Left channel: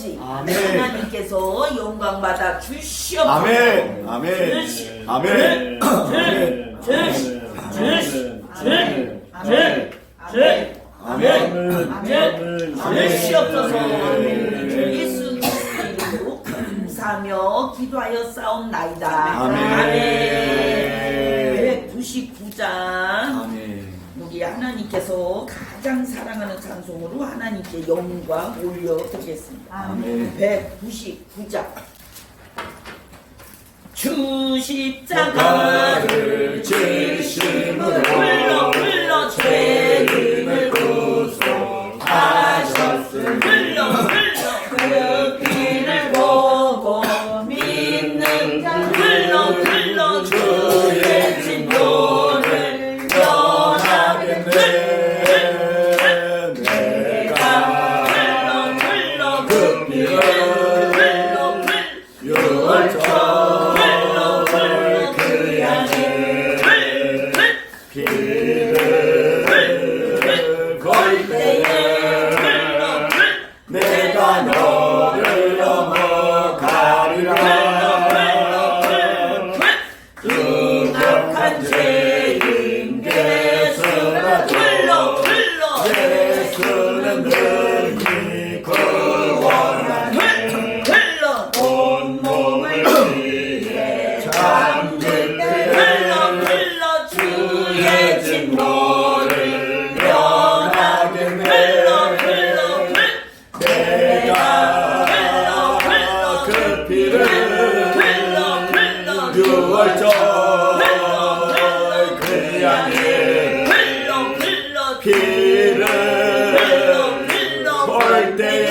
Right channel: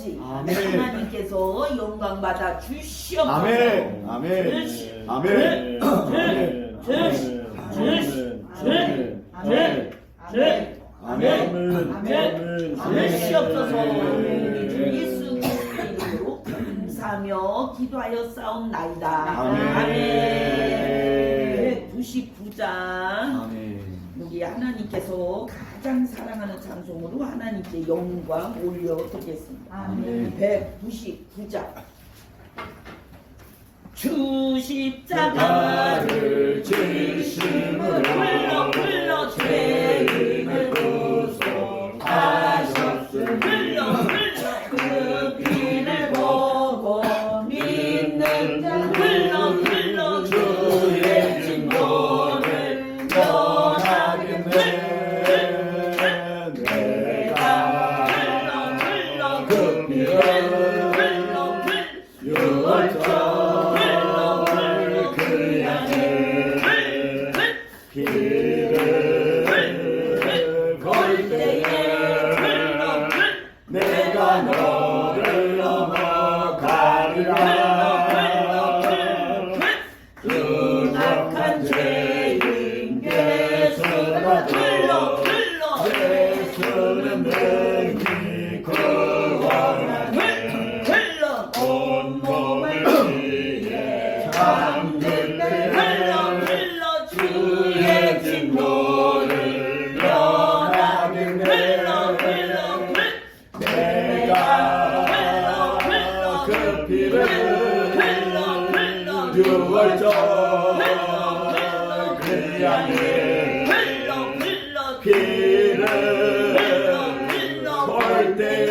아버지 하나님께서 영광 받아 주시옵소서. 아멘. 아멘. 아멘. 주시옵소서. 예수 그리스도의 이름으로 감사하며 기도하여 싸움나이다. 아멘. 199장. 아멘. 우리 하나님께서 가장 사랑하는 찬송으로 하나님께 영광 올려드리겠습니다. 아멘. 199장. 주 십자가를 지심으로 흘러 죄인을 구속하셨으니 그 피를 보고 믿는 자 흘러 주의 진노를 면하게 돼. 내가 흘러 그 피를 유월절 내가 너를 넘어가리라. 그 악한 죄인 예수가 예수는 능히 구원하네. 온몸을 위해 잠들 때 주의 진노를 면하게 돼. 그 피를 유월절 그 양의 피를 볼 때에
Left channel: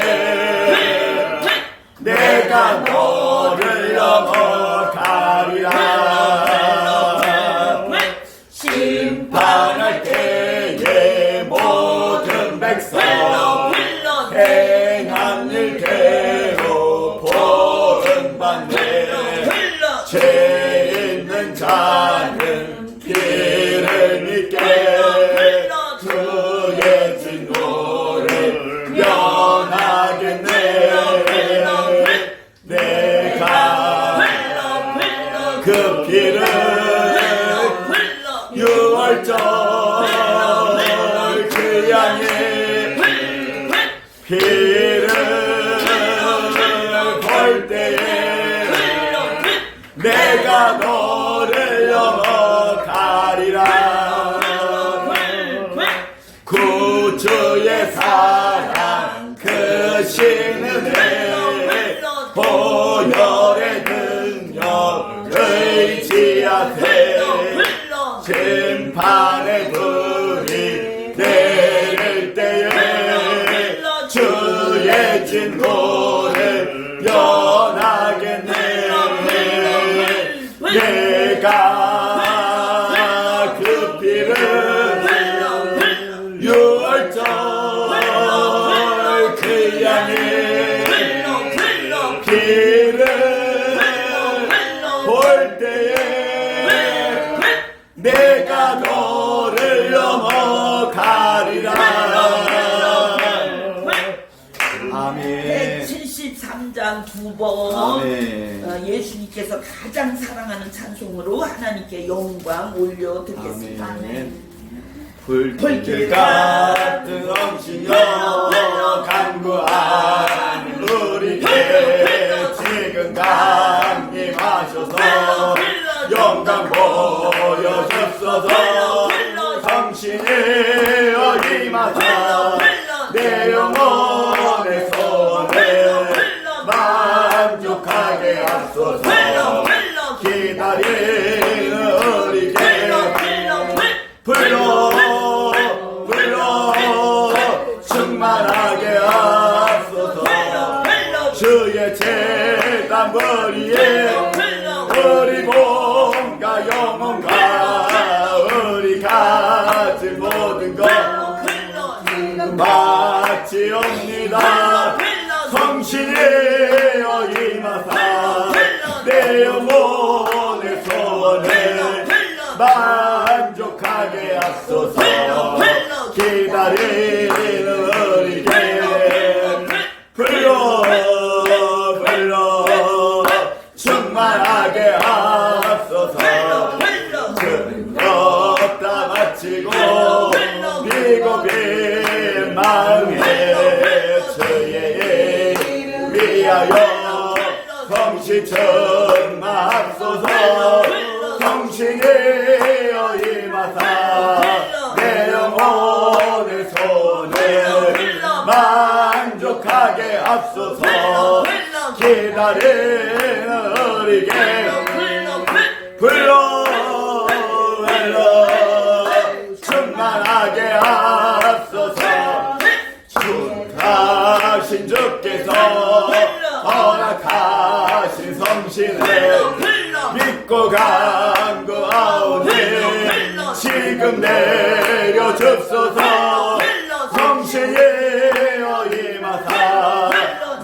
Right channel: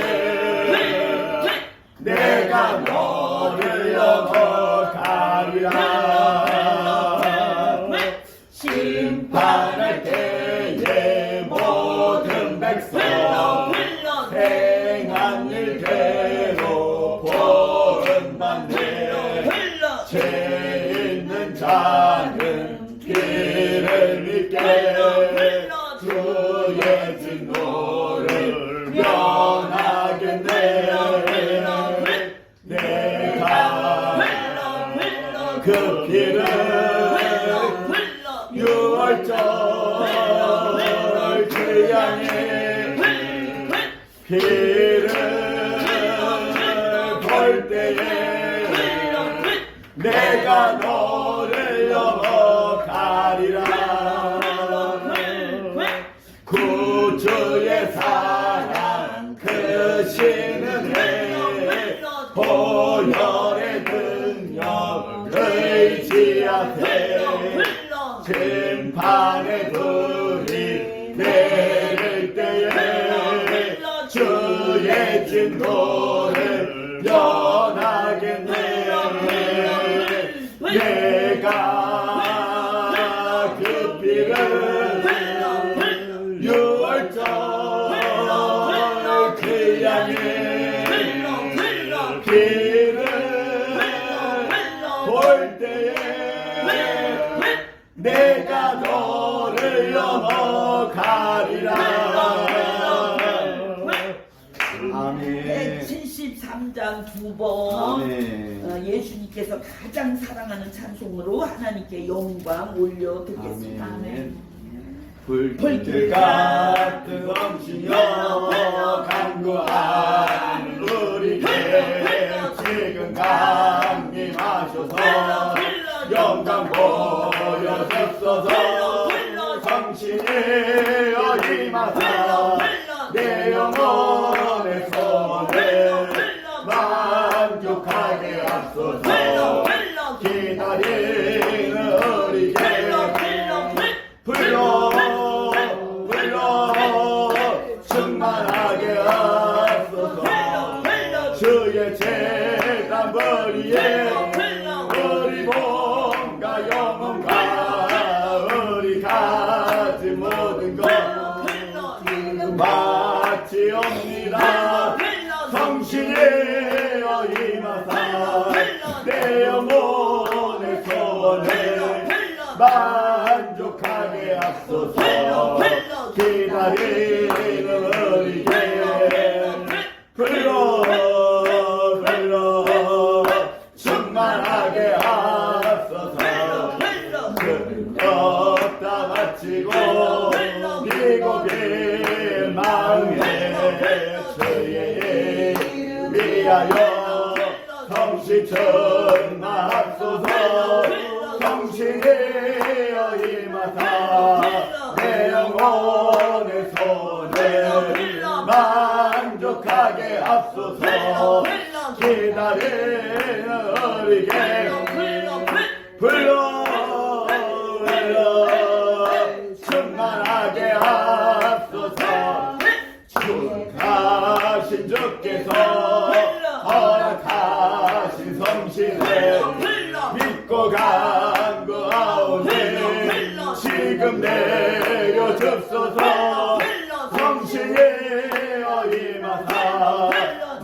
내가 너를 넘어가리라. 심판할 때에 모든 백성 행한 일대로 보응받네. 죄 있는 자는 피를 믿게 주의 진노를 면하겠네. 내가 그 피를 유월절 그 양의 피를 볼 때에 내가 너를 넘어가리라. 구주의 사랑 크신 은혜 보혈의 능력 의지하세. 심판의 불이 내릴 때에 주의 진노를 면하겠네. 내가 그 피를 유월절 그 양의 피를 볼 때에 내가 너를 넘어가리라. 아멘. 173장 2번. 예수님께서 가장 사랑하는 찬송으로 하나님께 영광 올려드리겠습니다. 불길 같은 엄신여 간구하는 우리께 지금 강림하셔서 영광 보여주소서. 당신의 어림하사 내 영혼의 소원을 만족하게 하소서. 기다리는 우리에게 불러 충만하게 하소서. 주의 재단 머리에 우리 몸과 영혼과 우리 가진 모든 것 바치옵니다. 성실하여 임하사 내 영혼의 소원을 만족하게 하소서. 기다리는 우리에게 불러 위하여 성신 충만하소서 성신이여 임하사 내 영혼의 손을 만족하게 하소서 기다리는 어리게 불러 충만하게 하소서 축하신 주께서 허락하신 성신을 믿고 간구하오니 지금 내려주소서 성신이여 임하사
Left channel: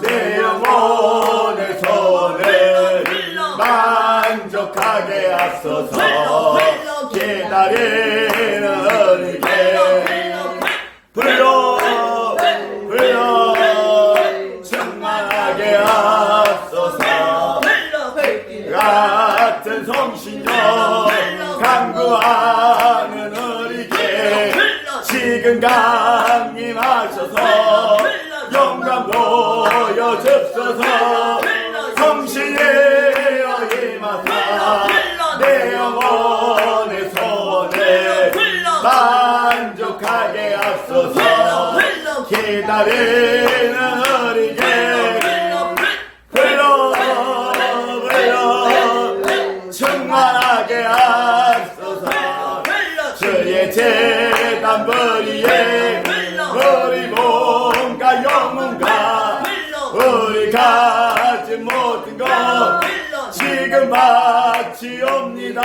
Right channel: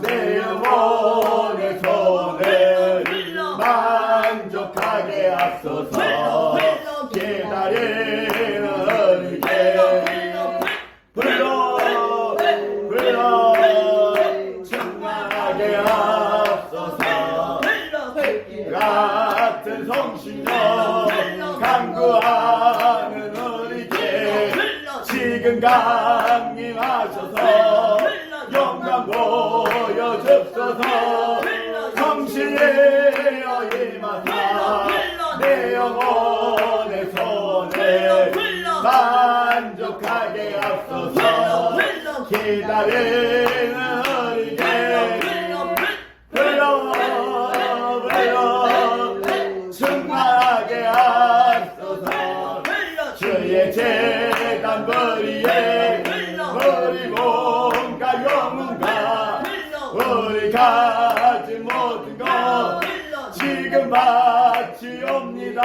내 영혼의 손을 만족하게 하소서 기다리는 어리게 불러 충만하게 하소서 같은 성신여 간구하는 우리께 지금 강림하셔서 영광 보여주소서 성신이여 임하사 내 영혼의 손을 만족하게 하소서 기다리는 우리게 충만하게 하소서 주의 제단 버리에 우리 몸과 영혼과 우리 가진 모든 것 지금 바치옵니다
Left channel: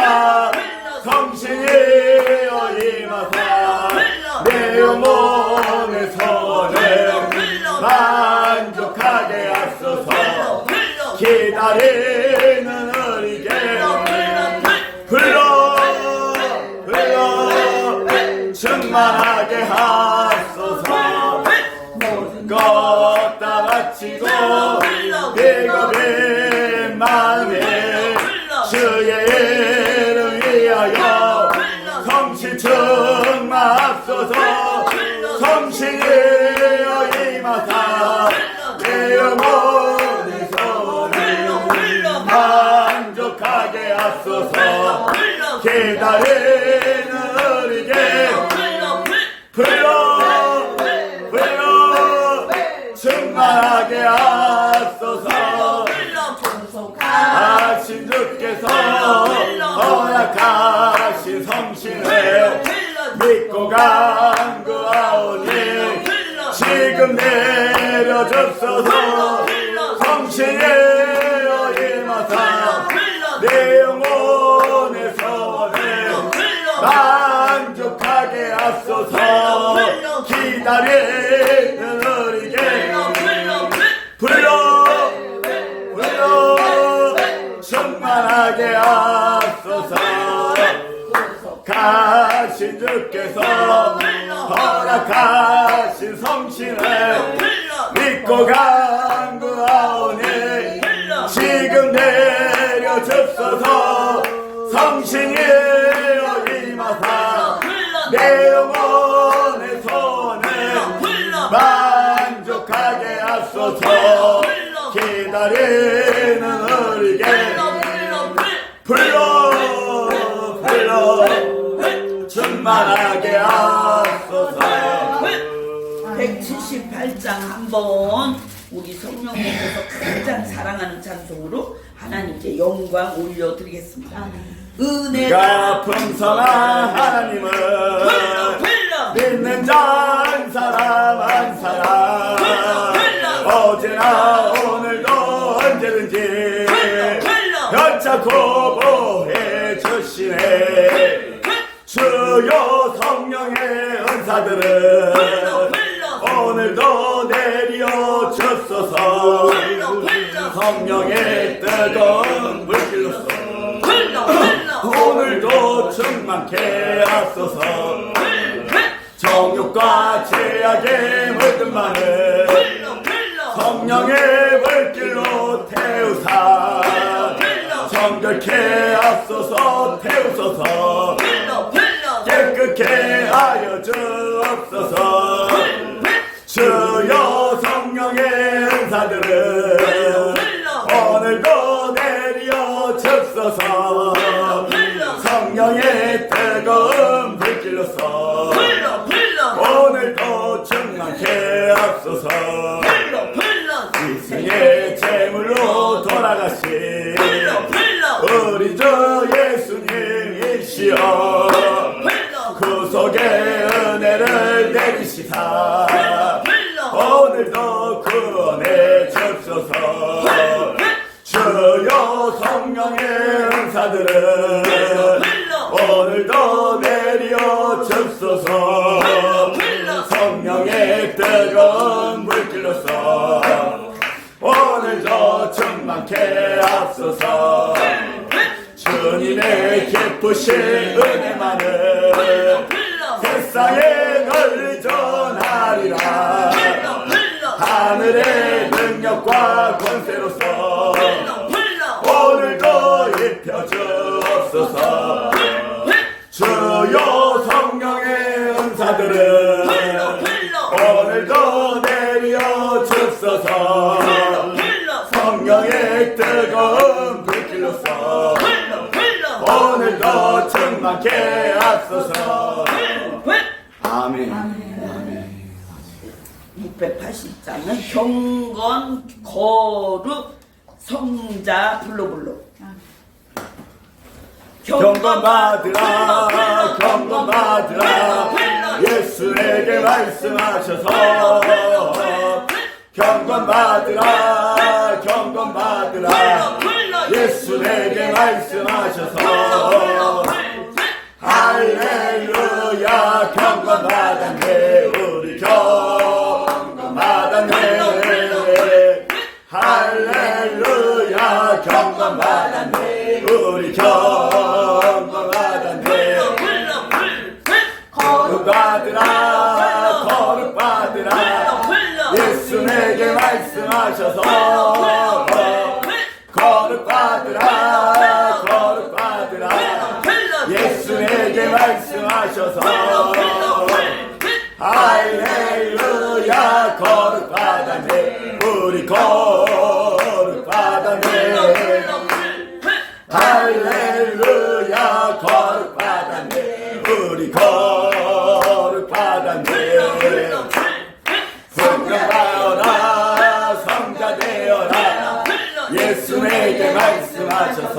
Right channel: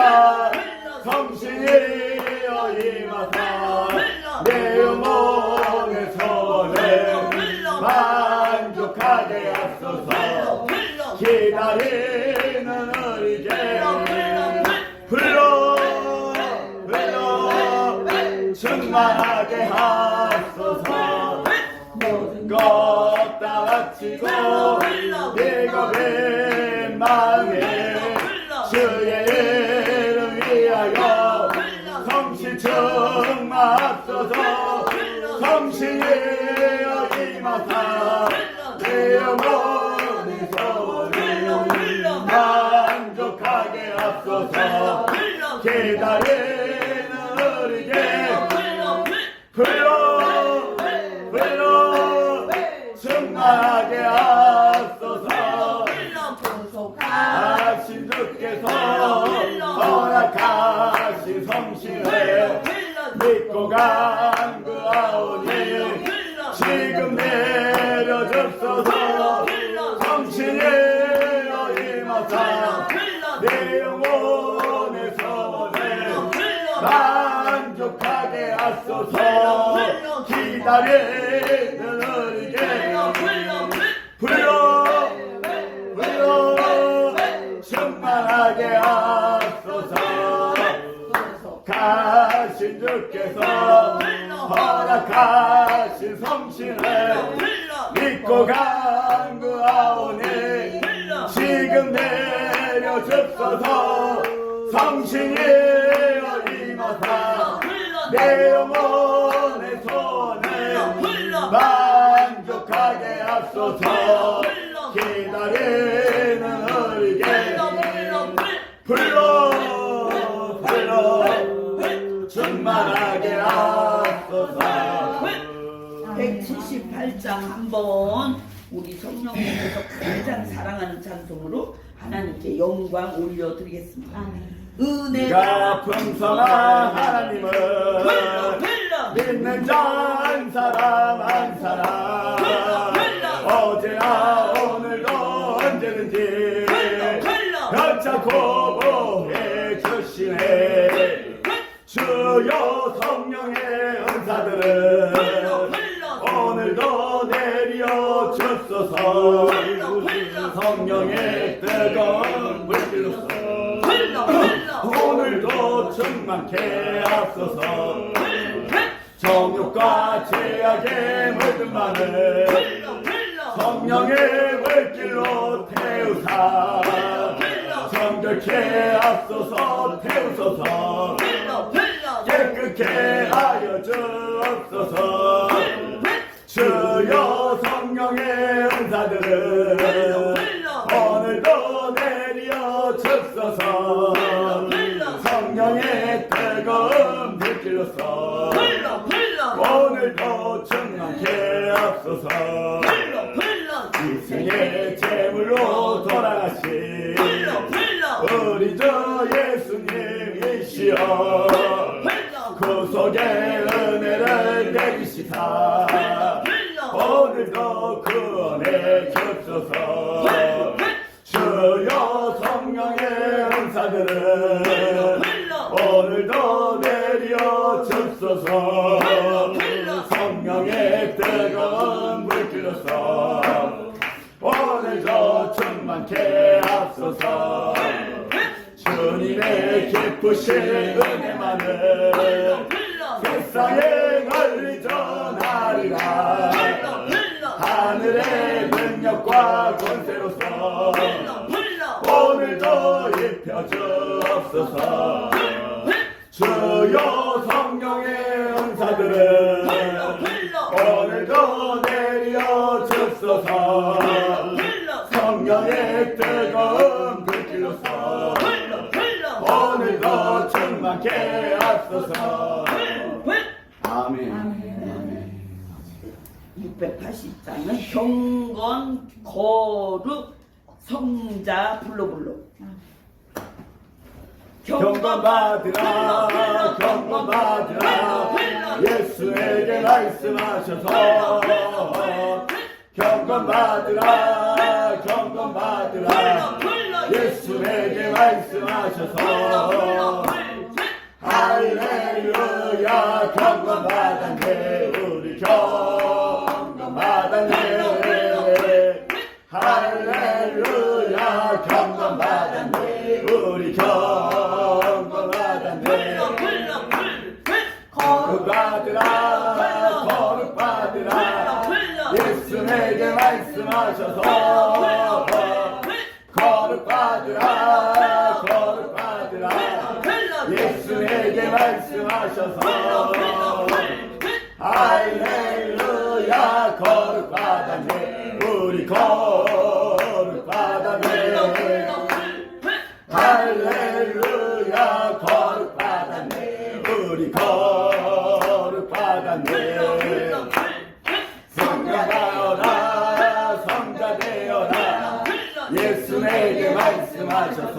성신이여 임하사 내 영혼의 손을 만족하게 하소서 기다리는 우리게 불러 충만하게 하소서 모든 것 다 바치고 비겁인 마음에 주의 이름 위하여 성신 충만하소서 성신이여 임하사 내 영혼의 손을 만족하게 하소서 기다리는 우리게 불러 충만하게 하소서 하신 주께서 허락하신 성신을 믿고 간구하오니 지금 내려주소서 성신이여 임하사 내 영혼의 손을 만족하게 하소서 기다리는 우리게 불러 충만하게 하소서 가신 주께서 허락하신 성신을 믿고 간구하오니 지금 내려주소서 성신이여 임하사 내 영혼의 손을 만족하게 하소서 기다리는 우리게 불러 충만하게 하소서 178장 한번 우리 성령님께서 가장 사랑하는 찬송으로 하나님께 영광 올려드리겠습니다. 은혜가 풍성한 하나님을 믿는 자 한 사람 한 사람 어제나 오늘도 언제든지 변찮고 보혜 주시네 주여 성령의 은사들은 오늘도 내려 주소서 성령의 뜨거운 불길로서 오늘도 충만케 하소서 정욕과 죄악의 모든 말을 성령의 불길로 태우사 정결케 하소서 태우소서 깨끗게 하여 주옵소서 주여 성령의 은사들은 하옵소서. 불러 불러 이생의 제물로 돌아가신 우리 주 예수님이시여 구속의 은혜를 내리시사 오늘도 구원해 주옵소서. 주여 성령의 은사들은 오늘도 내려 주옵소서. 성령의 뜨거운 물길로서 오늘도 충만케 하옵소서. 주님의 기쁘신 은혜만을 세상에 널리 전하리라. 하늘의 능력과 권세로서 오늘도 입혀주옵소서. 주여 성령의 은사들은 오늘도 내려 주옵소서. 성령의 뜨거운 불길로서 오늘도 충만케 하옵소서. 아멘. 680장은 경건 거룩 성자 불러불러 경건받으라 경건받으라 예수에게 말씀하셔서 경건받으라 경건받으라 예수에게 말씀하셔서 할렐루야 경건받았네 우리 경건받았네 할렐루야 경건받았네 우리 경건받았네 거룩받으라 거룩받으라 예수에게 말씀하셔서 거룩받으라 거룩받으라 예수에게 말씀하셔서 할렐루야 거룩받았네 우리 거룩받았네 할렐루야 거룩받았네 우리 거룩받았네 성자되어라 성자되어라 예수에게 말씀하셔서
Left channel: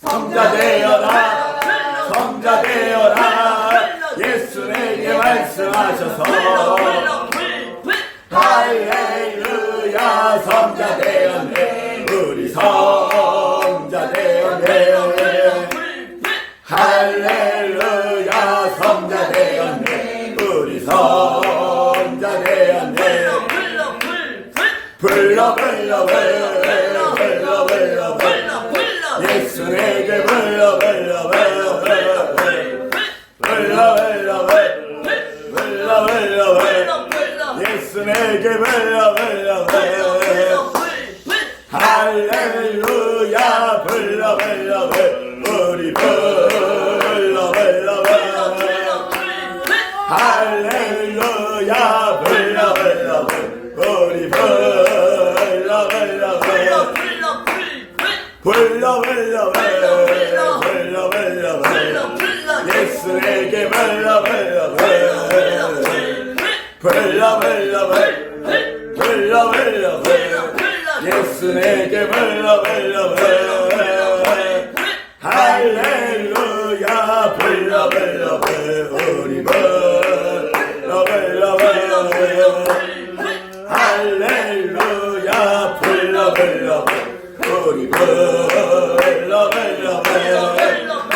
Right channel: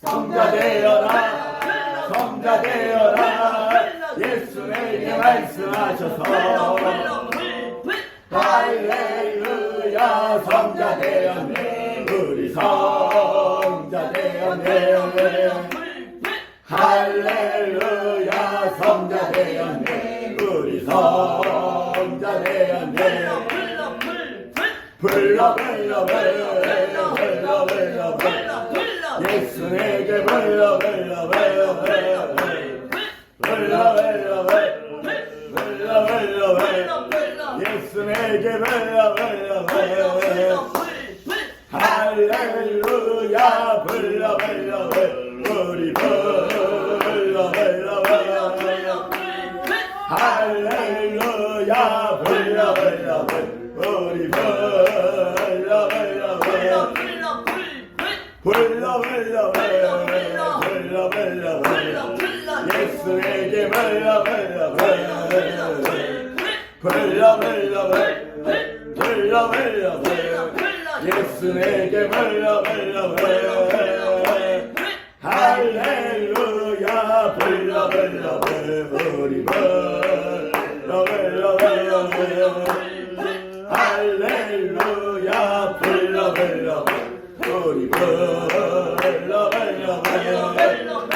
성자되어라 성자되어라 예수에게 말씀하셔서 할렐루야 성자되었네 우리 성자되었네 할렐루야 성자되었네 우리 성자되었네 불러 불러 불러 불러 불러 불러 예수에게 불러 불러 불러 불러 불러 불러 불러 불러 예수에게 불러 불러 불러 할렐루야 불러 불러 우리 불러 불러 할렐루야 불러 불러 우리 불러 불러 불러 불러 예수에게 불러 불러 불러 예수에게 불러 할렐루야 불러 우리 불러 할렐루야 불러 우리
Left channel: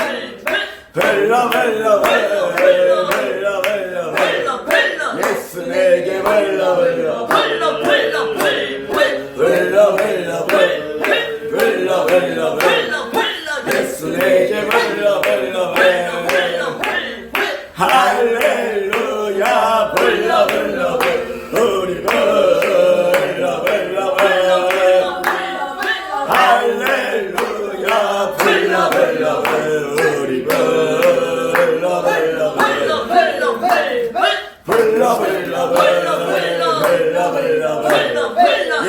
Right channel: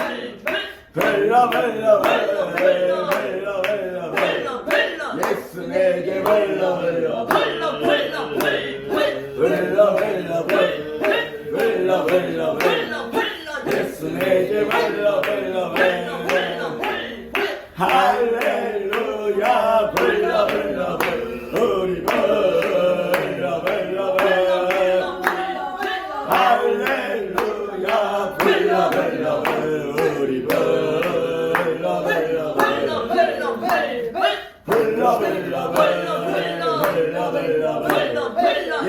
예수에게 불러 예수에게 할렐루야 불러 우리 할렐루야 불러 우리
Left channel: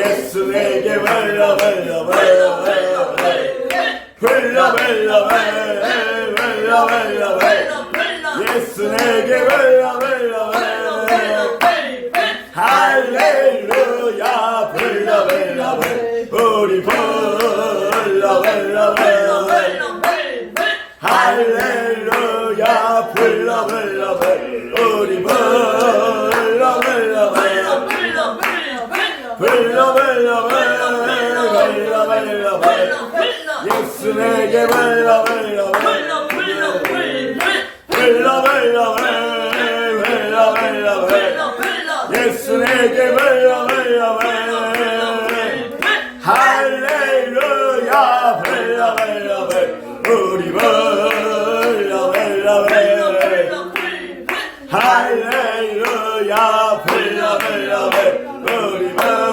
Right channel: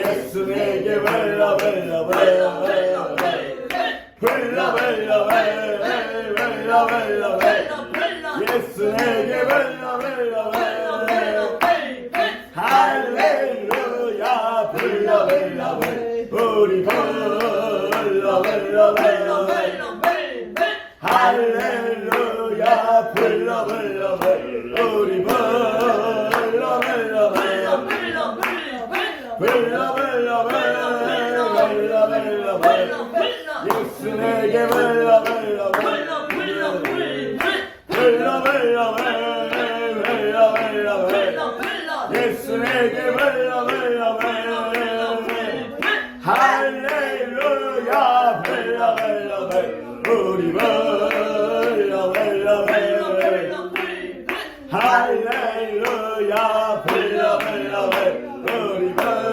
예수에게 불러 예수에게 불러 우리 불러 불러 불러 할렐루야 불러 불러 불러 우리 불러 불러 불러 불러 불러 불러 예수에게 불러 불러 불러 불러 불러 예수에게 불러 불러 할렐루야 불러 불러 우리 불러 불러 할렐루야 불러 불러 우리 불러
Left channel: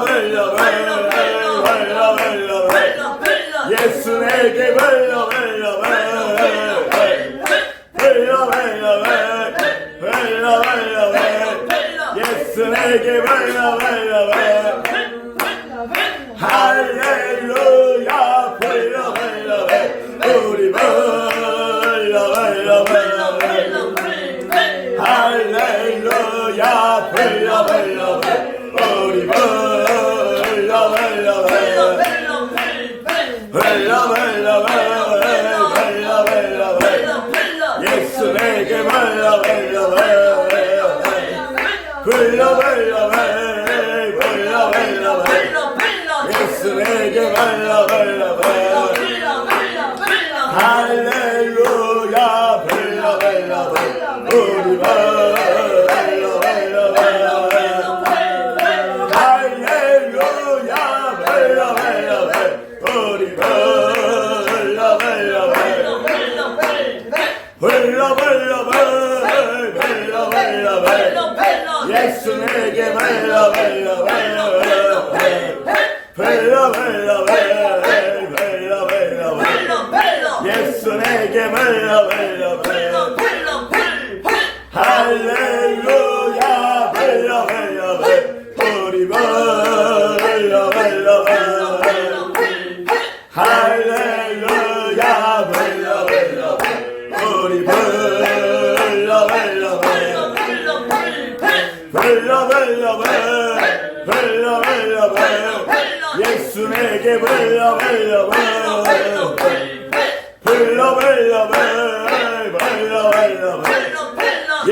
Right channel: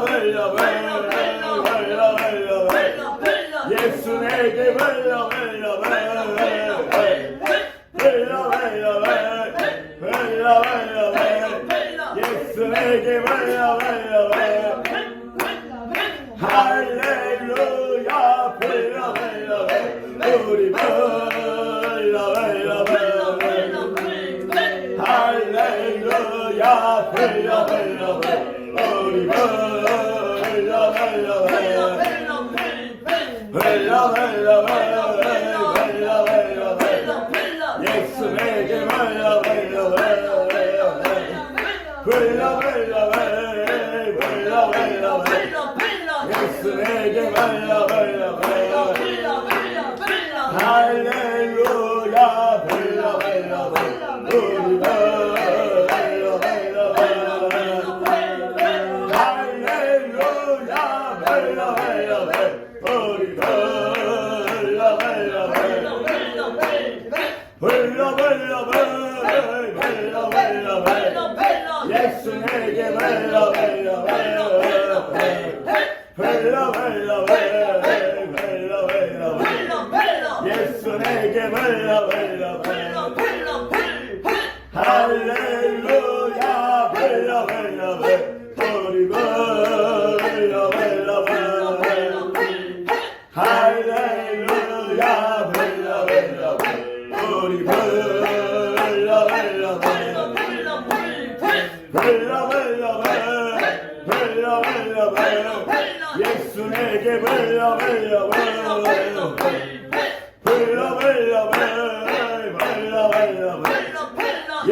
불러 불러 예수에게 불러 불러 예수에게 불러 할렐루야 불러 우리 불러 할렐루야 불러 우리 예수에게 불러 예수에게 할렐루야 불러 우리 할렐루야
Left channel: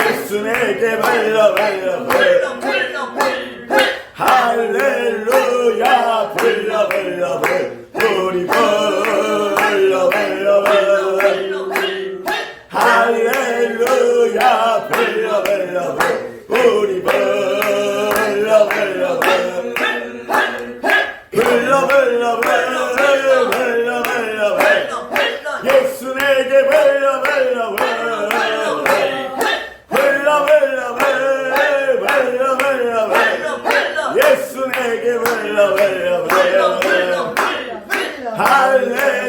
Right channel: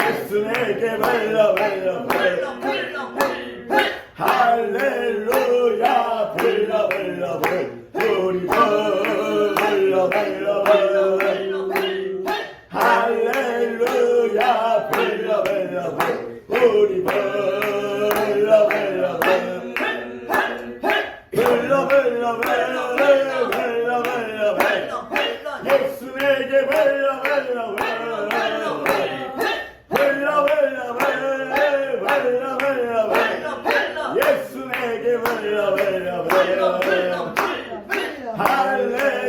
예수에게 예수에게 할렐루야 우리 할렐루야 우리 예수에게 불러 예수에게 할렐루야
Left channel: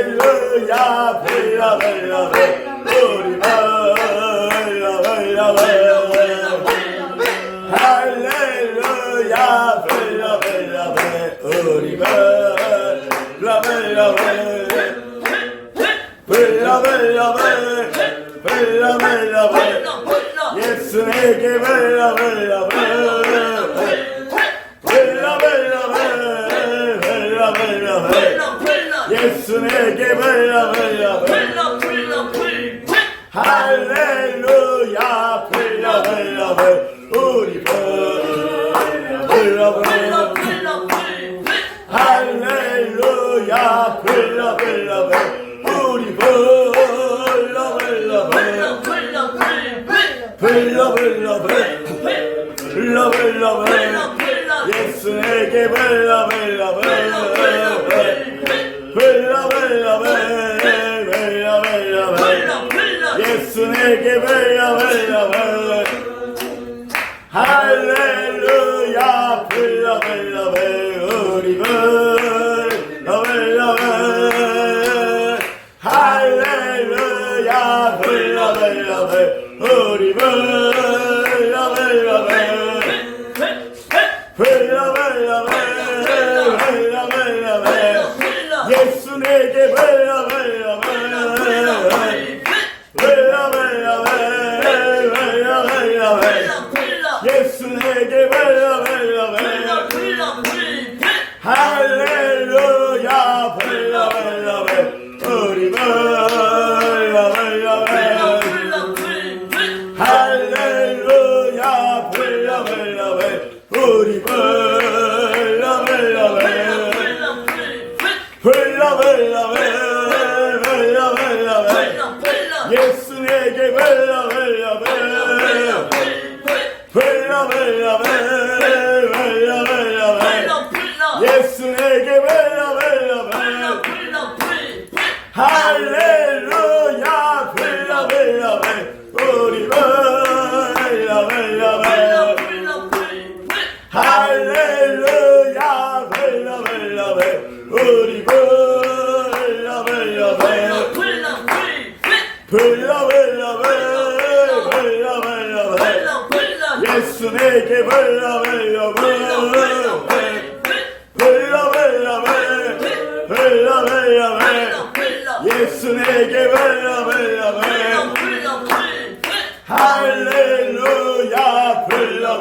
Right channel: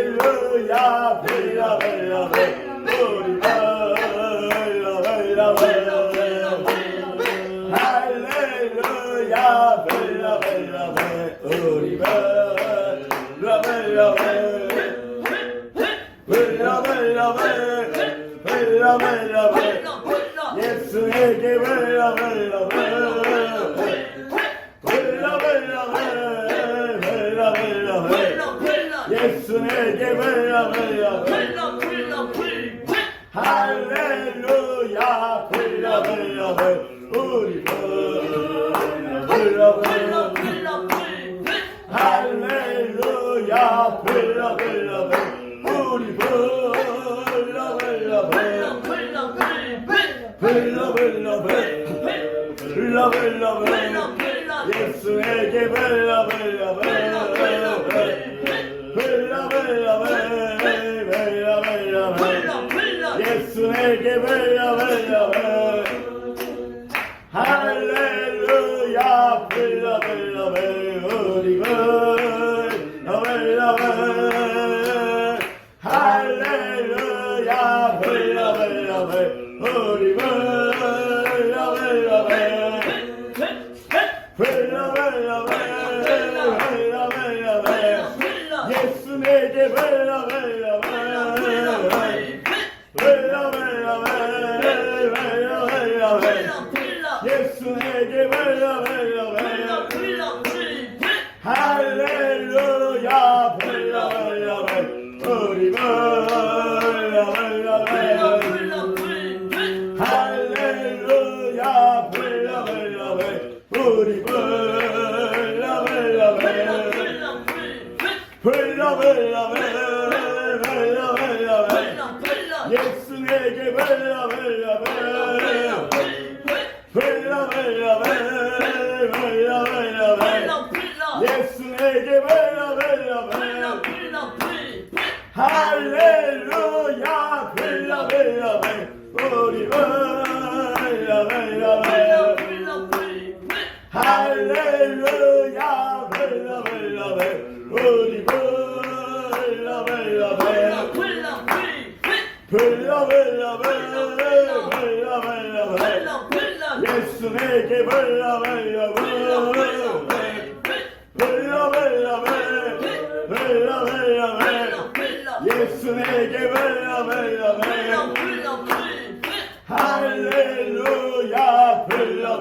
불러 우리 할렐루야 불러 우리 예수에게 예수에게 할렐루야 우리 할렐루야 우리 예수에게 예수에게 할렐루야 우리 할렐루야 우리 예수에게 예수에게 할렐루야 우리 할렐루야 우리 예수에게 예수에게 불러 예수에게 불러 할렐루야 불러 우리 불러 할렐루야 불러 우리 불러 예수에게 불러 예수에게 할렐루야 불러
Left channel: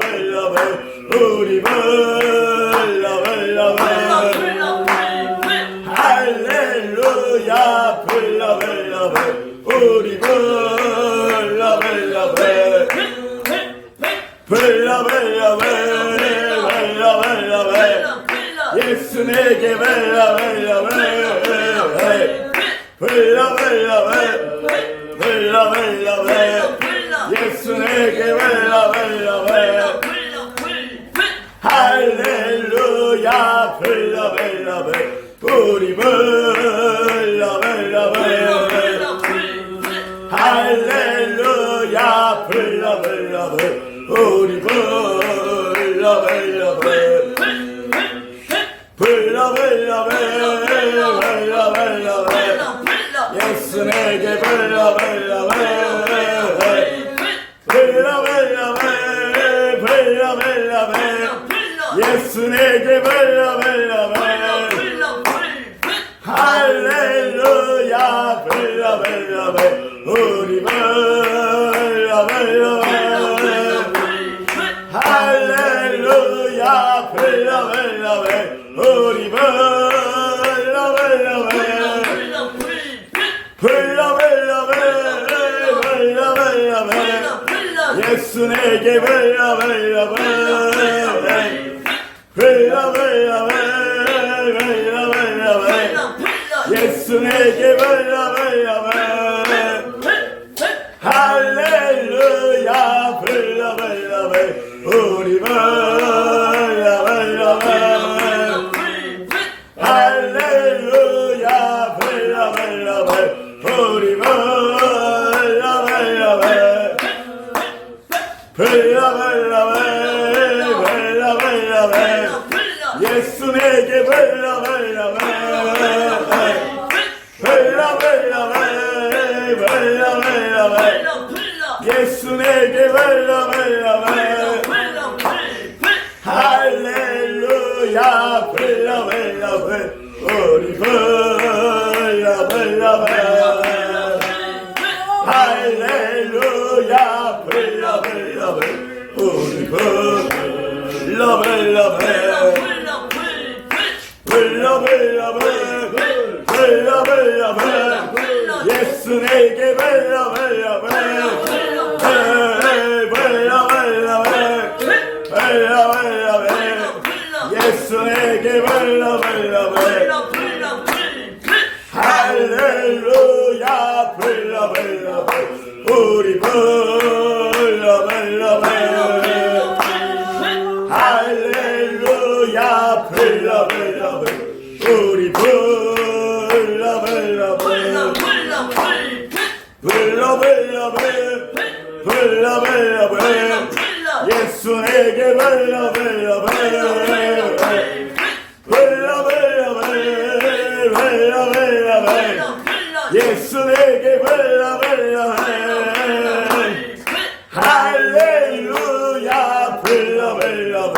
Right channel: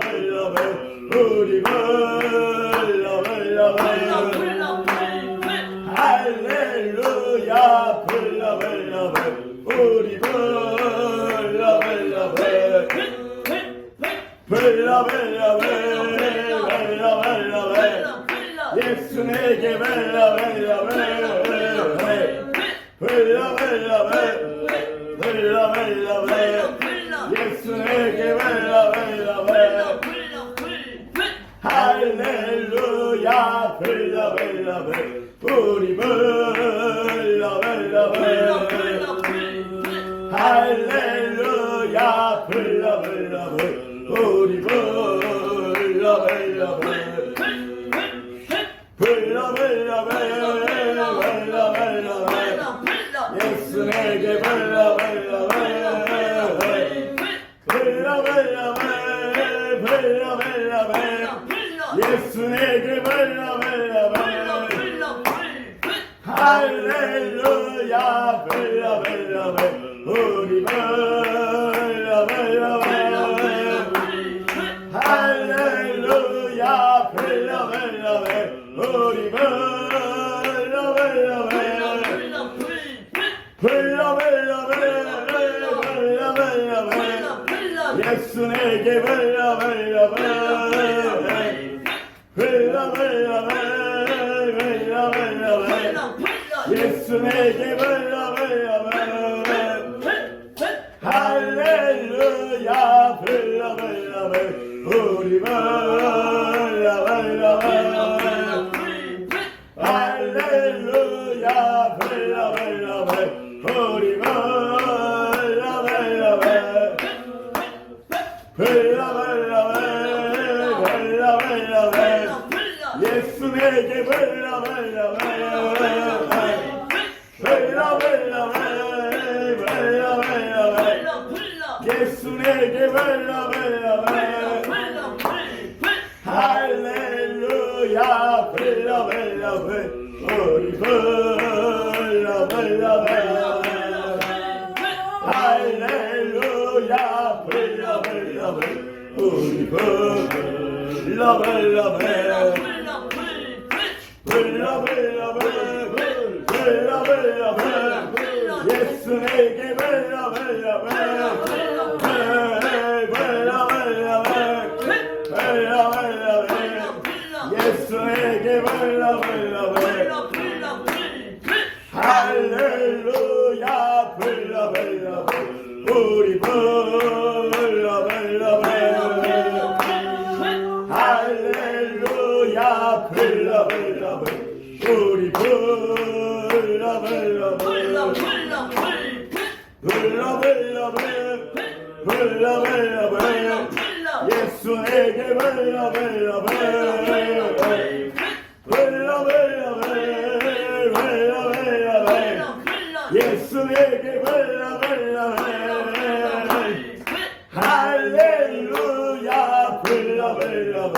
우리 할렐루야 불러 우리 예수에게 예수에게 할렐루야 우리 할렐루야 우리 예수에게 예수에게 할렐루야 우리 할렐루야 우리 예수에게 예수에게 할렐루야 우리 할렐루야 우리 예수에게 예수에게 할렐루야 우리 할렐루야 우리 예수에게 예수에게 할렐루야 우리 할렐루야 우리 예수에게 예수에게 할렐루야 우리 할렐루야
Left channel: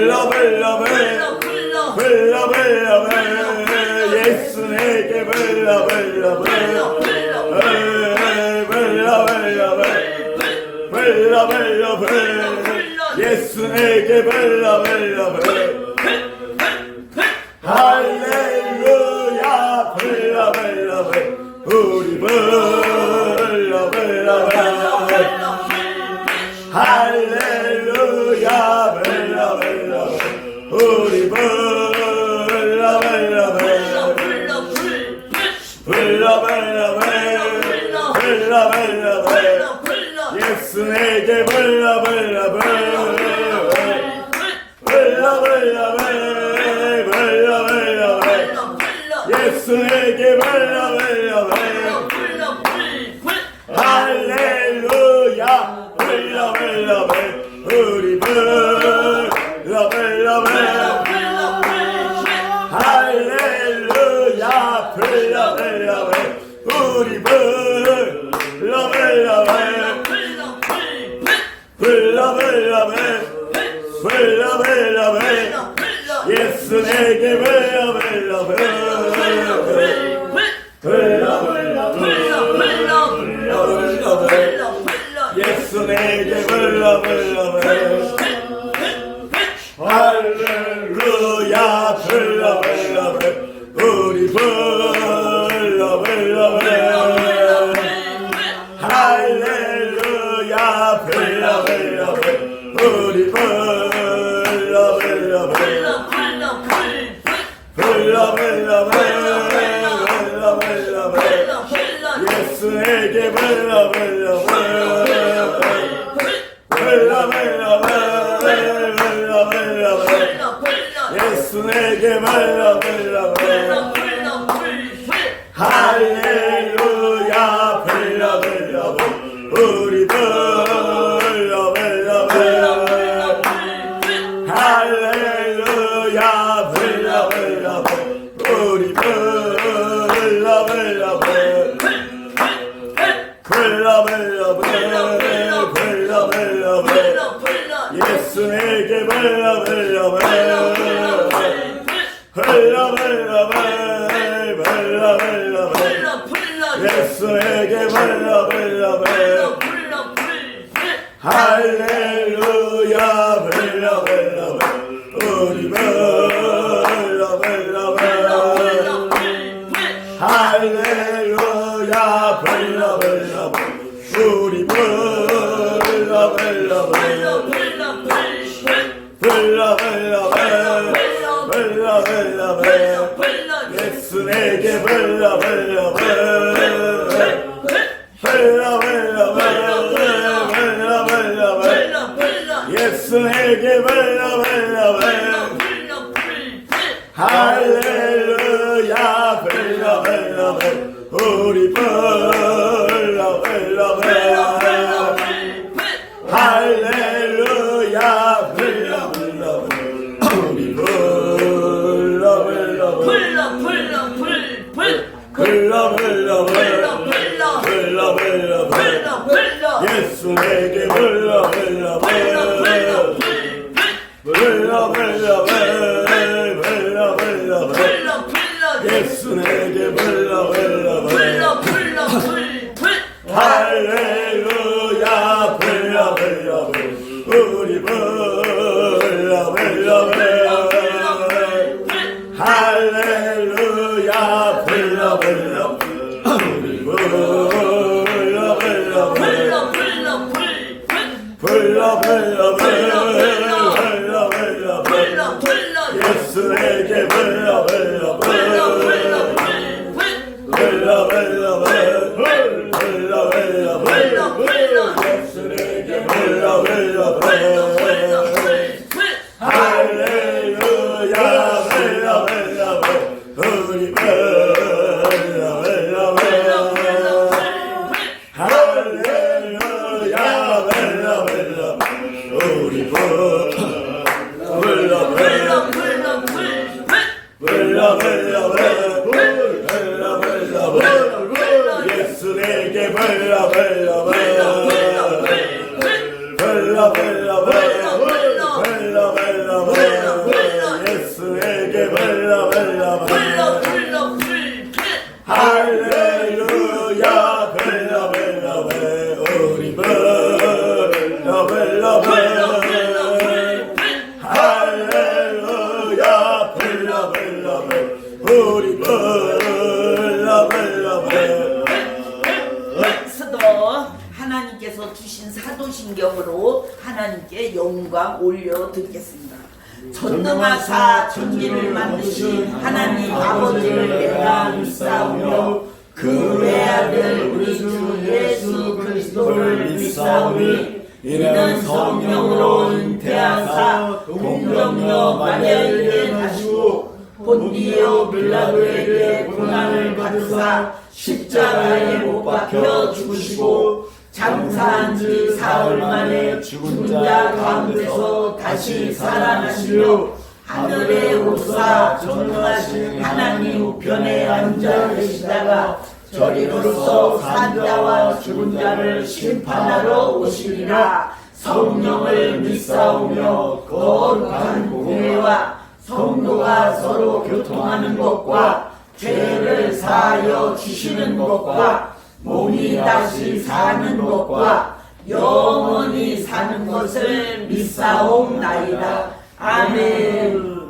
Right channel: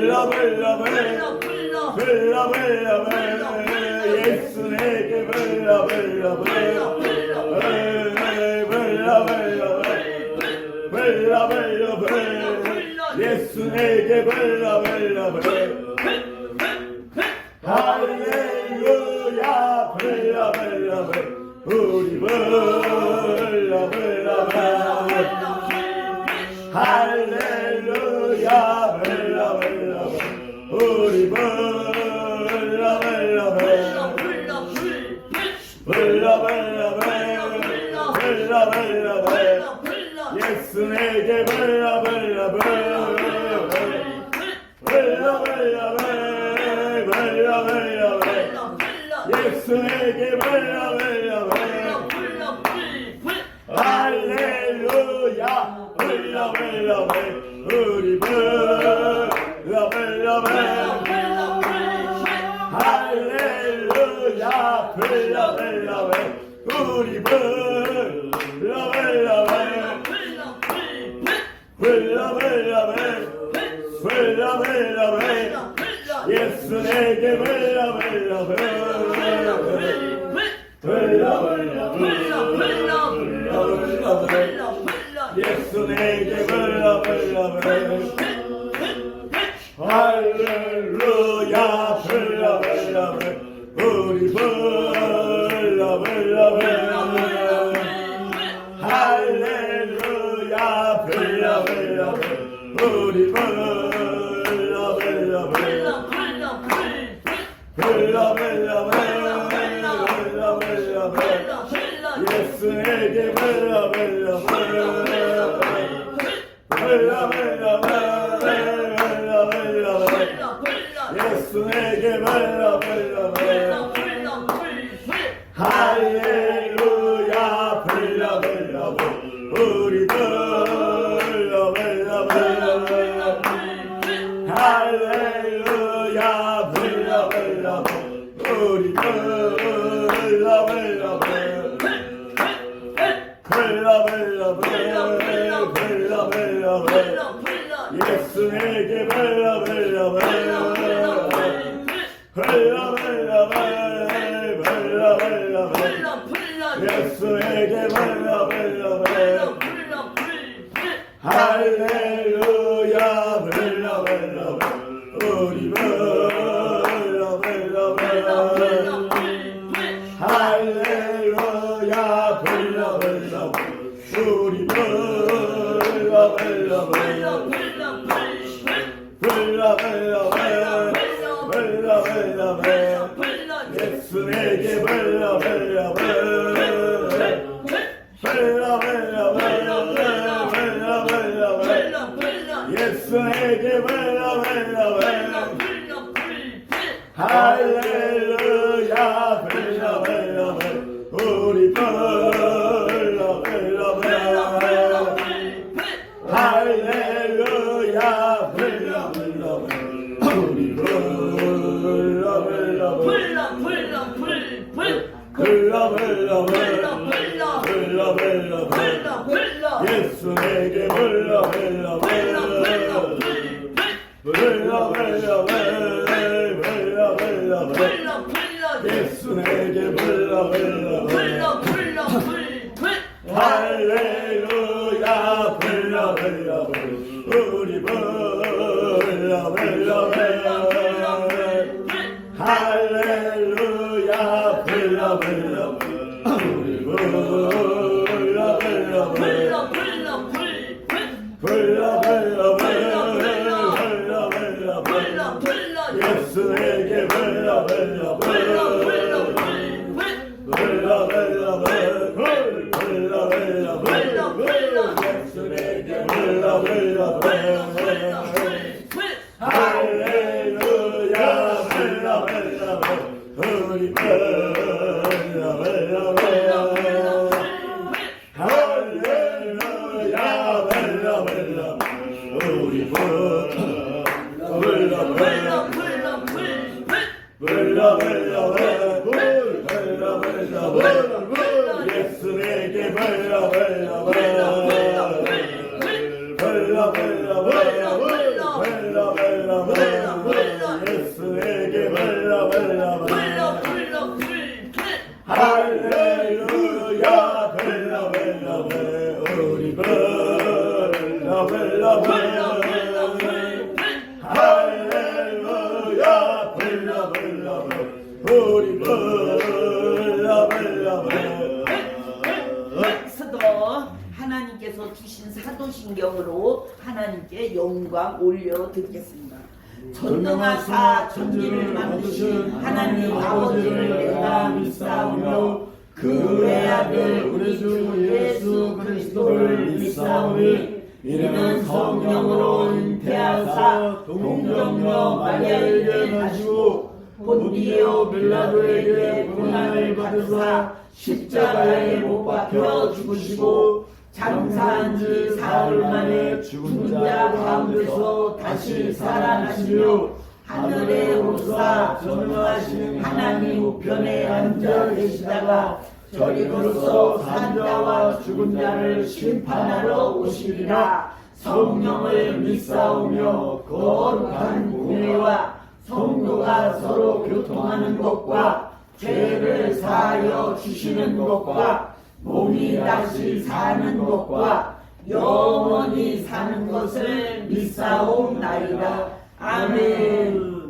우리 예수에게 예수에게 할렐루야 우리 할렐루야 불러 불러 불러 불러 예수 내게 불러 불러 불러 불러 예수 내게 불러 불러 불러 할렐루야 불러 불러 불러 우리 불러 불러 불러 할렐루야 불러 불러 불러 우리 불러 불러 불러 불러 불러 불러 예수 내게 불러 불러 불러 불러 불러 예수 내게 불러 불러 불러 할렐루야 불러 불러 우리 불러 불러 불러 할렐루야 불러 불러 우리 불러 불러 불러 불러 예수 내게 불러 불러 불러 예수 내게 불러 불러 할렐루야 불러 불러 우리 불러 불러 할렐루야 불러 불러 우리 불러 불러 예수 내게 불러 불러 예수 내게 불러 불러 할렐루야 불러 불러 우리 불러 불러 할렐루야 불러 불러 우리 불러 불러 예수 내게 불러 불러 예수 내게 불러 할렐루야 불러 불러 우리 불러 할렐루야 불러 불러 우리 예수 내게 불러 불러 예수 내게 불러 할렐루야 불러 우리 예수 내게 불러 예수 내게 불러 할렐루야 불러 우리 할렐루야 불러 우리 스도 하나님께서 주신 사도신경으로 하나님께 영광 올려드리겠습니다. 전능하사 천지를 만드신 하나님 아버지를 내가 믿사오며 그 외아들 우리 주 예수 그리스도를 믿사오니 이는 성령으로 잉태하사 동정녀 마리아에게 나시고 본디오 빌라도에게 고난을 받으사 십자가에 못 박혀 죽으시고 장사한 지 사흘 만에 죽은 자 가운데서 다시 살아나시며 하늘에 오사 전능하신 하나님 우편에 앉아 계시다가 저리로서 산 자와 죽은 자를 심판하러 오시리라. 성령을 믿사오며 거룩한 교회와 성도가 서로 교통하는 것과 죄를 사하여 주시는 것과 몸이 다시 사는 것과 영원히 사는 것을 믿사옵나이다. 아멘.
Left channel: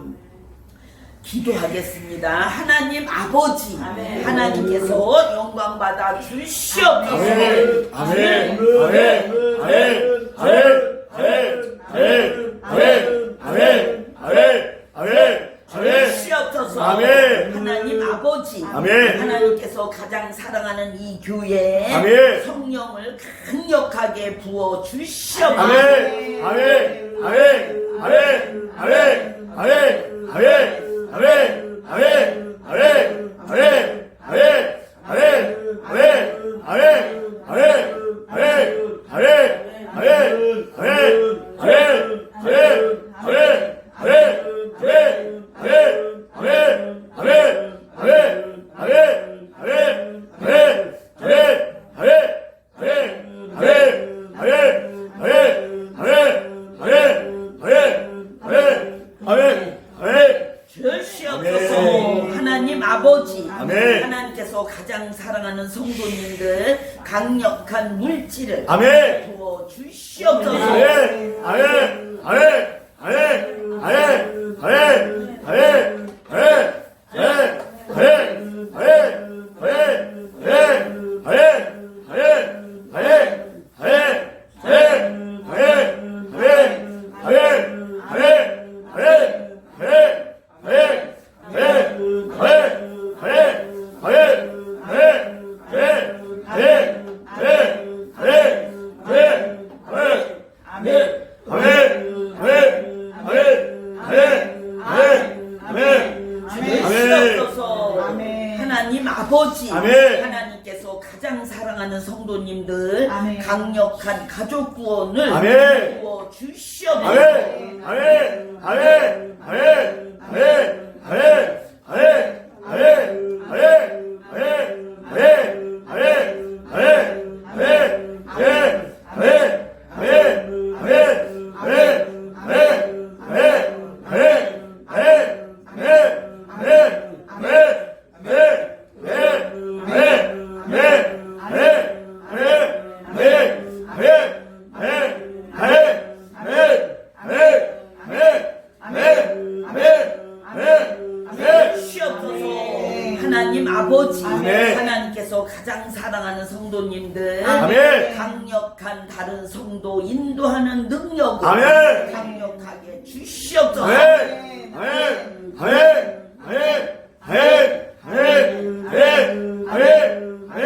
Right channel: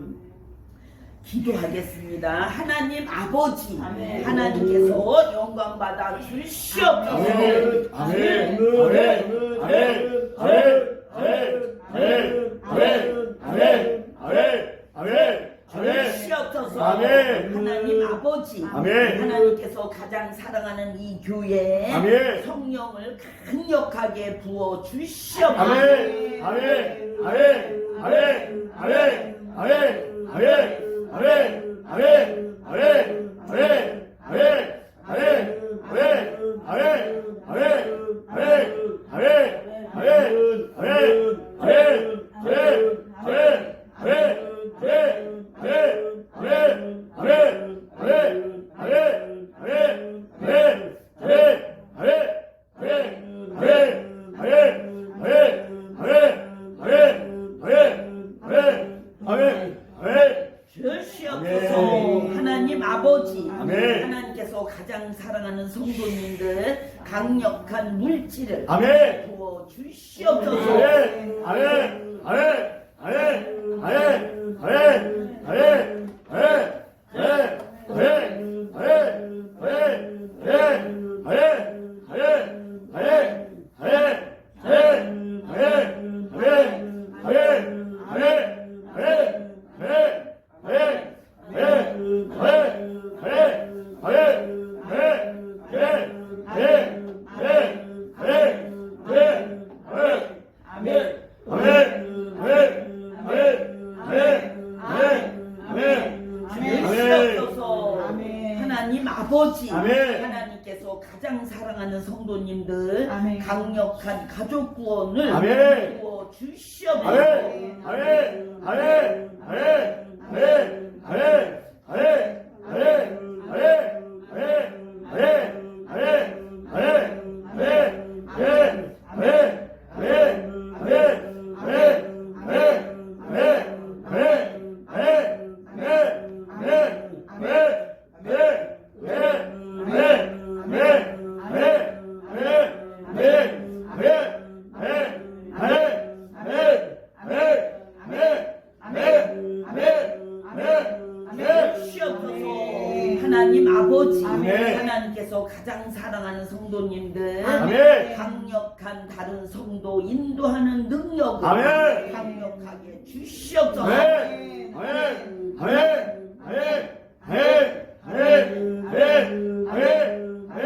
기도하겠습니다. 하나님 아버지, 아멘. 하나님께서 영광 받아 주시옵소서. 아멘. 아멘. 아멘. 아멘. 주시옵소서. 아멘. 하나님 아버지, 아멘. 하나님께서 가장 사랑하는 이 교회에 아멘. 성령을 강력하게 부어 주시옵소서. 아멘. 아멘. 아멘. 아멘. 아멘. 아멘. 아멘. 아멘. 아멘. 아멘. 아멘. 아멘. 아멘. 아멘. 아멘. 아멘. 아멘. 아멘. 주시옵소서. 하나님 아버지, 아멘. 하나님께서 가장 사랑하는 성도님들 강력한 물질을 아멘. 부어 주시옵소서. 아멘. 아멘. 아멘. 아멘. 아멘. 아멘. 아멘. 주시옵소서. 하나님 아버지, 아멘. 하나님께서 가장 사랑하는 성도님들 아멘. 강력한 가족 구원을 아멘. 부어 주시옵소서. 아멘. 아멘. 아멘. 아멘. 아멘. 아멘. 아멘. 아멘. 아멘. 아멘. 아멘. 아멘. 아멘. 아멘. 아멘. 아멘. 아멘. 아멘. 주시옵소서. 하나님 아버지, 아멘. 하나님께서 가장 사랑하는 성도님들 아멘. 강력한 다른 성도 인도하는 능력을 아멘. 강력하게 주시옵소서. 아멘. 아멘. 아멘. 아멘. 아멘. 아멘. 아멘. 아멘. 아멘.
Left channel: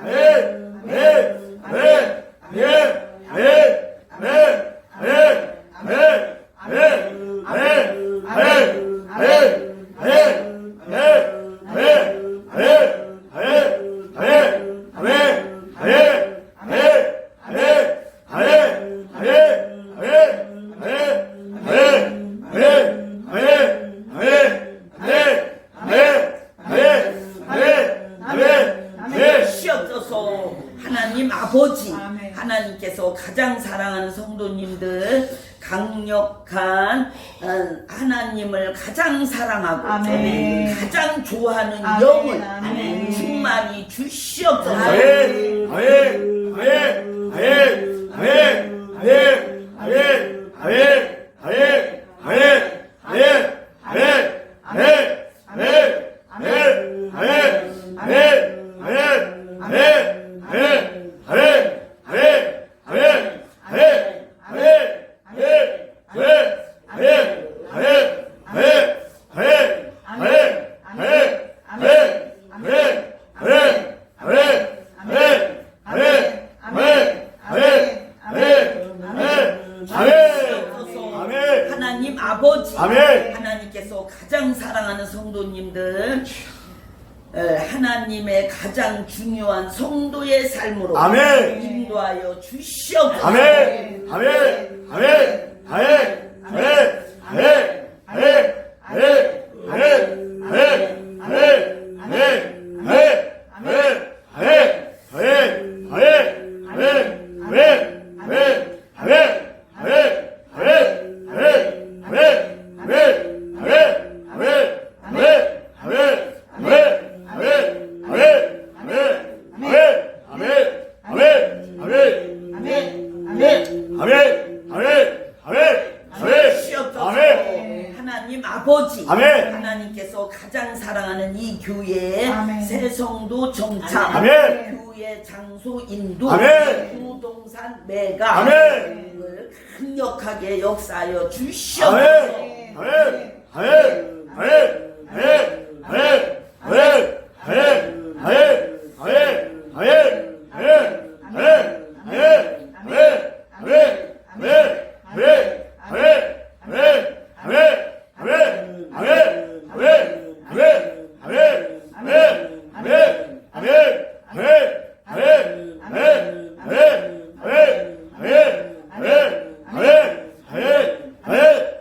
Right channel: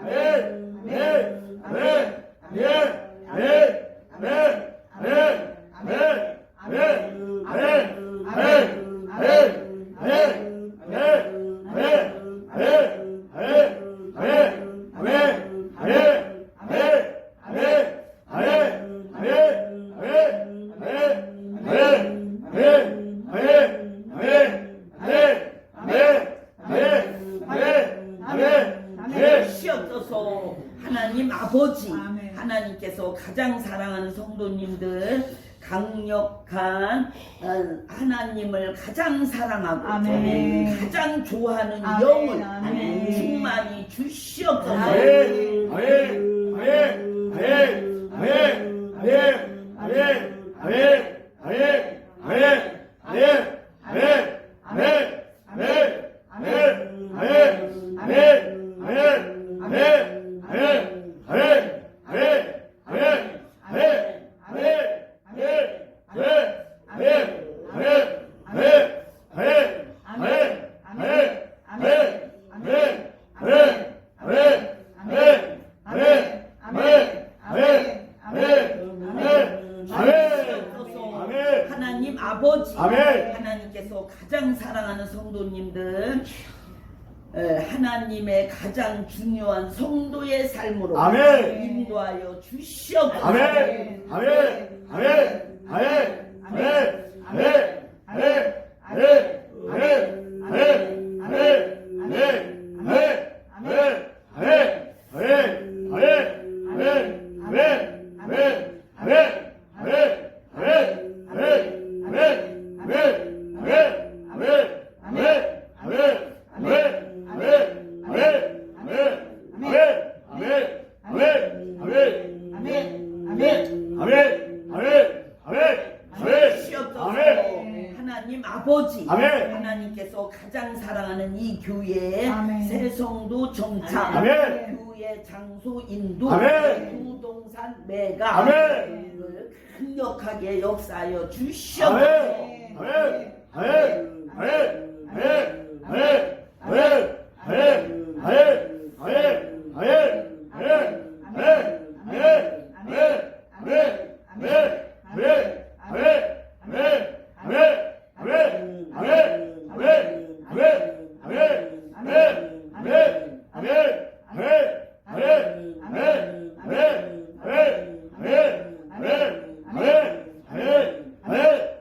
아멘. 아멘. 아멘. 주시옵소서. 하나님 아버지, 아멘. 하나님께서 가장 사랑하는 성도님들 강력한 하나님을 가장 사랑하고 아멘. 가장 좋아하는 아멘. 영을 아멘. 충만히 주시옵소서. 아멘. 아멘. 아멘. 아멘. 아멘. 아멘. 아멘. 아멘. 아멘. 아멘. 아멘. 아멘. 아멘. 아멘. 아멘. 아멘. 아멘. 아멘. 아멘. 하나님 아버지, 아멘. 하나님께서 가장 사랑하는 성도님들 하나님의 가장 중요한 성도의 삶으로 아멘. 인도하여 주시옵소서. 아멘. 아멘. 아멘. 아멘. 아멘. 아멘. 아멘. 아멘. 아멘. 아멘. 아멘. 아멘. 아멘. 아멘. 아멘. 아멘. 아멘. 아멘. 아멘. 하나님 아버지, 아멘. 하나님께서 가장 사랑하는 이 교회에 아멘. 새 성도 정착, 아멘. 교회 장소 인도, 아멘. 부동산 매각, 아멘. 을 강력하게 역사하여 주시옵소서. 아멘. 아멘. 아멘. 아멘. 아멘. 아멘. 아멘. 아멘. 아멘.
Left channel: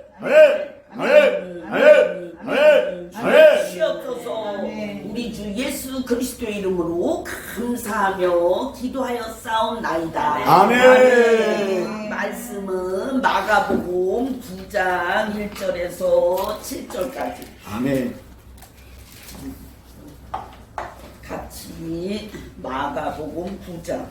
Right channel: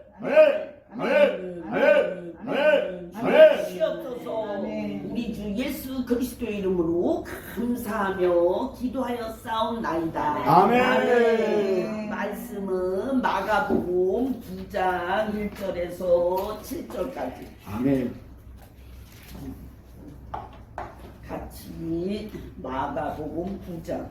아멘. 아멘. 아멘. 아멘. 주시옵소서. 우리 주 예수 그리스도의 이름으로 감사하며 기도하여 싸움나이다. 아멘. 말씀은 마가복음 9장 1절에서 7절까지 아멘. 같이 마가복음 9장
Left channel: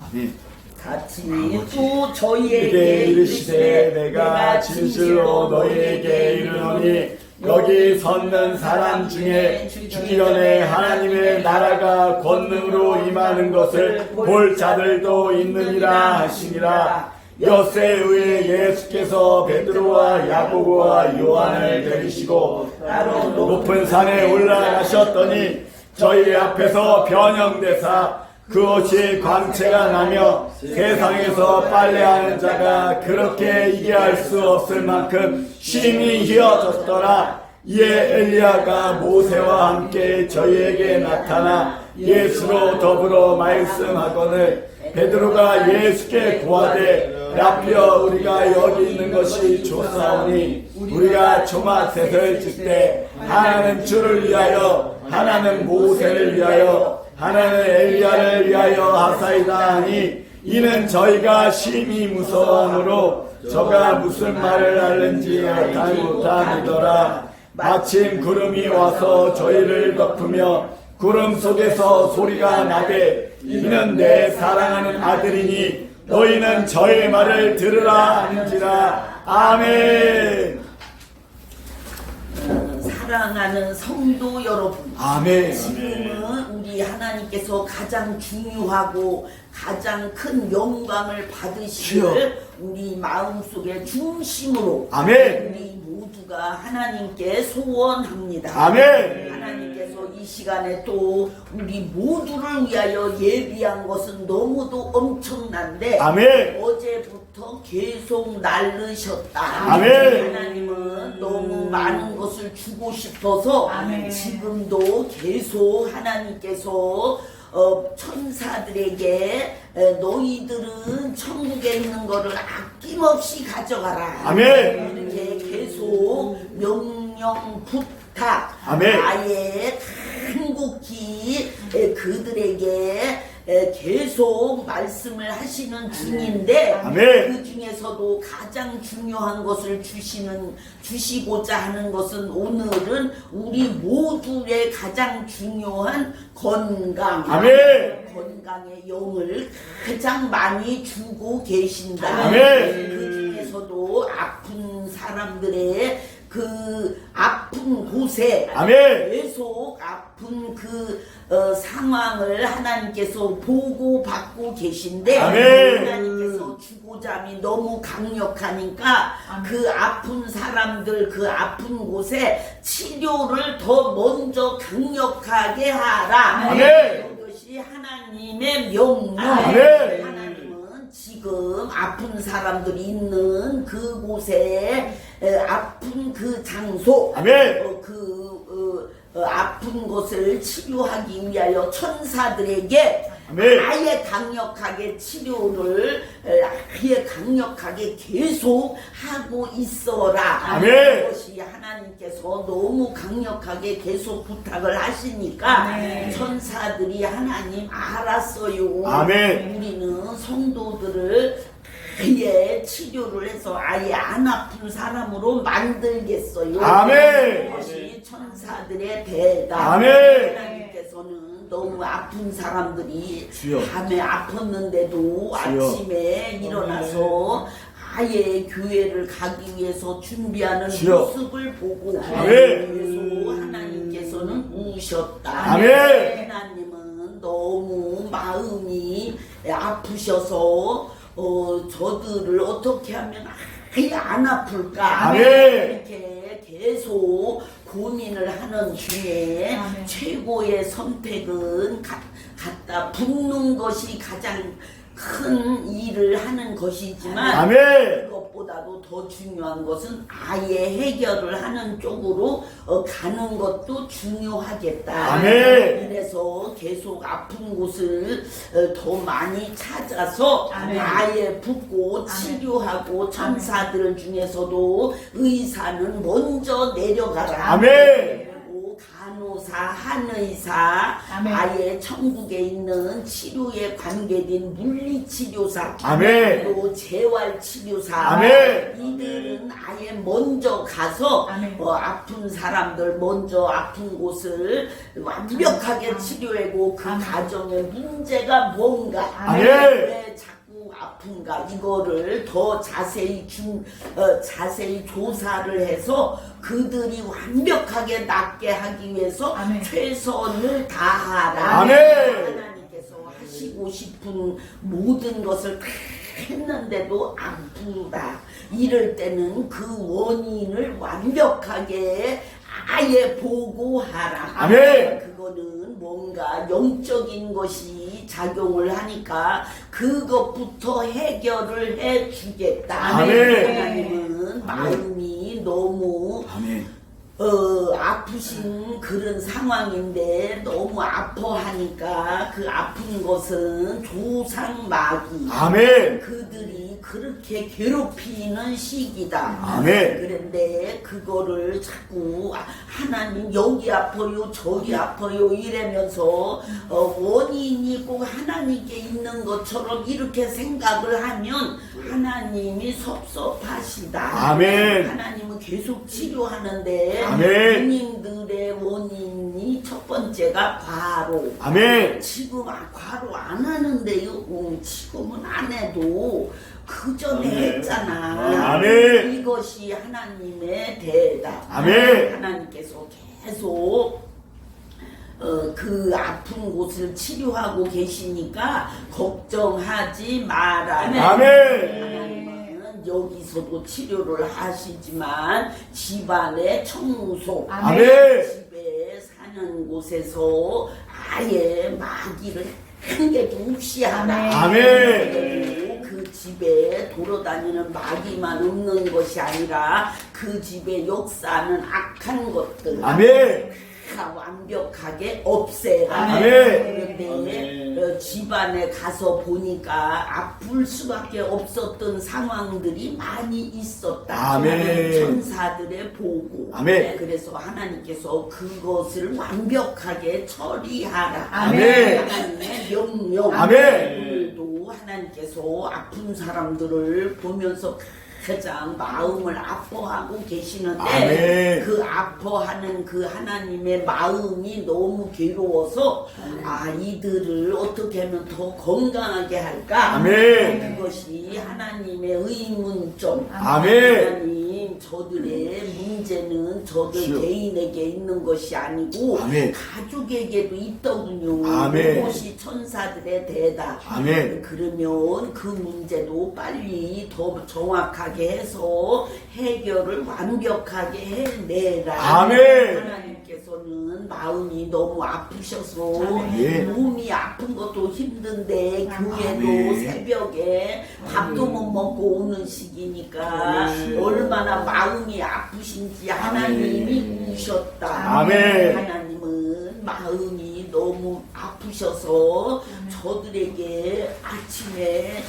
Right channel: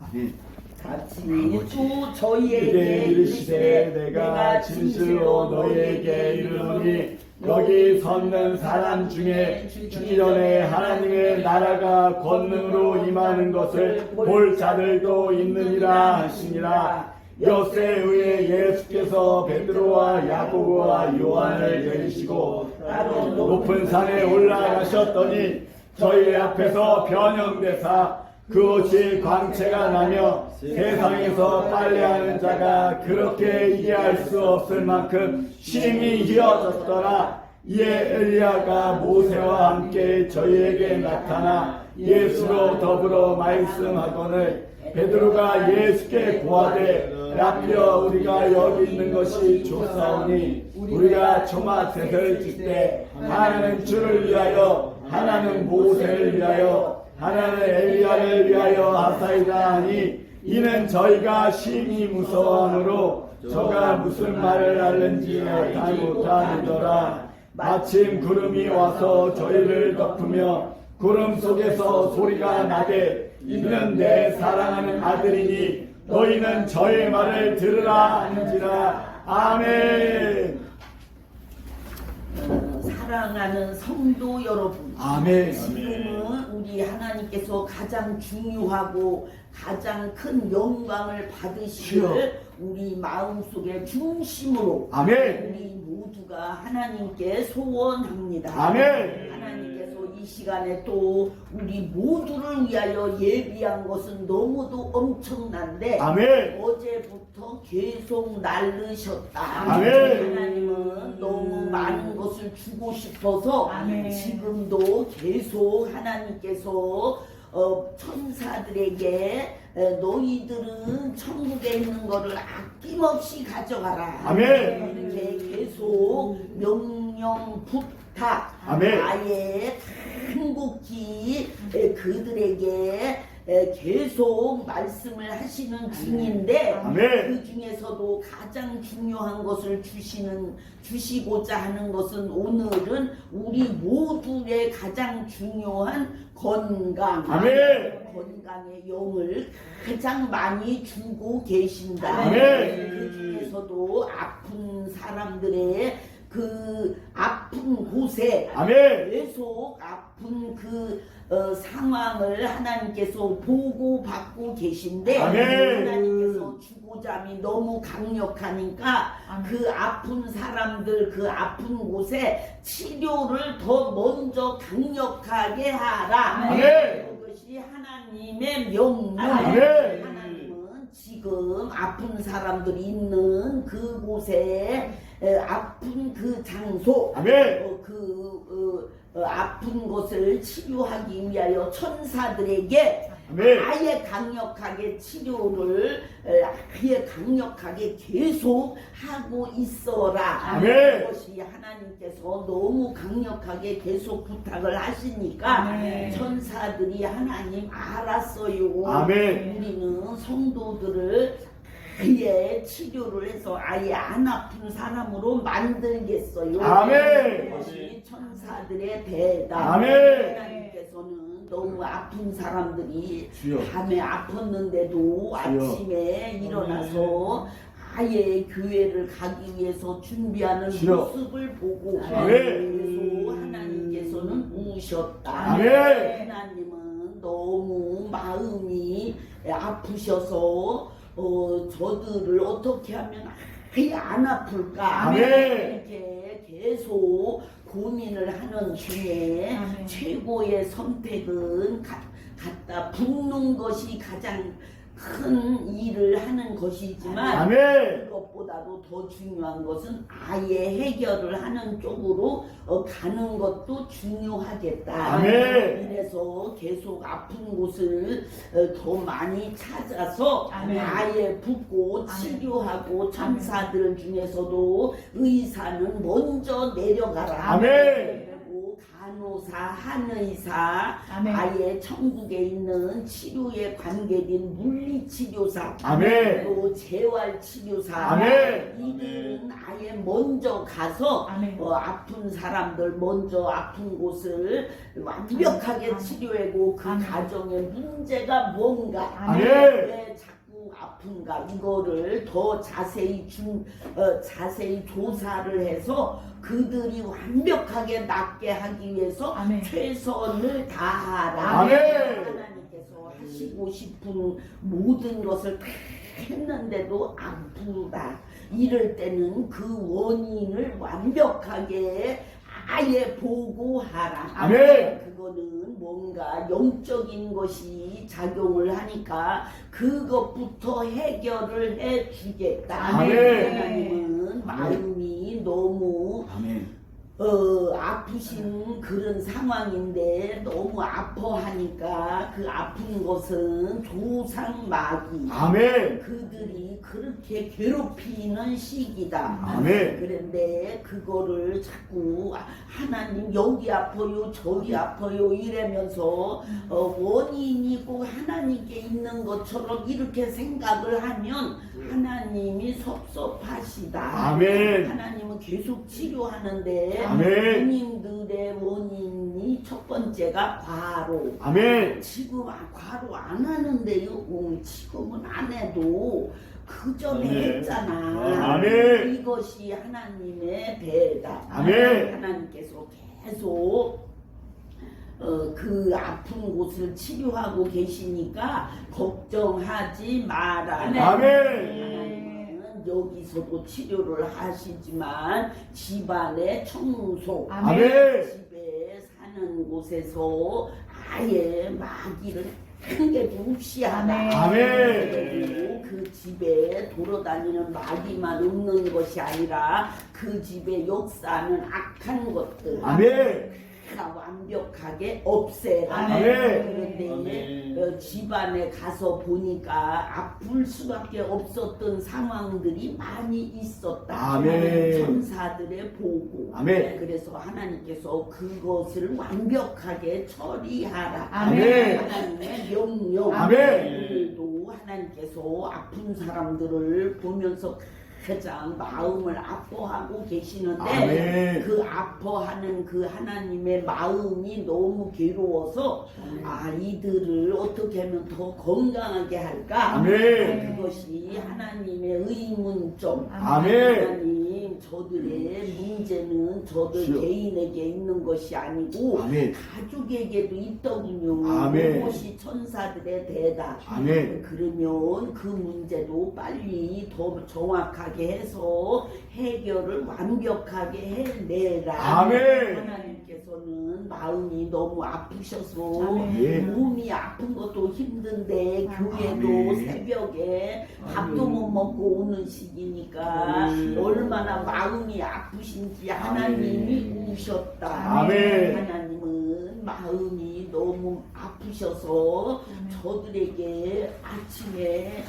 아멘. 같이 아버지, 또 저희에게 이게 이르시되 이르시되 내가 진실로 너희에게 이르노니 여기 섰는 사람 중에 주기 전에 하나님의 나라가 권능으로 임하는 것을 볼 자들도 있느니라 하시니라. 엿새 후에 예수께서 베드로와 야고보와 요한을 데리시고 따로 높은 산에 올라가셨더니 저희 앞에서 변형되사 그 옷이 광채가 나며 세상에서 빨래하는 자가 그렇게 이해할 수 없을 만큼 심히 희어졌더라. 이에 엘리야가 모세와 함께 저희에게 나타나 예수로 더불어 말씀하거늘 베드로가 예수께 고하되 라피어 우리가 여기 있는 것이 좋사오니 우리가 초막셋을 짓되 하나는 주를 위하여 하나는 모세를 위하여 하나는 엘리야를 위하여 하사이다 하니 이는 저희가 심히 무서워하므로 저가 무슨 말을 하는지 알지 못하더라. 마침 구름이 와서 저희를 덮으며 구름 속에서 소리가 나되 이는 내 사랑하는 아들이니 너희는 저의 말을 들으라 하는지라. 아멘. 사랑하는 성도 여러분, 아멘. 지금은 우리 하나님께서 가장 중요하고 가장 큰 영광을 받으시기를 우리 마음속의 중심으로 아멘. 우리 모두가 하나님께 소원합니다. 아멘. 하나님께서 이 시간에 또 우리 모두를 위하여 예비한 것은 너무도 엄청난데 아멘. 어제부터 계속 날르셨다. 아멘. 하나님은 너무 많은 것을 주고 싶어서 아멘. 지금도 계속 하나님께서 천사들에게 너희들은 천국에 있는 것을 아낌없이 가져가라. 아멘. 이렇게 계속 명령 부탁. 아멘. 아예 간곡히 그들에게 계속 말씀을 하시는 중인데 아멘. 그 중에서도 가장 중요한 것을 주시고자 하는 것은 오늘은 우리 모두의 가장 중요한 건강. 아멘. 건강의 영을 가장 많이 주고 계신다. 아멘. 그 중에서도 아픈 사람들의 그 아픈 곳에 아멘. 계속 아픈 그 상황을 하나님께서 보고 받고 계신데 아멘. 하나님께서 주고자함이 너무 강력하니까 그 아픈 사람들 그 아픈 곳에 치료를 더 먼저 강력하게 하라. 아멘. 이것이 하나님의 명령. 아멘. 하나님은 지금 아픈 사람들이 있는 그곳에 아픈 그 장소 아멘. 아픈 것을 치료하기 위하여 천사들에게 아멘. 아예 강력하게 치료를 아예 강력하게 계속 하고 있어라. 아멘. 그것이 하나님께서 너무 강력하게 계속 부탁을 하시니까 아멘. 천사들이 하나님 알았어요. 아멘. 우리는 성도들을 아예 치료를 해서 아예 안 아픈 사람으로 만들겠어요. 아멘. 그것이 천사들의 대답. 아멘. 하나님께서는 너무 아픈 사람들이 주여. 밤에 아팠는데도 아침에 일어나서 아예 교회를 가기 위해서 준비하는 주여. 모습을 보고 아멘. 그래서 하나님께서는 우셨다. 아멘. 하나님은 너무 마음이 아프셔서 저들을 어떻게 하면 아예 안 아플까 아멘. 이렇게 계속 고민을 하는 중에 아멘. 최고의 선택은 갖다 붓는 것이 가장 큰 일을 하는 것이지만 아멘. 그것보다도 더 중요한 것은 아예 해결을 하는 쪽으로 가는 것도 중요하겠다. 아멘. 이래서 계속 아픈 곳을 더 많이 찾아서 아멘. 아예 붓고 치료하고 천사들 중에서도 의사는 먼저 내려가라. 아멘. 그리고 간호사, 한의사, 아멘. 아예 천국에 있는 치료에 관계된 물리치료사, 아멘. 또 재활치료사, 아멘. 이들은 아예 먼저 가서 아멘. 아픈 사람들 먼저 아픈 곳을 완벽하게 치료하고 그 아멘. 가정의 문제가 뭔가 아멘. 왜 자꾸 아픈가 이거를 더 자세히 자세히 조사를 해서 그들이 완벽하게 낫게 하기 위해서 아멘. 최선을 다하라. 아멘. 하나님께서 하시고 싶은 모든 것을 다 했는데도 아프다. 이럴 때는 그 원인을 완벽하게 아예 보고하라. 아멘. 그거는 뭔가 영적인 것이 작용을 하니까 그것부터 해결을 해주겠다. 아멘. 하나님은 마음이 너무 아멘. 아프신 그런 상황인데 너무 아파하니까 그 아픈 것은 조상마귀. 아멘. 그들이 그렇게 괴롭히는 시기다. 아멘. 그런데 그거를 자꾸 하나님 여기 아파요 저기 아파요 이러면서 원인이 꼭 하나님께 있는 것처럼 이렇게 생각을 하면 하나님이 섭섭하시다. 아멘. 하나님은 계속 치료하는데 아멘. 본인들의 원인이 첫 번째가 과로. 아멘. 지금 과로 안 하는데요. 지금은 안 해도 그 전에 아멘. 했잖아. 아멘. 이것이 하나님의 대답. 아멘. 하나님께서 계속 그 아픈 곳을 치료하고 계시니까 걱정하지 마라. 아멘. 하나님은 여기서도 치료를 하시지만 집안의 청소, 아멘. 집에 사는 곳에서 아예 마귀를 한 개도 없이 하라. 아멘. 그리고 그 집에 돌아다니는 마귀만 없는 것이 아니라 그 집에 역사하는 악한 것들 아멘. 다 완벽하게 없애라. 아멘. 그런데 집안에 가서 보니까 아플 수밖에 없었던 상황들이 많이 있었다. 아멘. 천사들의 보고. 아멘. 그래서 하나님께서 그것을 완벽하게 처리하라. 아멘. 하나님의 명령. 아멘. 오늘도 하나님께서 아픈 사람들을 보면서 가장 마음을 아파하고 계시는데 아멘. 그 아파하는 그 하나님의 마음이 너무 괴로워서 이들을 어떻게 하면 더 건강하게 할까? 아멘. 그것이 하나님의 의문점. 아멘. 하나님 저들의 문제는 저들 주여. 개인에게 있는 것이 아니고 아멘. 가족에게도 있더군요. 아멘. 그것이 천사들의 대답. 아멘. 그러면 그 문제도 빨리 더 정확하게 해서 해결을 완벽하게 해내라. 아멘. 하나님께서는 마음이 너무 아프셔서 아멘. 몸이 아픈 것도 힘든데 교회도 아멘. 새벽에 밥도 못 먹고 오는 시기니까 아멘. 얼마나 마음이 아프신지 하나님이 우셨다. 아멘. 하나님은 마음이 너무 아프셔서 저들에게 아침에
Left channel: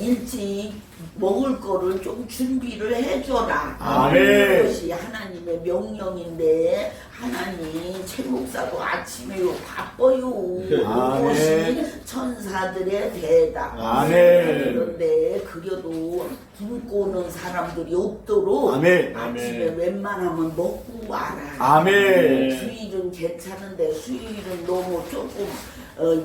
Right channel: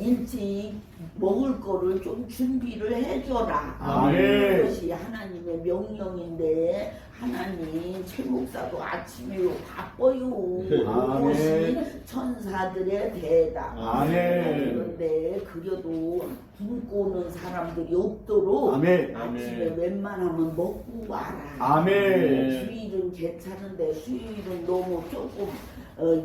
일찍 먹을 거를 좀 준비를 해줘라. 아멘. 그것이 하나님의 명령인데 하나님 최 목사도 아침에 바빠요. 아멘. 그것이 천사들의 대답. 아멘. 그런데 그래도 굶고 오는 사람들이 없도록 아멘. 아침에 아멘. 웬만하면 먹고 와라. 아멘. 수일은 괜찮은데 수일은 너무 조금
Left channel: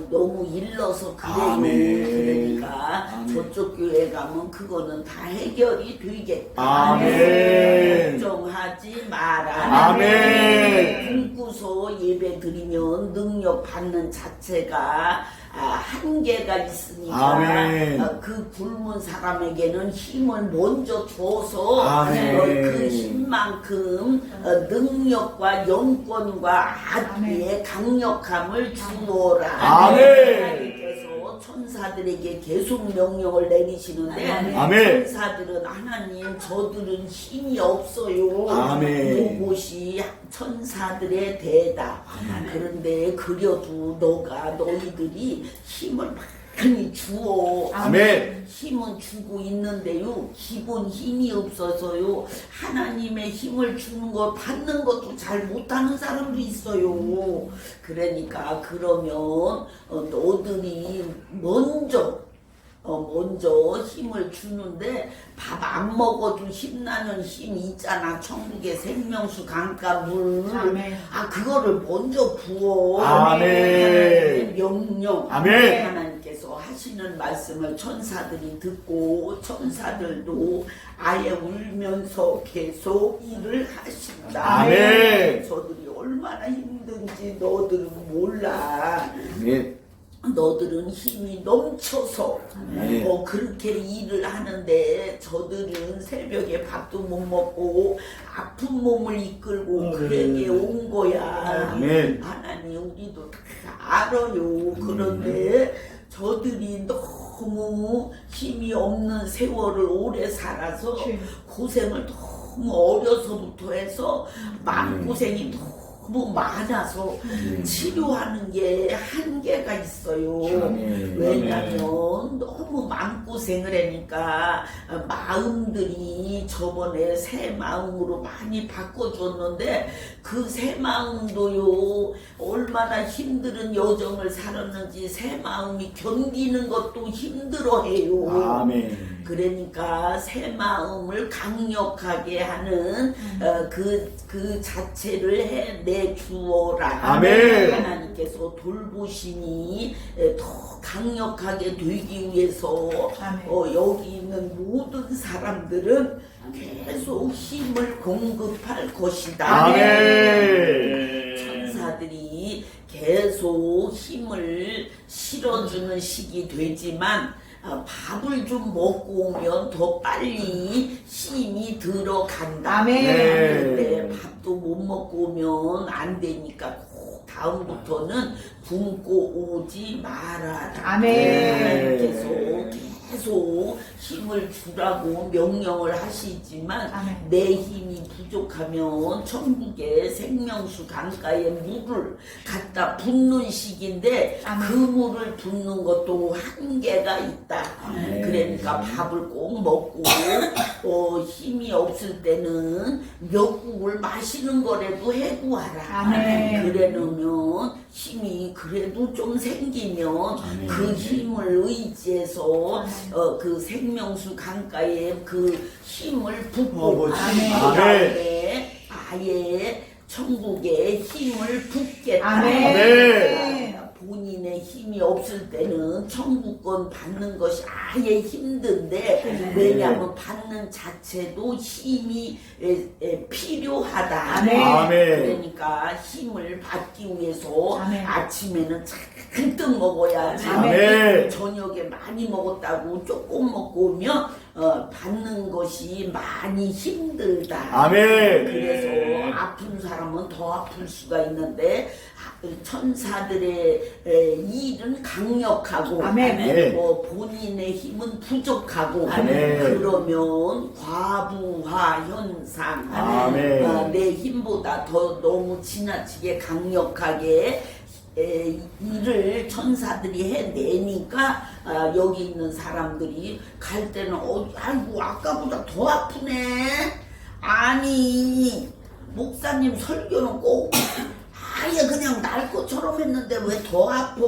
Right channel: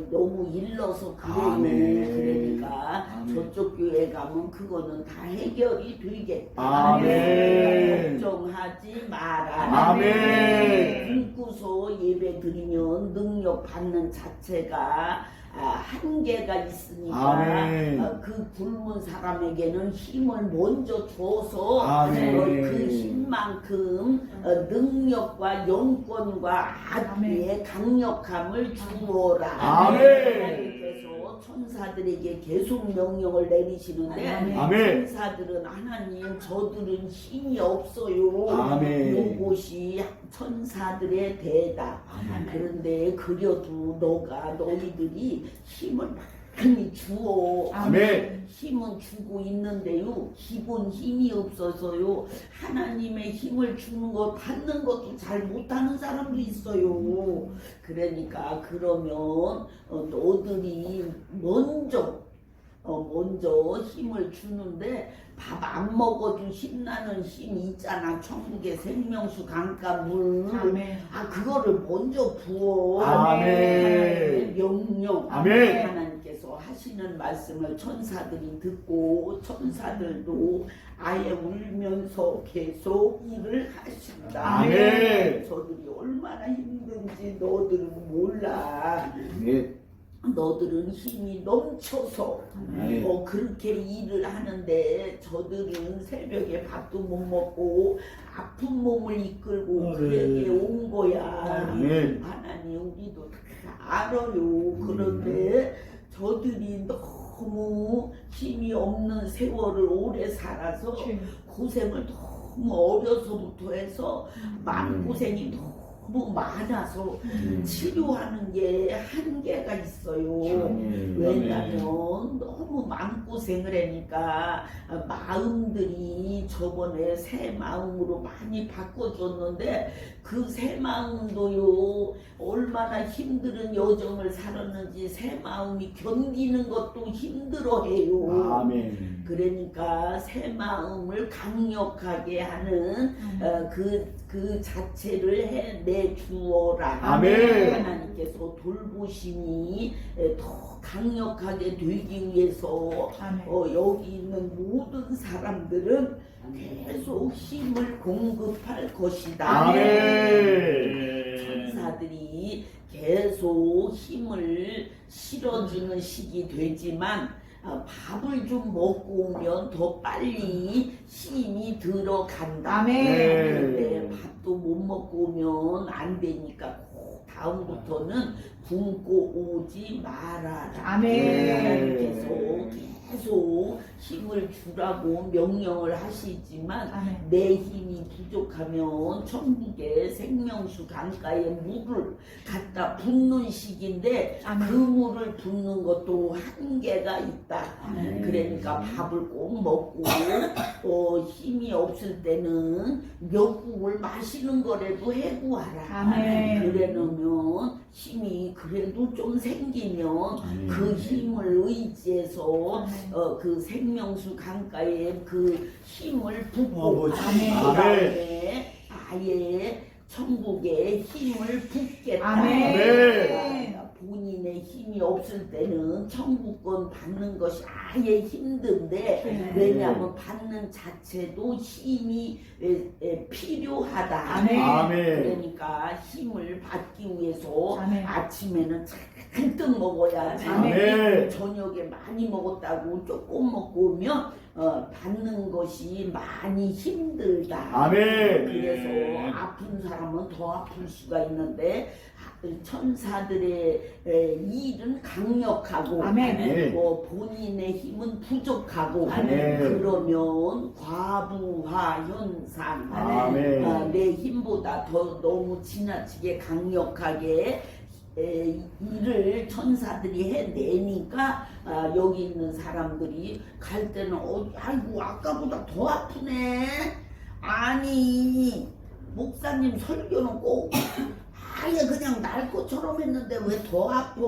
너무 일러서 그래요. 아멘. 그러니까 아멘. 저쪽 교회 가면 그거는 다 해결이 되겠다. 아멘. 걱정하지 마라. 아멘. 굶고서 예배 드리면 능력 받는 자체가 한계가 있으니까 아멘. 그 굶은 사람에게는 힘을 먼저 줘서 아멘. 그 힘만큼 능력과 영권과 아비의 강력함을 주어라. 아멘. 하나님께서 천사들에게 계속 명령을 내리시는데 아멘. 천사들은 하나님 저들은 힘이 없어요. 아멘. 이것이 천사들의 대답. 그런데 그래도 너희들이 힘을 많이 주어. 아멘. 힘은 주고 있는데요. 기본 힘이 없어서요. 하나님의 힘을 주는 거 받는 것도 잘 못하는 사람도 있어요. 그러니까 그러면 너들이 먼저 힘을 주는데 밥 안 먹어도 힘나는 힘이 있잖아. 천국의 생명수 강가 물. 아멘. 그거를 먼저 부어. 아멘. 하나님의 명령. 아멘. 하나님께서 하시는 말씀을 천사들이 듣고 천사들도 아예 울면서 계속 일을 하신다. 아멘. 저들이 얼마나 힘든지 너들은 몰라. 아멘. 너들은 힘이 넘쳐서 아멘. 그렇게 일을 하는데 저들은 새벽에 밥도 못 먹고 아픈 몸을 이끌고 그에게 온 거야. 아멘. 하나님 우리도 다 알아요. 그런데 저들이 너무 힘이 없는 세월을 오래 살아서 고생을 너무 어려서부터 해서 마음고생이 너무 많아서 치료하는 게 한계가 있어요. 왜냐면 너무 마음고생을 하니까 마음들이 저번에 새 마음으로 많이 바꿔줬는데 그 새 마음도요 얼마나 힘든 여정을 살았는지 새 마음이 견디는 것도 힘들어해요. 아멘. 그러니까 새 마음을 강력하게 하는 그 자체를 해내 주어라. 아멘. 하나님께서 돌보심이 더 강력하게 되기 위해서 여기 있는 모든 사람들은 계속 힘을 공급할 것이다. 아멘. 천사들이 계속 힘을 실어주는 시기 되지만 밥을 좀 먹고 오면 더 빨리 힘이 들어간다. 아멘. 그런데 밥도 못 먹고 오면 안 되니까 꼭 다음부터는 굶고 오지 말아라. 아멘. 하나님께서 계속 힘을 주라고 명령을 하시지만 아멘. 내 힘이 부족하면 천국의 생명수 강가에 물을 갖다 붓는 시기인데 아멘. 그 물을 붓는 것도 한계가 있다. 그러니까 밥을 꼭 먹고 힘이 없을 때는 멱국을 마시는 거라도 해구하라. 아멘. 그래 놓으면 힘이 그래도 좀 생기면 그 힘을 의지해서 그 생명수 강가에 그 힘을 붓고 그 아멘. 다음에 아예 천국에 힘을 붓겠다. 아멘. 본인의 힘이 없을 때는 천국권 받는 것이 아예 힘든데 왜냐하면 받는 자체도 힘이 필요하다. 아멘. 그러니까 힘을 받기 위해서 아멘. 아침에는 잔뜩 먹어야지. 아멘. 저녁에 많이 먹었다고 조금 먹고 오면 받는 것이 많이 힘들다. 아멘. 그래서 아픈 사람은 더 아플 수가 있는데 천사들의 일은 강력하고 아멘. 본인의 힘은 부족하고 아멘. 그러면 과부하 현상 아멘. 내 힘보다 더 너무 지나치게 강력하게 일을 천사들이 해내니까 여기 있는 사람들이 갈 때는 아이고 아까보다 더 아프네. 아니 목사님 설교는 꼭 아예 그냥 날 것처럼 했는데 왜 더 아파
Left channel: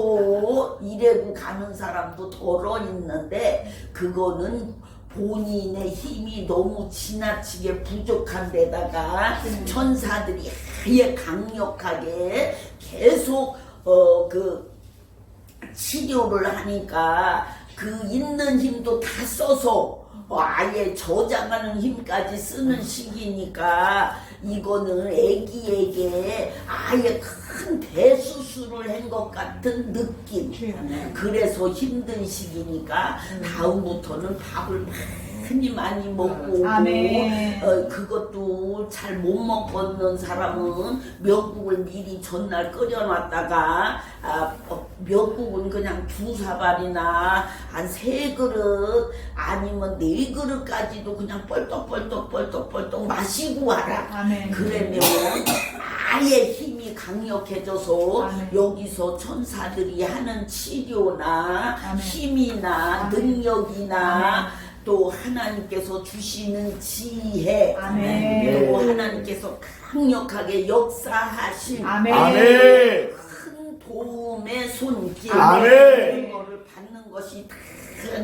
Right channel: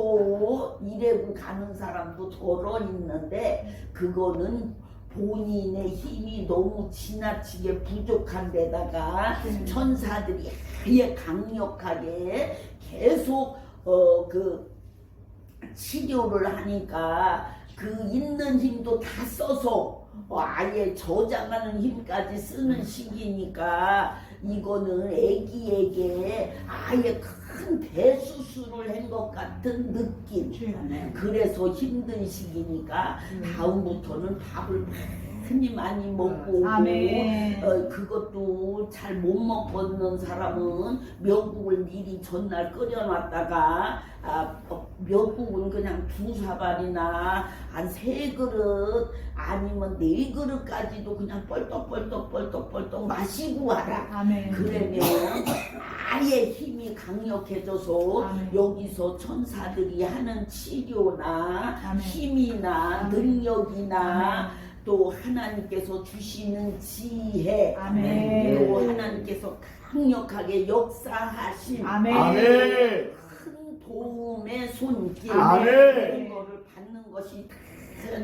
이래고 가는 사람도 덜어 있는데 그거는 본인의 힘이 너무 지나치게 부족한 데다가 천사들이 아예 강력하게 계속 그 치료를 하니까 그 있는 힘도 다 써서 아예 저장하는 힘까지 쓰는 시기니까 이거는 애기에게 아예 큰 대수술을 한 것 같은 느낌. 그래서 힘든 시기니까 다음부터는 밥을 많이 먹고 아멘. 그것도 잘 못 먹었는 사람은 미역국을 미리 전날 끓여놨다가 미역국은 그냥 2사발이나 한 3그릇 아니면 4그릇까지도 그냥 뻘떡뻘떡 마시고 와라. 아멘. 그러면 아예 힘이 강력해져서 아멘. 여기서 천사들이 하는 치료나 아멘. 힘이나 아멘. 능력이나 아멘. 또 하나님께서 주시는 지혜, 아멘. 또 하나님께서 강력하게 역사하신 아멘. 아멘. 큰 도움의 손길 아멘. 그런 거를 받는 것이 다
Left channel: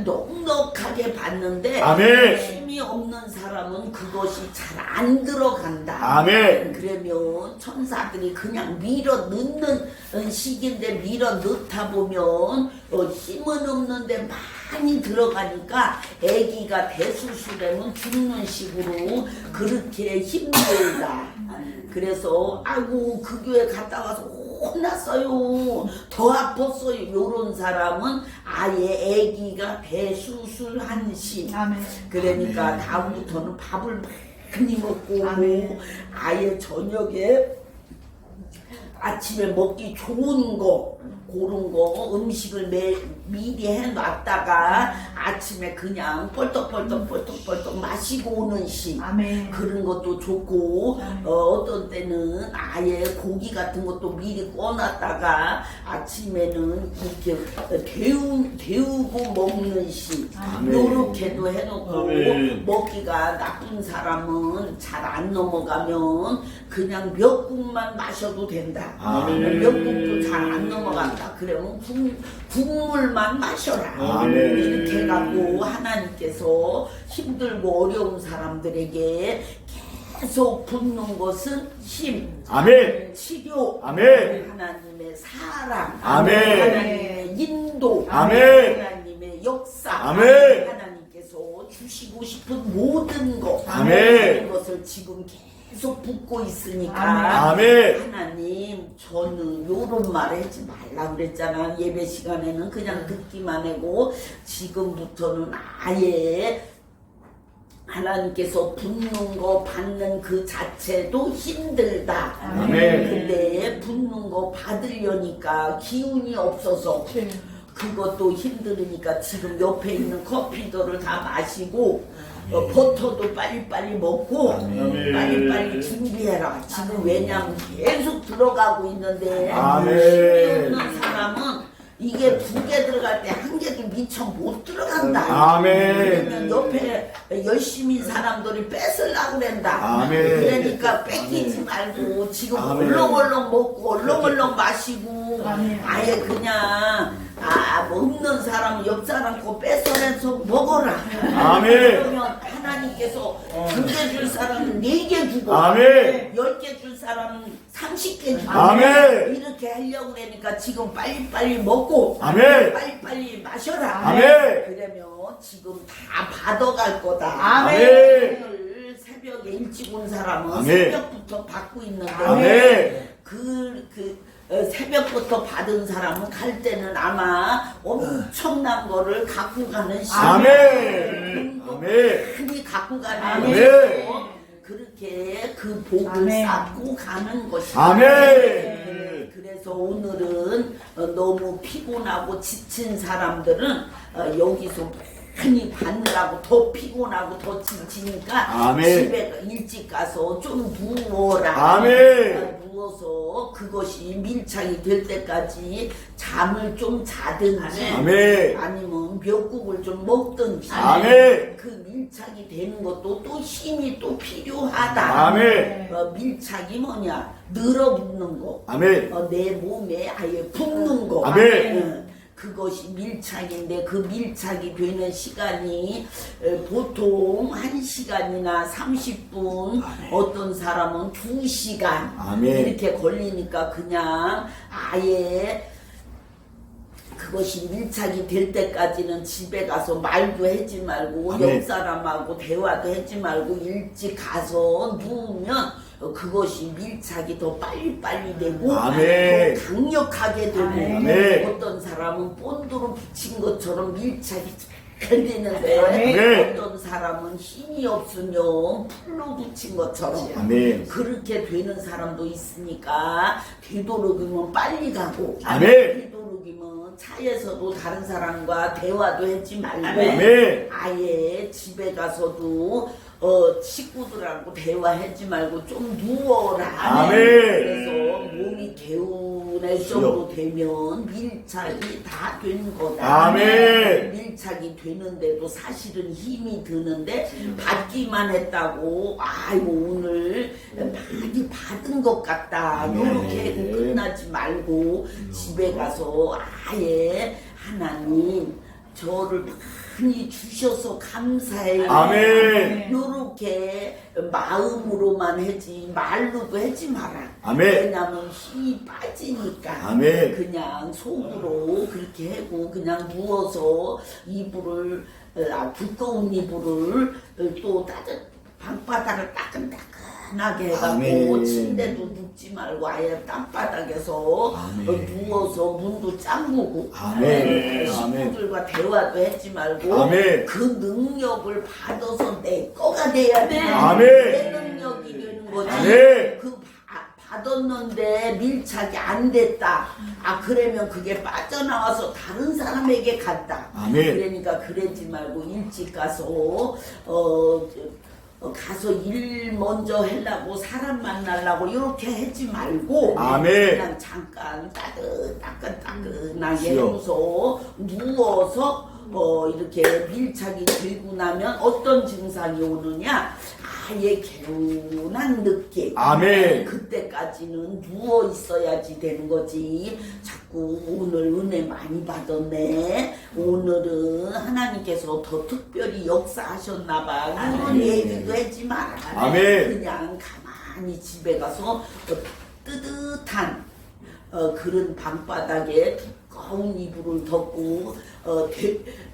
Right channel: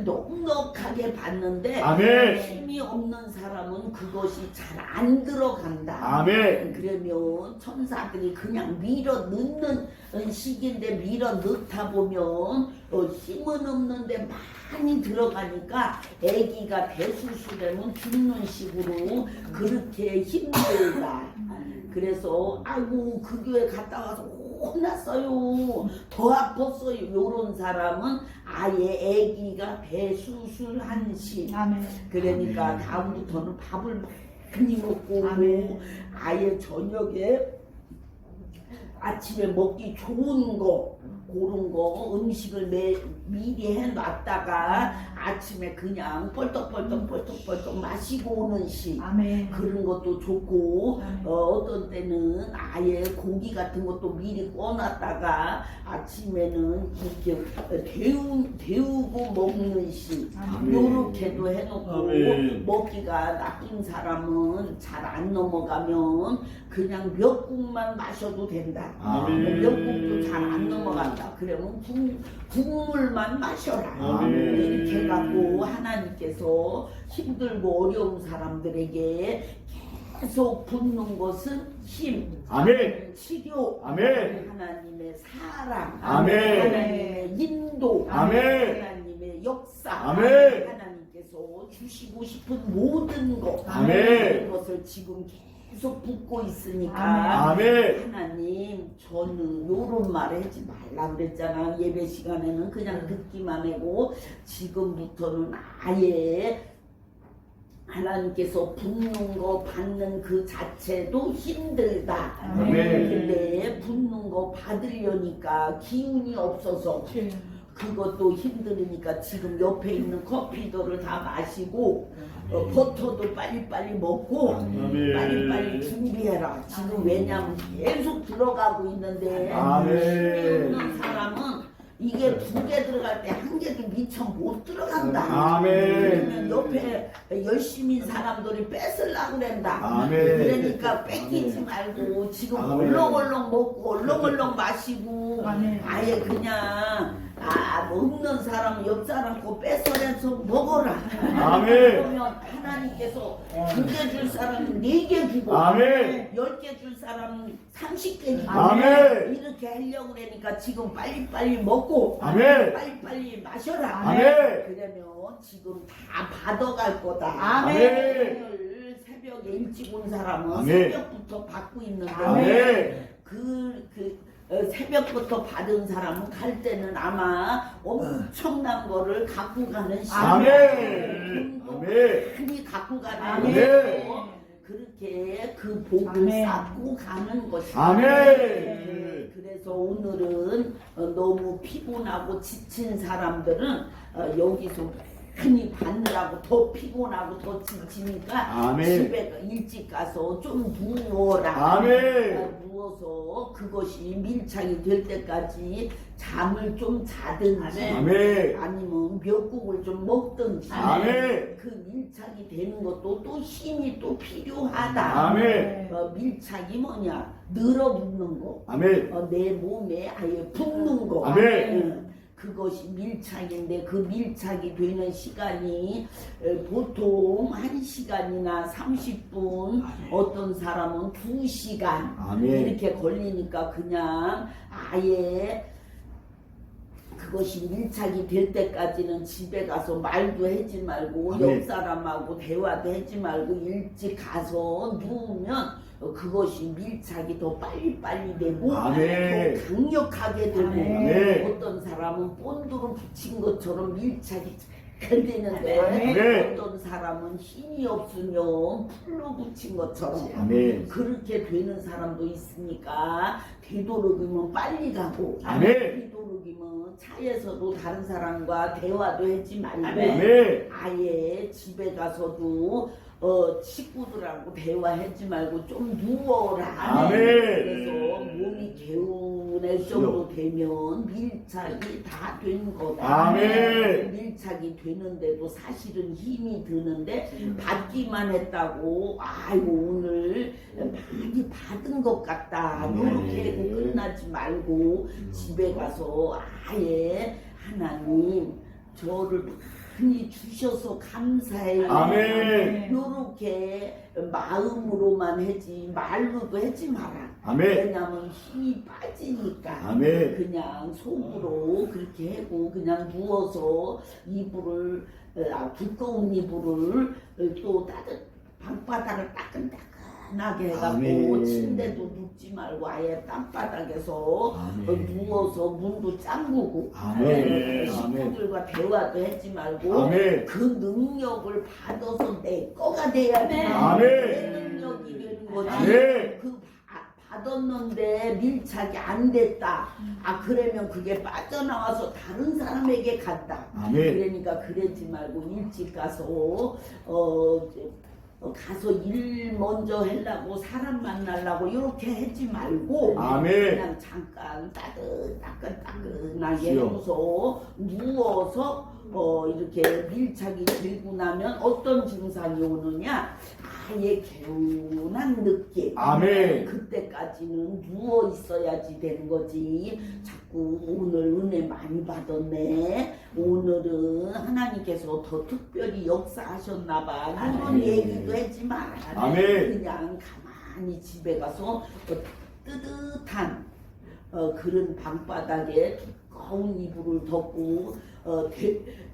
넉넉하게 받는데 아멘. 힘이 없는 사람은 그것이 잘 안 들어간다. 아멘. 그러면 천사들이 그냥 밀어 넣는 시기인데 밀어 넣다 보면 힘은 없는데 많이 들어가니까 아기가 대수술하면 죽는 식으로 그렇게 힘들다. 그래서 아이고 그 교회 갔다 와서 혼났어요. 더 아팠어요. 요런 사람은 아예 아기가 대수술한 시. 아멘. 그러니까 다음부터는 밥을 많이 먹고 아멘. 아예 저녁에 아침에 먹기 좋은 거 그런 거 음식을 미리 해놨다가 아침에 그냥 뻘떡뻘떡 마시고 오는 식 아멘. 그런 것도 좋고 아멘. 어떤 때는 아예 고기 같은 것도 미리 꺼놨다가 아침에는 이렇게 데우고 먹는 식 아멘. 요렇게도 해놓고 아멘. 먹기가 나쁜 사람은 잘 안 넘어가면 그냥 미역국만 마셔도 된다. 아멘. 미역국도 잘 안 넘어간다. 그러면 국물만 마셔라. 아멘. 이렇게 해갖고 하나님께서 힘들고 어려운 사람들에게 계속 붓는 것은 힘, 아멘. 치료, 아멘. 하나님의 사랑, 아멘. 하나님의 인도, 아멘. 하나님의 역사, 아멘. 하나님께서 주시고 싶은 모든 것, 아멘. 모든 것을 지금 계속 붓고 있으니까 아멘. 하나님 저는 요런 말 하지 말라 그랬잖아. 예배 시간에는 그냥 듣기만 하고 지금부터는 아예 하나님께서 붓는 거 받는 그 자체도 힘들다. 아멘. 근데 붓는 거 받으려니까 기운이 없어서 그것도 힘들으니까 지금 옆에 있는 커피들을 다 마시고 버터도 빨리빨리 먹고 아멘. 빨리빨리 준비해라. 지금 왜냐면 계속 들어가고 있는데 아멘. 힘이 없는 사람은 이게 2개 들어갈 때 1개도 미처 못 들어간다. 아멘. 그러면 옆에 열심히 사람들이 뺏으려고 그런다. 아멘. 그러니까 뺏기지 말고 지금 아멘. 얼렁얼렁 먹고 얼렁얼렁 마시고 아멘. 아예 그냥 뭐 없는 사람 옆 사람 거 뺏어내서 먹어라. 아멘. 그러면 하나님께서 2개 줄 사람은 4개 주고 아멘. 10개 줄 사람은 30개 주고 아멘. 이렇게 하려고 그러니까 지금 빨리빨리 먹고 아멘. 빨리빨리 마셔라. 아멘. 그러면 지금 다 받아갈 거다. 아멘. 오늘 새벽에 일찍 온 사람은 아멘. 새벽부터 받고 있는데 아멘. 새벽부터 받은 사람은 갈 때는 아마 엄청난 거를 갖고 가는 아멘. 돈도 아멘. 많이 갖고 가는 아멘. 것이고 그렇게 그 복을 아멘. 쌓고 가는 것이다. 아멘. 그래서 오늘은 너무 피곤하고 지친 사람들은 여기서 많이 받느라고 더 피곤하고 더 지치니까 아멘. 집에 일찍 가서 좀 누워라. 아멘. 누워서 그것이 밀착이 될 때까지 잠을 좀 자든지 아멘. 아니면 멱국을 좀 먹든지 아멘. 그 밀착이 되는 것도 또 힘이 또 필요하다. 아멘. 밀착이 뭐냐? 늘어붙는 거. 아멘. 내 몸에 아예 붙는 거. 아멘. 그것이 밀착인데 그 밀착이 되는 시간이 보통 1시간이나 30분, 어떤 사람은 2시간 아멘. 이렇게 걸리니까 그냥 아예 그것이 밀착이 될 때까지는 집에 가서 말도 하지 말고 아멘. 옆 사람하고 대화도 하지 말고 일찍 가서 누우면 그것이 밀착이 더 빨리빨리 되고 아멘. 더 강력하게 되고 아멘. 어떤 사람은 본드로 붙인 것처럼 밀착이 잘 되는데 아멘. 어떤 사람은 힘이 없으면 풀로 붙인 것처럼 아멘. 그렇게 되는 사람도 있으니까 되도록이면 빨리 가고 아멘. 되도록이면 차에서도 다른 사람과 대화도 하지 말고 아멘. 아예 집에 가서도 식구들하고 대화하지 말고 좀 누워라. 아멘. 그래서 몸이 개운할 정도 되면 밀착이 다 된 거다. 아멘. 밀착이 되는데도 사실은 힘이 드는데 받기만 했다고 아이고 오늘 많이 받은 것 같다. 이렇게 하고 끝나지 말고 집에 가서 아예 하나님 저를 많이 주셔서 감사해요. 아멘. 요렇게 마음으로만 하지 말로도 하지 마라. 아멘. 왜냐면 힘이 빠지니까. 아멘. 그냥 속으로 그렇게 하고 그냥 누워서 이불을 두꺼운 이불을 또 방바닥을 따끈따끈하게 해갖고 아멘. 침대도 눕지 말고 아예 땅바닥에서 아멘. 누워서 문도 잠그고 아멘. 식구들과 대화도 하지 말고 아멘. 그 능력을 받아서 내 거가 돼야 돼. 아멘. 내 능력이 되는 거지. 아멘. 그 받았는데 밀착이 안 됐다. 그러면 그게 빠져나와서 다른 사람에게 갔다. 아멘. 그러니까 그러지 말고 일찍 가서 가서 일 먼저 하려고 사람 만나려고 이렇게 하지 말고 아멘. 그냥 잠깐 따끈따끈하게 주여. 하면서 누워서 이렇게 밀착이 되고 나면 어떤 증상이 오느냐 아예 개운한 느낌. 아멘. 그때까지는 누워 있어야지 되는 거지. 자꾸 오늘 은혜 많이 받았네. 오늘은 하나님께서 더 특별히 역사하셨나봐. 이런 얘기도 하지 마라. 아멘. 그냥 가만히 집에 가서 뜨뜻한 그런 방바닥에 두꺼운 이불을 덮고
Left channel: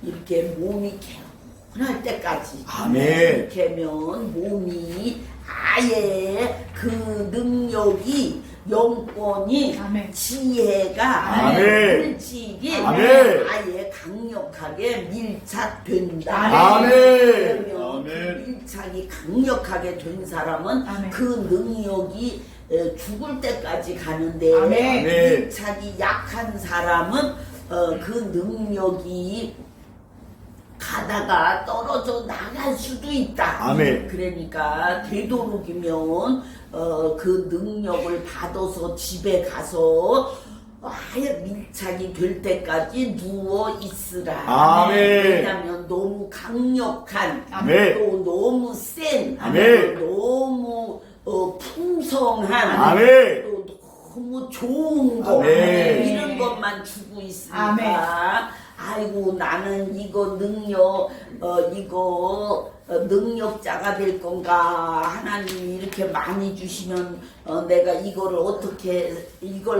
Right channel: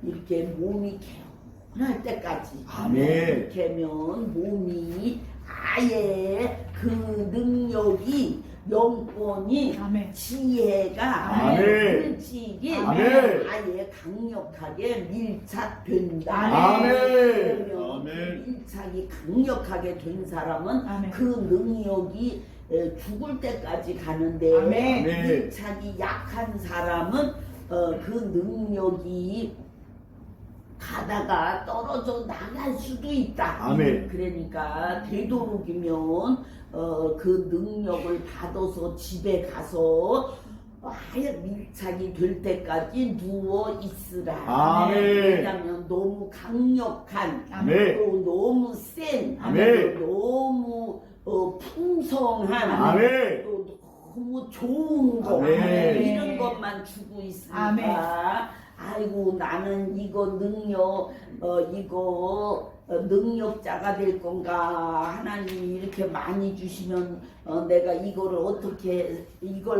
이렇게 몸이 개운할 때까지 아멘. 이렇게 하면 몸이 아예 그 능력이 영권이 아멘. 지혜가 아멘. 물질이 아멘. 아예 강력하게 밀착된다. 아멘. 그러면 아멘. 그 밀착이 강력하게 된 사람은 아멘. 그 능력이 죽을 때까지 가는데 아멘. 밀착이 약한 사람은 그 능력이 가다가 떨어져 나갈 수도 있다. 아멘. 그러니까 되도록이면 그 능력을 받아서 집에 가서 아예 밀착이 될 때까지 누워 있으라. 아멘. 왜냐면 너무 강력한 아멘. 또 너무 센 아멘. 너무 풍성한 아멘. 또 너무 좋은 거 아멘. 이런 것만 주고 있으니까 아멘. 아이고 나는 이거 능력 능력자가 될 건가 하나님이 이렇게 많이 주시면 내가 이걸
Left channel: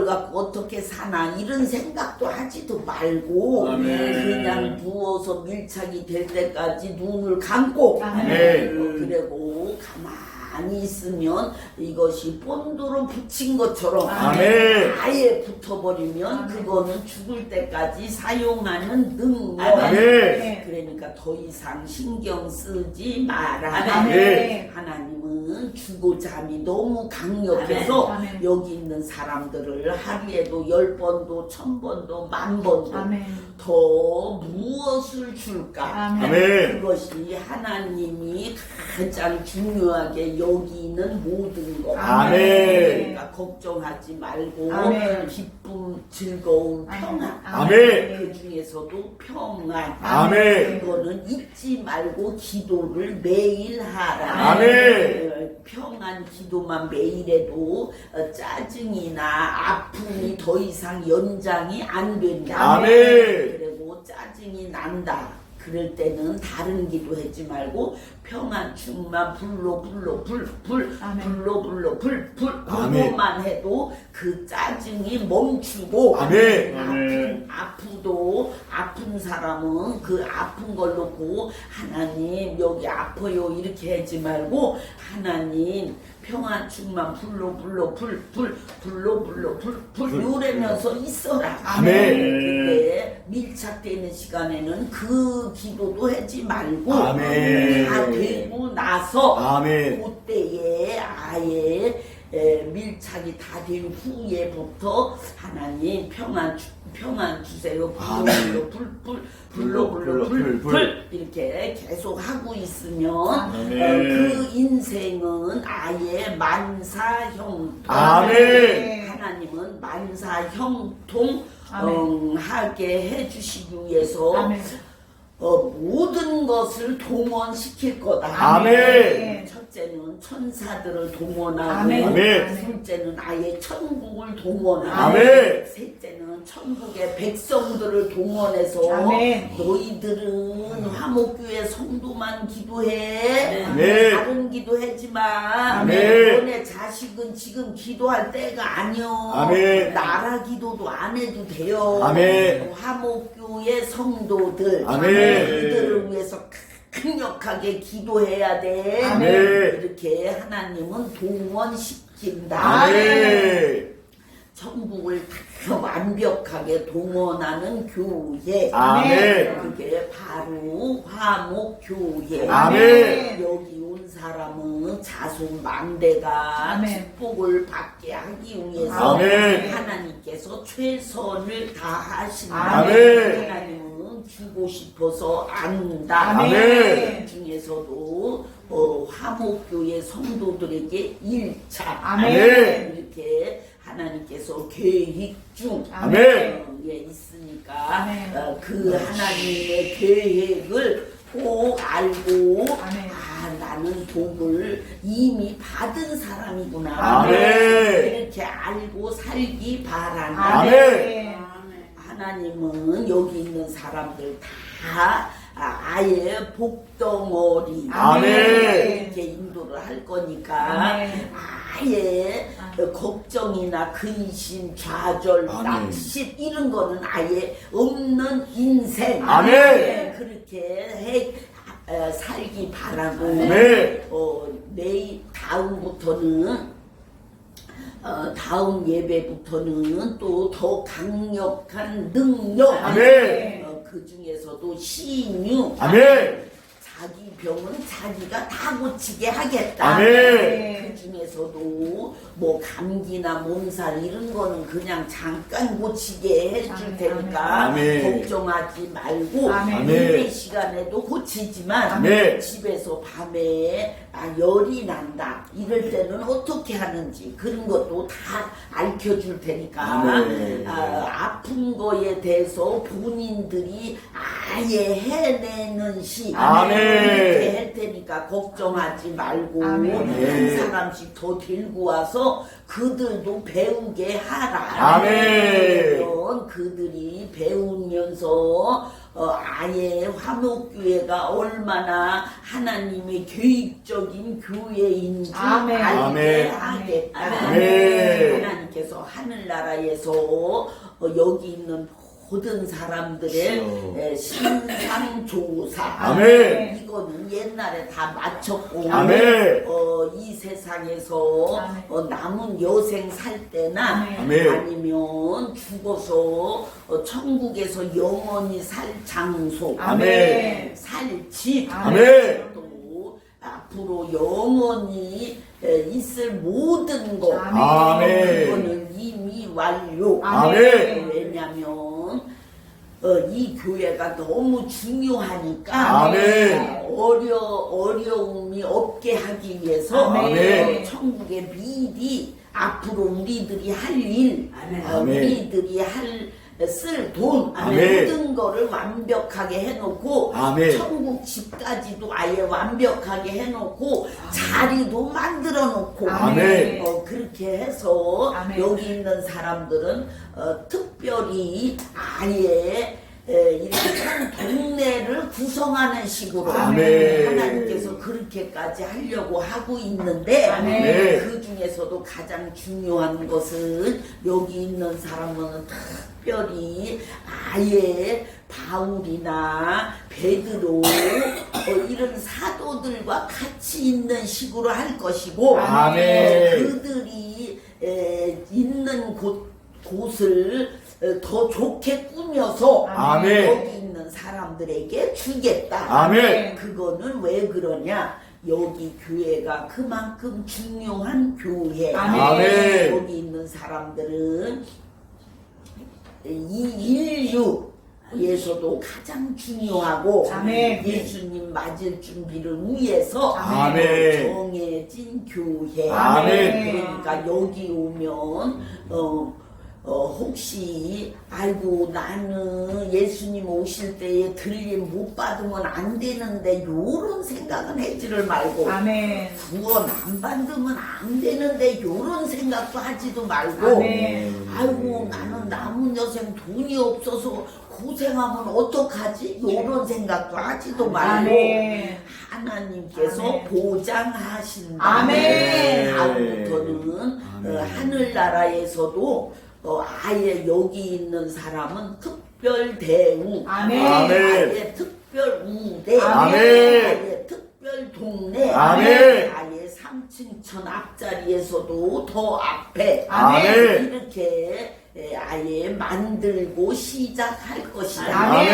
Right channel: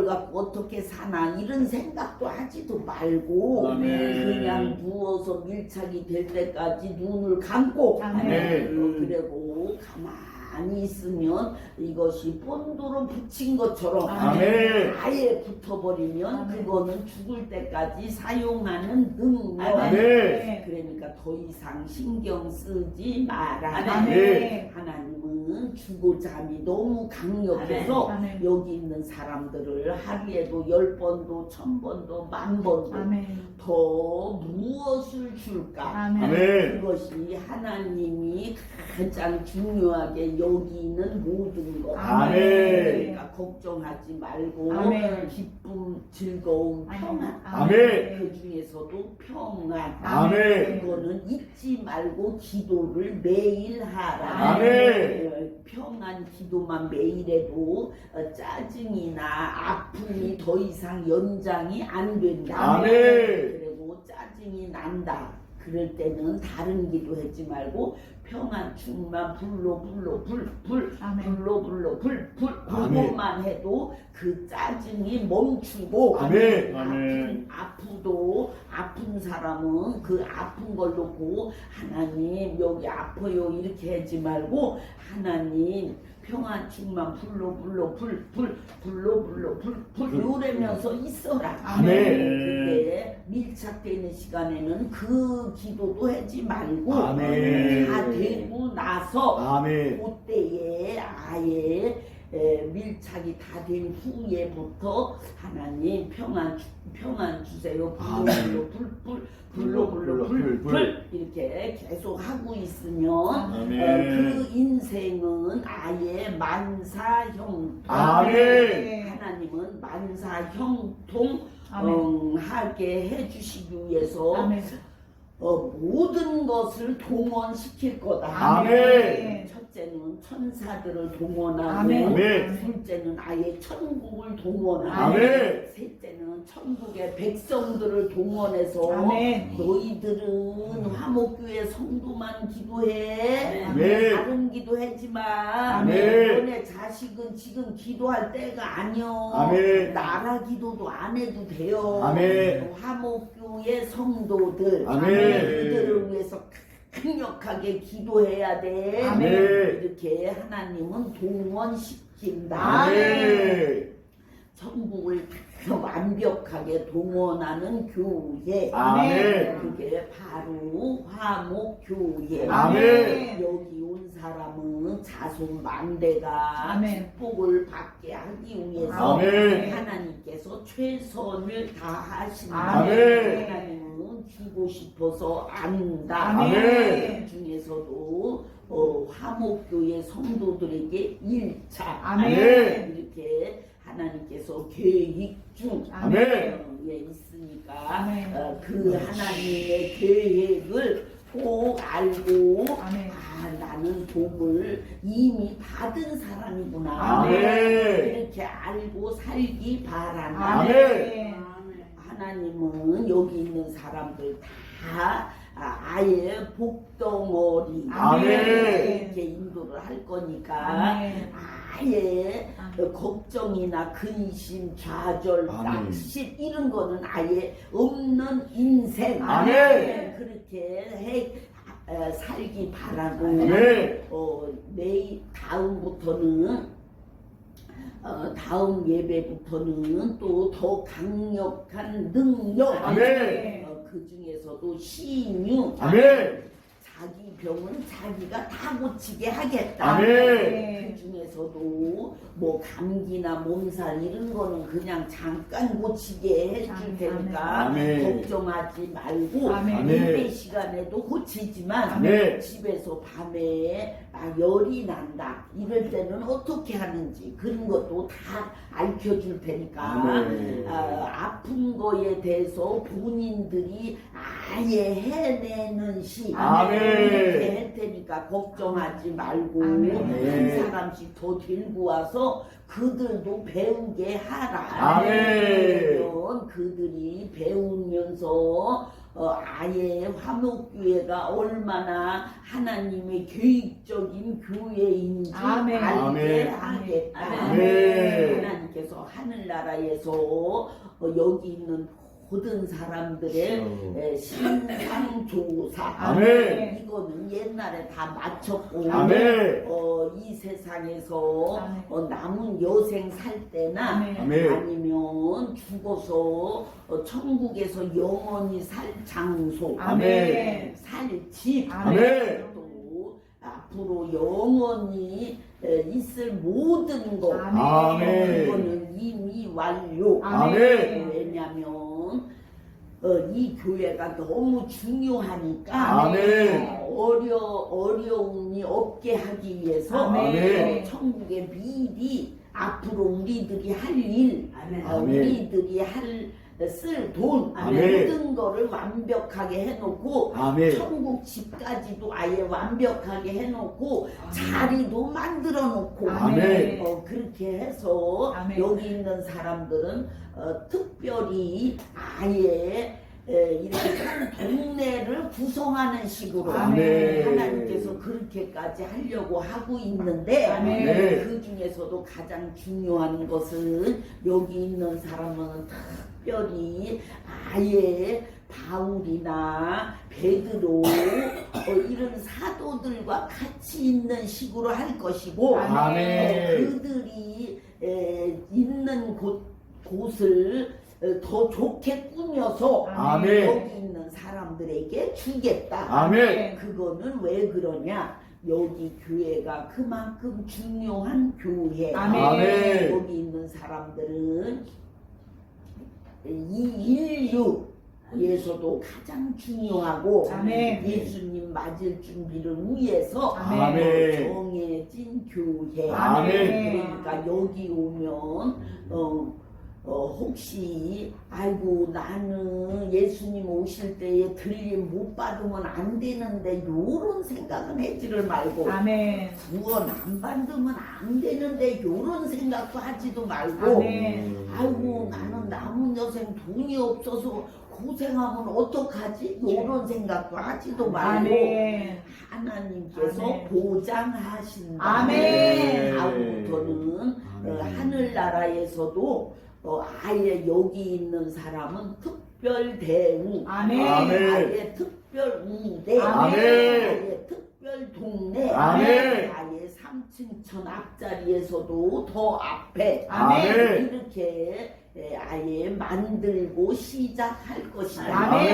갖고 어떻게 사나 이런 생각도 하지도 말고 아멘. 그냥 누워서 밀착이 될 때까지 눈을 감고 아멘. 그리고 가만히 있으면 이것이 본드로 붙인 것처럼 아멘. 아예 붙어버리면 아멘. 그거는 죽을 때까지 사용하는 능력. 아멘. 그러니까 더 이상 신경 쓰지 마라. 아멘. 하나님은 주고자함이 너무 강력해서 아멘. 여기 있는 사람들을 하루에도 10번도 1000번도 10,000번도 아멘. 더 무엇을 줄까? 아멘. 아멘. 그것이 하나님이 가장 중요하게 여기 있는 모든 것. 아멘. 그러니까 걱정하지 말고 아멘. 기쁨, 즐거움, 평안. 아멘. 그 중에서도 평안. 아멘. 그거는 잊지 말고 기도를 매일 하라. 아멘. 평안 기도만 매일 해도 짜증이나 아픔이 더 이상 연장이 안 된다. 아멘. 그리고 짜증이 난다. 그럴 때는 다른 기도하지 말고 평안 충만 불로 아멘. 그것만 해도 그 짜증이 멈추고 아멘. 아픈 사람은 그 아픈 걸 놓고 하나님 여기 아파요 이렇게 하지 말고 하나님 평안 충만 불로 이러면서 있어라. 아멘. 그때 밀착되는 시간에는 그 기도도 하지 말고 아멘. 다 되고 나서 아멘. 그때에 아예 밀착이 다 된 후에부터 하나님 평안 주세요. 불로 이렇게 계속 하고 있으면 그 인생은 아예 만사형통. 아멘. 하나님은 만사형통 아멘. 하게 해주시기 위해서 아멘. 모든 것을 동원시킬 거다. 아멘. 첫째는 천사들을 동원하고 아멘. 둘째는 아예 천국을 동원하고 아멘. 셋째는 천국의 백성들을 동원해서 아멘. 너희들은 화목교회 성도만 기도해. 아멘. 다른 기도하지 마. 아멘. 너네 자식은 지금 기도할 때가 아니여. 아멘. 나라 기도도 안 해도 돼요. 아멘. 화목교회 성도들 아멘. 그들을 위해서 강력하게 기도해야 돼. 아멘. 이렇게 하나님은 동원시킨다. 아멘. 천국을 다 완벽하게 동원하는 교회. 아멘. 그게 바로 화목교회. 아멘. 여기 온 사람은 자손 만대가 아멘. 축복을 받게 하기 위해서 아멘. 하나님께서 최선을 다하신다. 아멘. 하나님은 주고 싶어서 안다. 아멘. 그 중에서도 화목교회 성도들에게 1차 아멘. 이렇게 하나님께서 계획 중 아멘. 있으니까 아멘. 그 하나님의 계획을 꼭 알고 아멘. 나는 복을 이미 받은 사람이구나. 아멘. 이렇게 알고 살기 바란다. 아멘. 하나님은 여기 있는 사람들 다 아예 복덩어리 아멘. 이렇게 인도를 할 거니까 아멘. 아예 걱정이나 근심, 좌절, 아멘. 낙심 이런 거는 아예 없는 인생. 아멘. 그렇게 살기 바라고 아멘. 내일 다음부터는 다음 예배부터는 또 더 강력한 능력. 아멘. 그 중에서도 신유. 아멘. 자기 병은 자기가 다 고치게 하겠다. 아멘. 그 중에서도 뭐 감기나 몸살 이런 거는 그냥 잠깐 고치게 해줄 아멘. 테니까 아멘. 걱정하지 말고 아멘. 예배 시간에도 고치지만 아멘. 집에서 밤에 열이 난다 이럴 때는 어떻게 하는지 그런 것도 다 알려줄 테니까 아멘. 아픈 거에 대해서 본인들이 아예 해내는 시 아멘. 이렇게 할 테니까 걱정하지 말고 아멘. 한 사람씩 더 들고 와서 그들도 배우게 하라. 아멘. 그러면 그들이 배우면서 아예 화목교회가 얼마나 하나님의 계획적인 교회인지 아멘. 알게 아멘. 하겠다. 아멘. 하나님께서 하늘나라에서 여기 있는 모든 사람들의 신상조사. 아멘. 이거는 옛날에 다 마쳤고 아멘. 이 세상에서 남은 여생 살 때나 아멘. 아니면 죽어서 천국에서 영원히 살 장소, 아멘. 살 집, 아멘. 또 앞으로 영원히 있을 모든 것, 아멘. 그거는 이미 완료. 아멘. 왜냐면 이 교회가 너무 중요하니까 아멘. 어려움이 없게 하기 위해서 아멘. 천국에 미리 앞으로 우리들이 할 일, 우리들이 쓸 돈, 아멘. 모든 거를 완벽하게 해놓고 아멘. 천국 집까지도 아예 완벽하게 해놓고 자리도 만들어 놓고 아멘. 그렇게 해서 여기 있는 사람들은 특별히 아예 이렇게 한 동네를 구성하는 식으로 아멘. 하나님께서 그렇게까지 하려고 하고 있는데 아멘. 그 중에서도 가장 중요한 것은 여기 있는 사람은 특별히 아예 바울이나 베드로 이런 사도들과 같이 있는 식으로 할 것이고 아멘. 그들이 있는 곳을 더 좋게 꾸며서 아멘. 여기 있는 사람들에게 주겠다. 아멘. 그거는 왜 그러냐? 여기 교회가 그만큼 중요한 교회. 아멘. 여기 있는 사람들은 이 인류에서도 가장 중요하고 예수님 맞을 준비를 위해서 아멘. 정해진 교회. 아멘. 그러니까 여기 오면 혹시 아이고 나는 예수님 오실 때에 들림 못 받으면 안 되는데 요런 생각은 하지를 말고 구원 안 받으면 안 되는데 요런 생각도 하지도 말고 아이고 나는 남은 여생 돈이 없어서 고생하면 어떡하지? 요런 생각도 하지도 말고 하나님께서 보장하신다. 아멘. 다음부터는 하늘나라에서도 아예 여기 있는 사람은 특별 대우, 아예 특별 우대, 아예 특별 동네, 아멘. 아예 3층천 앞자리에서도 더 앞에 이렇게 아예 만들고 시작할 것이다.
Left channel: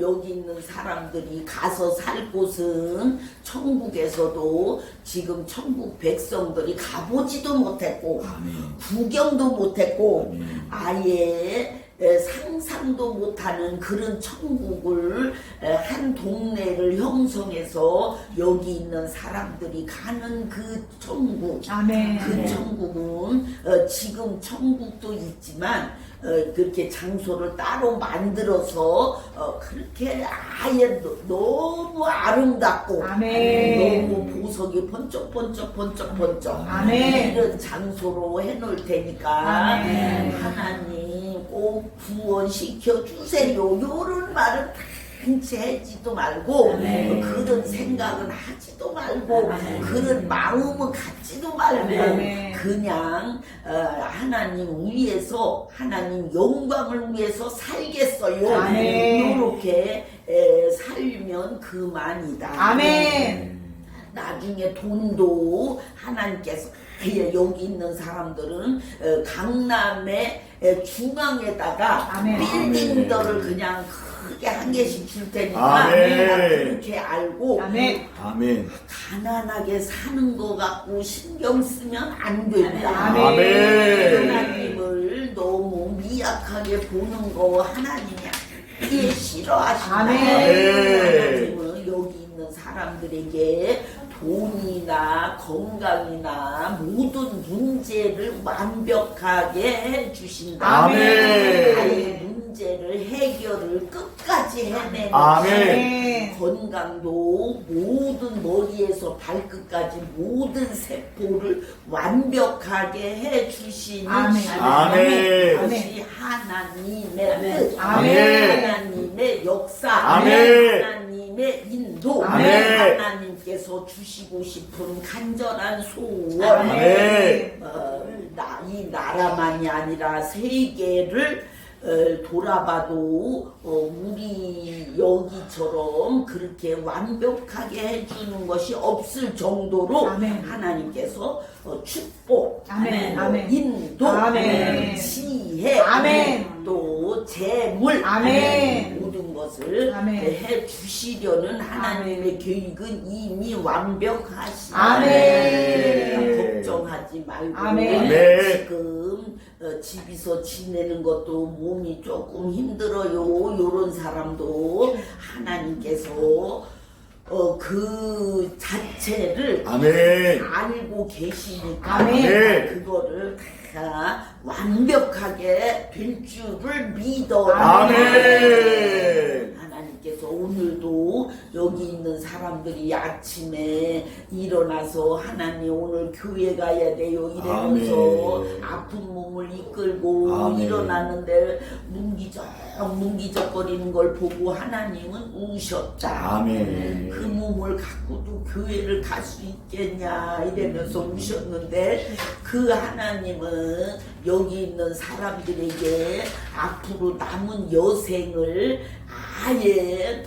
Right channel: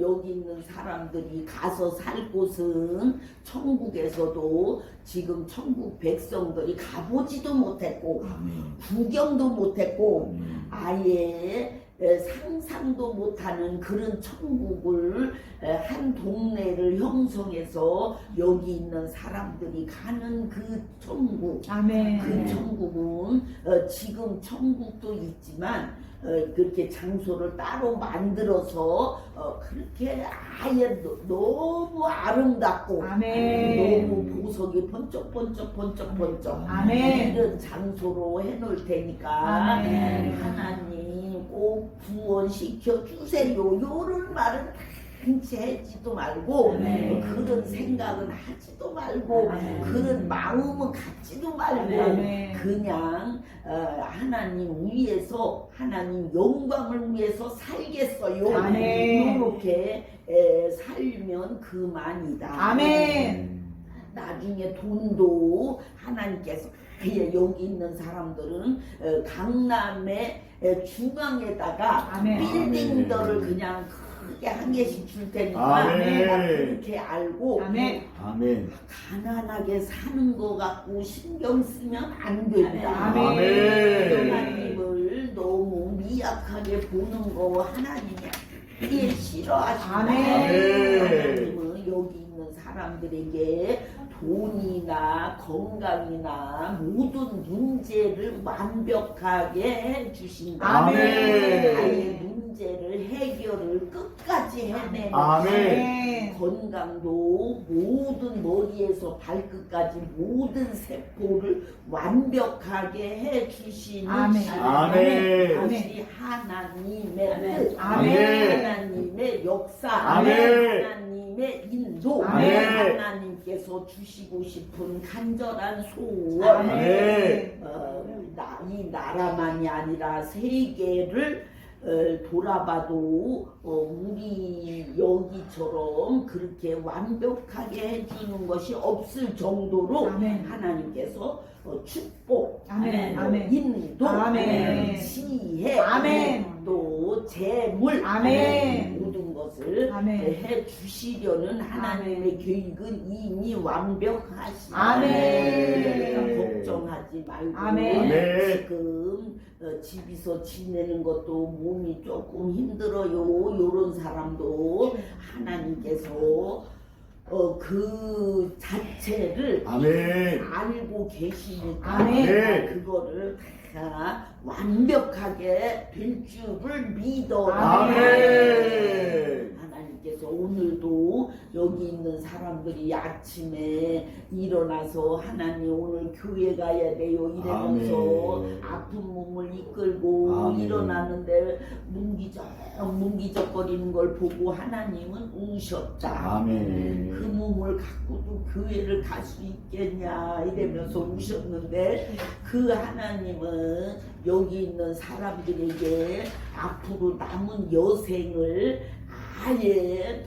여기 있는 사람들이 가서 살 곳은 천국에서도 지금 천국 백성들이 가보지도 못했고 구경도 못했고 아예 상상도 못하는 그런 천국을 한 동네를 형성해서 여기 있는 사람들이 가는 그 천국, 그 천국은 지금 천국도 있지만 그렇게 장소를 따로 만들어서 그렇게 아예 너무 아름답고 너무 보석이 번쩍번쩍 이런 장소로 해놓을 테니까 하나님 꼭 구원시켜 주세요. 요런 말은 해지도 말고 그런 생각은 하지도 말고 그런 마음은 갖지도 말고 그냥 하나님 위해서 하나님 영광을 위해서 살겠어요. 이렇게 살면 그만이다. 나중에 돈도 하나님께서 여기 있는 사람들은 강남의 중앙에다가 빌딩들을 그냥 크게 한 개씩 줄 테니까 그렇게 알고 가난하게 사는 거 갖고 신경 쓰면 안 된다. 하나님을 너무 미약하게 보는 거 하나님이 아예 싫어하신다. 하나님은 여기 있는 사람들에게 돈이나 건강이나 모든 문제를 완벽하게 해주신다. 아예 문제를 해결을 끝까지 해내는 건강도 모든 머리에서 발끝까지 모든 세포를 완벽하게 해주시는 것이 하나님의 뜻, 하나님의 역사, 하나님의 인도, 하나님께서 주시고 싶은 간절한 소원, 이 나라만이 아니라 세계를 돌아봐도 우리 여기처럼 그렇게 완벽하게 해주는 것이 없을 정도로 아멘. 하나님께서 축복, 아멘. 또 아멘. 인도, 아멘. 지혜, 아멘. 또 재물, 아멘. 모든 것을 아멘. 해 주시려는 하나님의 계획은 이미 완벽하시다. 아멘. 그러니까 걱정하지 말고 아멘. 지금 집에서 지내는 것도 몸이 조금 힘들어요. 이런 사람도 하나님께서 그 자체를 아멘. 알고 계시니까 아멘. 그거를 다 완벽하게 될 줄을 믿어라. 아멘. 하나님께서 오늘도 여기 있는 사람들이 아침에 일어나서 하나님 오늘 교회 가야 돼요 이러면서 아멘. 아픈 몸을 이끌고 아멘. 일어나는데 뭉기적거리는 걸 보고 하나님은 우셨다. 아멘. 그 몸을 갖고도 교회를 갈 수 있겠냐 이러면서 우셨는데 그 하나님은 여기 있는 사람들에게 앞으로 남은 여생을 아예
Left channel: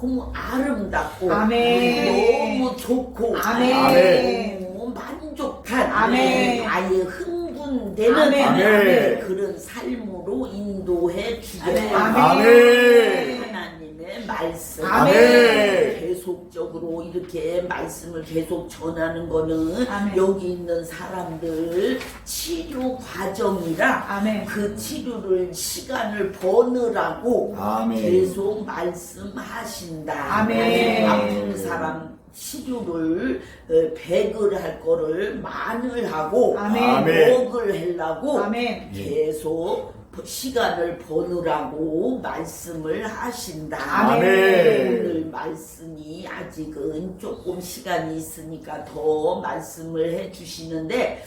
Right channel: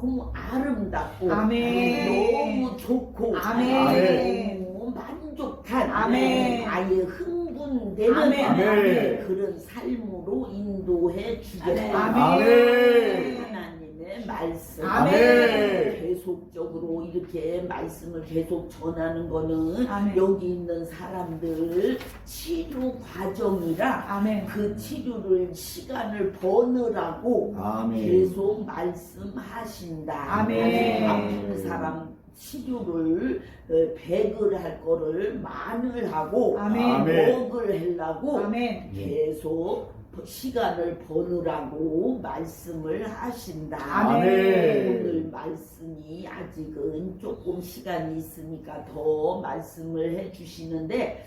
너무 아름답고 아멘. 너무 좋고 아멘. 너무 만족한 아멘. 아예 흥분되는 아멘. 그런 삶으로 인도해 주겠다. 아멘. 하나님의 말씀 아멘. 계속적으로 이렇게 말씀을 계속 전하는 거는 아멘. 여기 있는 사람들 치료 과정이라 아멘. 그 치료를 시간을 버느라고 아멘. 계속 말씀하신다. 아멘. 아픈 사람 치료를 100을 할 거를 만을 하고 아멘. 100을 하려고 아멘. 계속 시간을 버느라고 말씀을 하신다. 아멘. 오늘 말씀이 아직은 조금 시간이 있으니까 더 말씀을 해주시는데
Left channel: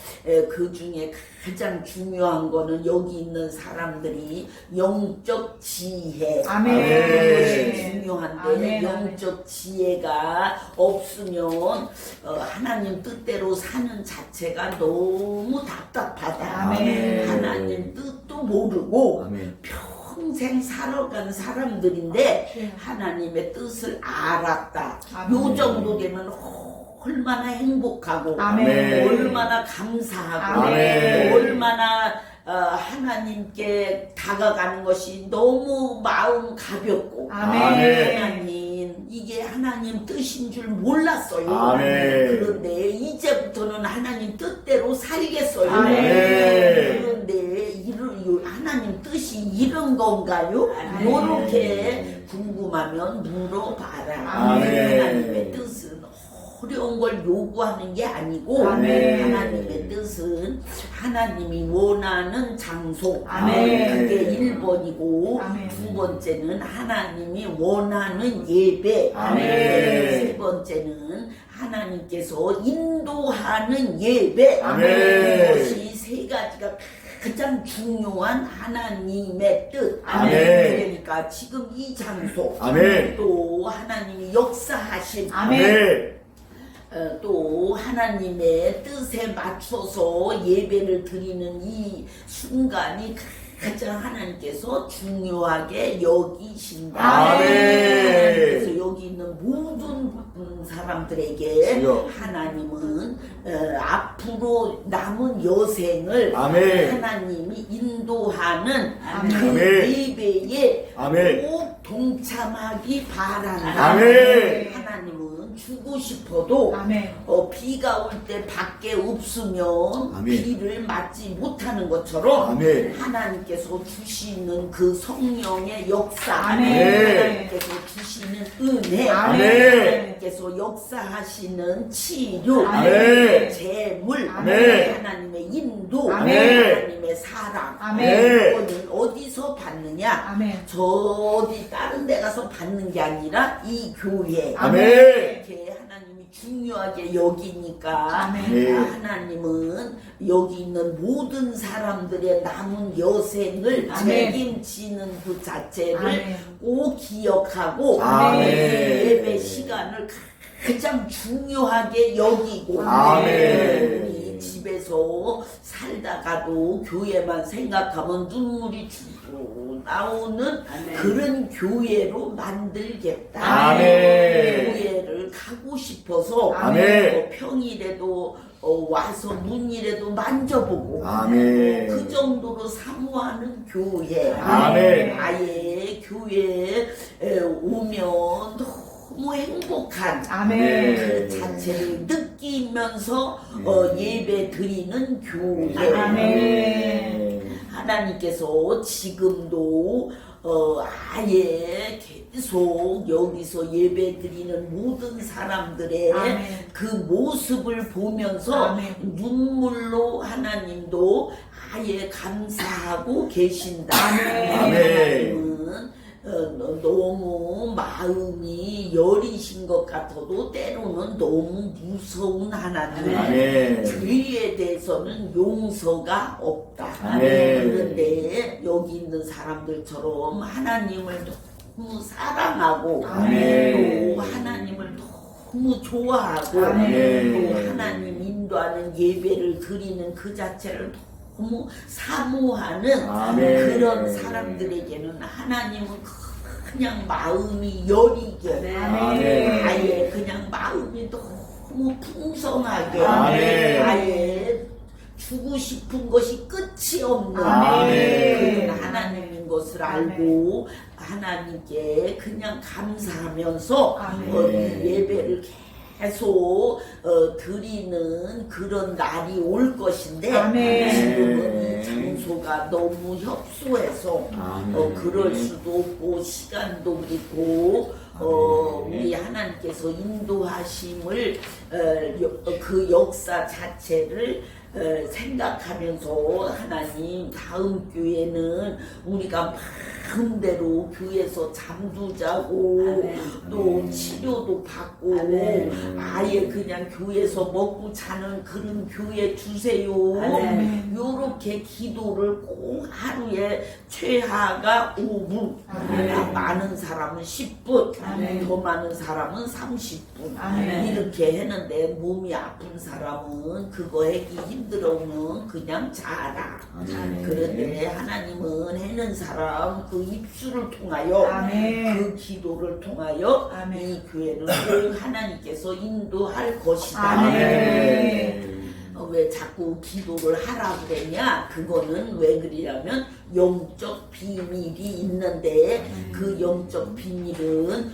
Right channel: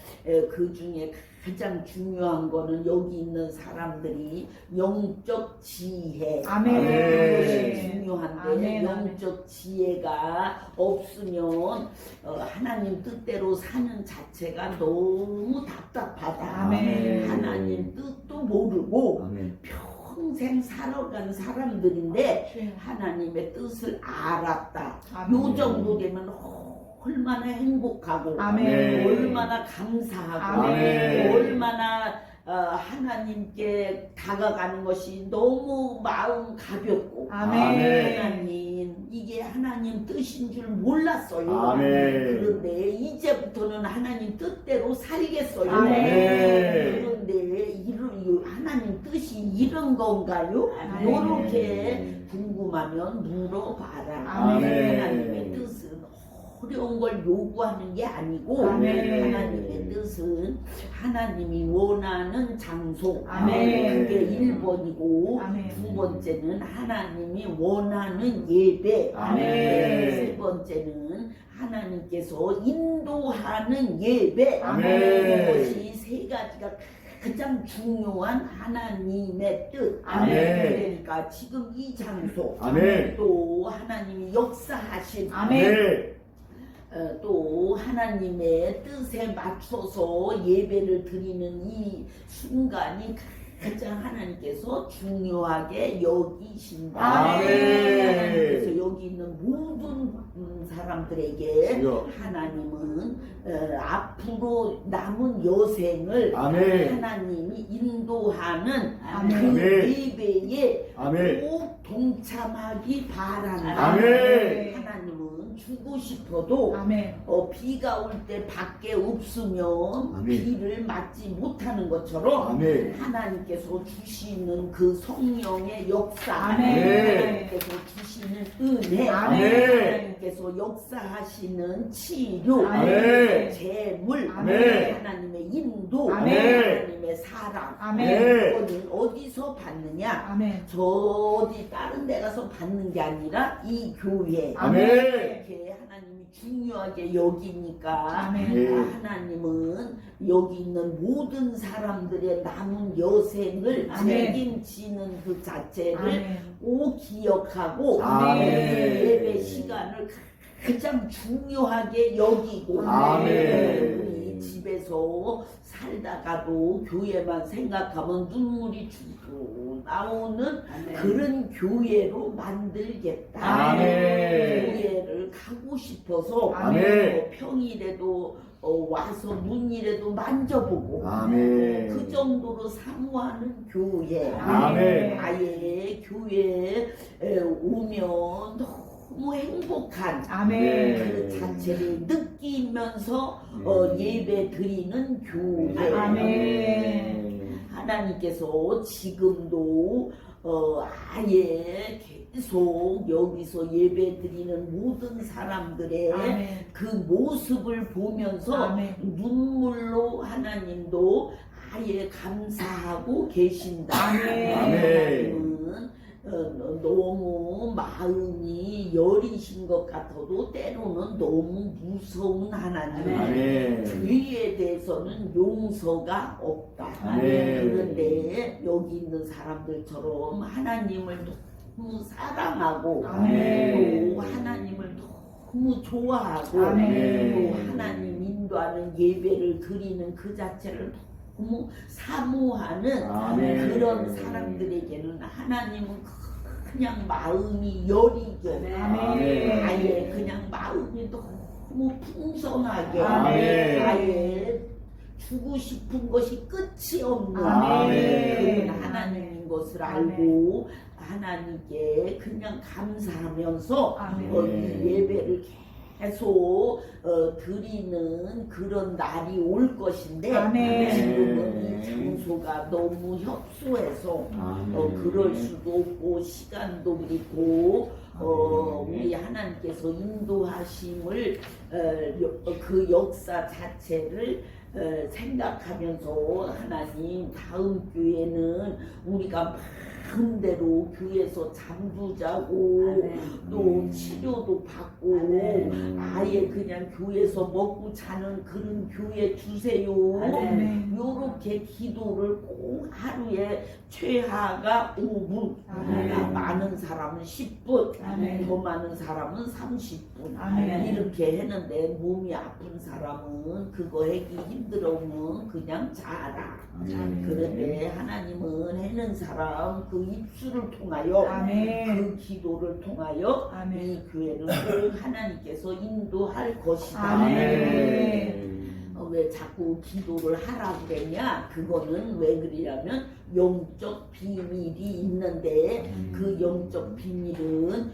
그 중에 가장 중요한 거는 여기 있는 사람들이 영적 지혜 아멘. 그것이 중요한데 아멘. 영적 지혜가 없으면 하나님 뜻대로 사는 자체가 너무 답답하다. 아멘. 하나님 뜻도 모르고 아멘. 평생 살아간 사람들인데 하나님의 뜻을 알았다. 아멘. 요 정도 되면 얼마나 행복하고 아멘. 얼마나 감사하고 아멘. 얼마나 하나님께 다가가는 것이 너무 마음 가볍고 아멘. 하나님 이게 하나님 뜻인 줄 몰랐어요. 아멘. 그런데 이제부터는 하나님 뜻대로 살겠어요. 아멘. 그런데 하나님 뜻이 이런 건가요? 아멘. 요렇게 궁금하면 물어봐라. 아멘. 하나님의 뜻은 어려운 걸 요구하는 게 아니고 아멘. 하나님의 뜻은 하나님이 원하는 장소 아멘. 그게 1번이고 아멘. 두 번째는 하나님이 원하는 예배 아멘. 세 번째는 하나님께서 인도하는 예배 아멘. 이것이 세 가지가 가장 중요한 하나님의 뜻. 아멘. 그러니까 지금 이 장소 아멘. 또 하나님이 역사하신 아멘. 또 하나님의 뜻에 맞춰서 예배를 드리는 이 순간이 가장 하나님께서 중요하게 여기신다. 아멘. 하나님께서 여기 있는 모든 사람들에게 주여. 하나님은 앞으로 남은 여생을 아멘. 하나님이 인도하는 아멘. 그 아멘. 예배에 아멘. 꼭 동참하기 바란다. 아멘. 하나님은 주고 싶어도 아멘. 비가 올 때 밖에 없으면 아멘. 비를 맞지 못하는 것처럼 아멘. 하나님께서 주시는 그 성령의 역사 아멘. 하나님께서 주시는 은혜 아멘. 하나님께서 역사하시는 치료 아멘. 재물 아멘. 하나님의 인도 아멘. 하나님의 사랑 아멘. 그거는 어디서 받느냐 아멘. 저 어디 다른 데 가서 받는 게 아니라 이 교회 아멘. 이렇게 하나님이 중요하게 여기니까 아멘. 하나님은 여기 있는 모든 사람들의 남은 여생을 아멘. 책임지는 그 자체를 아멘. 꼭 기억하고 아멘. 예배 시간을 가장 중요하게 여기고 아멘. 우리 집에서 살다가도 교회만 생각하면 눈물이 줄줄 나오는 그런 교회로 만들겠다. 아멘. 교회를 가고 싶어서 아멘. 평일에도 와서 문이라도 만져보고 아멘. 그 정도로 사모하는 교회. 아멘. 아예 교회에 오면 너무 행복한 아멘. 그 자체를 느끼면서 예배 드리는 교회. 아멘. 하나님께서 지금도 아예 계속 여기서 예배 드리는 모든 사람들의 아멘. 그 모습을 보면서 아멘. 눈물로 하나님도 아예 감사하고 계신다. 아멘. 하나님은 너무 마음이 여리신 것 같아도 때로는 너무 무서운 하나님. 아멘. 죄에 대해서는 용서가 없다. 아멘. 그런데 여기 있는 사람들처럼 하나님을 너무 사랑하고 아멘. 또 하나님을 너무 좋아하고 아멘. 또 하나님 인도하는 예배를 드리는 그 자체를 너무 사모하는 아멘. 그런 사람들에게는 하나님은 그냥 마음이 여리게 아멘. 아예 그냥 마음이 너무 풍성하게 아멘. 아예 주고 싶은 것이 끝이 없는 아멘. 그런 하나님인 것을 알고 하나님께 그냥 감사하면서 아멘. 이 예배를 계속 드리는 그런 날이 올 것인데 아멘. 지금은 이 장소가 너무 협소해서 그럴 수도 없고 시간도 그리고 우리 하나님께서 인도하심을 그 역사 자체를 생각하면서 하나님 다음 교회는 우리가 마음대로 교회에서 잠도 자고 또 치료도 받고 아예 그냥 교회에서 먹고 자는 그런 교회 주세요. 요렇게 기도를 꼭 하루에 최하가 5분 많은 사람은 10분 더 많은 사람은 30분 이렇게 했는데 몸이 아픈 사람은 그거 하기 힘들어오면 그냥 자라. 그런데 하나님은 해는 사람 그 입술을 통하여 그 기도를 통하여 이 교회는 꼭 하나님께서 인도할 것이다. 왜 자꾸 기도를 하라고 그랬냐? 그거는 왜 그러냐면 영적 비밀이 있는데 그 영적 비밀은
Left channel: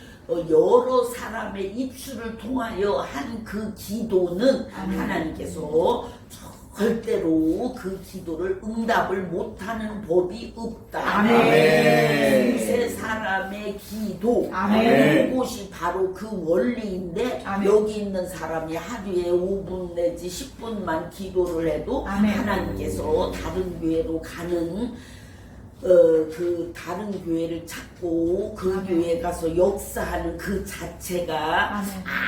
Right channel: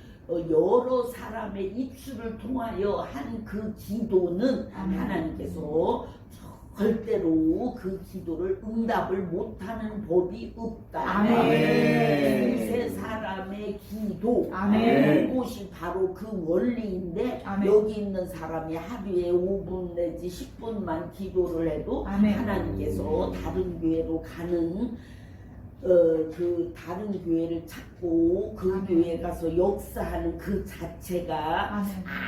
여러 사람의 입술을 통하여 한 그 기도는 하나님께서 절대로 그 기도를 응답을 못하는 법이 없다. 아멘. 두세 사람의 기도 아멘. 그것이 바로 그 원리인데 아멘. 여기 있는 사람이 하루에 5분 내지 10분만 기도를 해도 아멘. 하나님께서 다른 교회로 가는 그 다른 교회를 찾고 그 교회에 가서 역사하는 그 자체가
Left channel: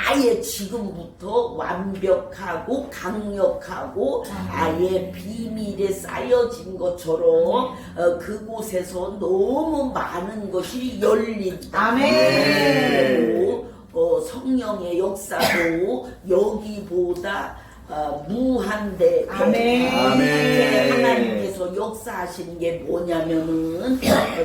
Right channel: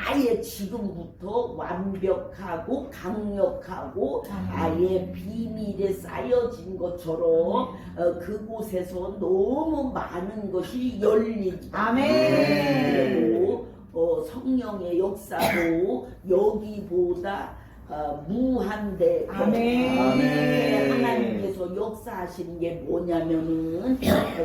아예 지금부터 완벽하고 강력하고 아예 비밀에 쌓여진 것처럼 그곳에서 너무 많은 것이 열린다. 그리고 성령의 역사도 여기보다 무한대 이렇게 하나님께서 역사하시는 게 뭐냐면은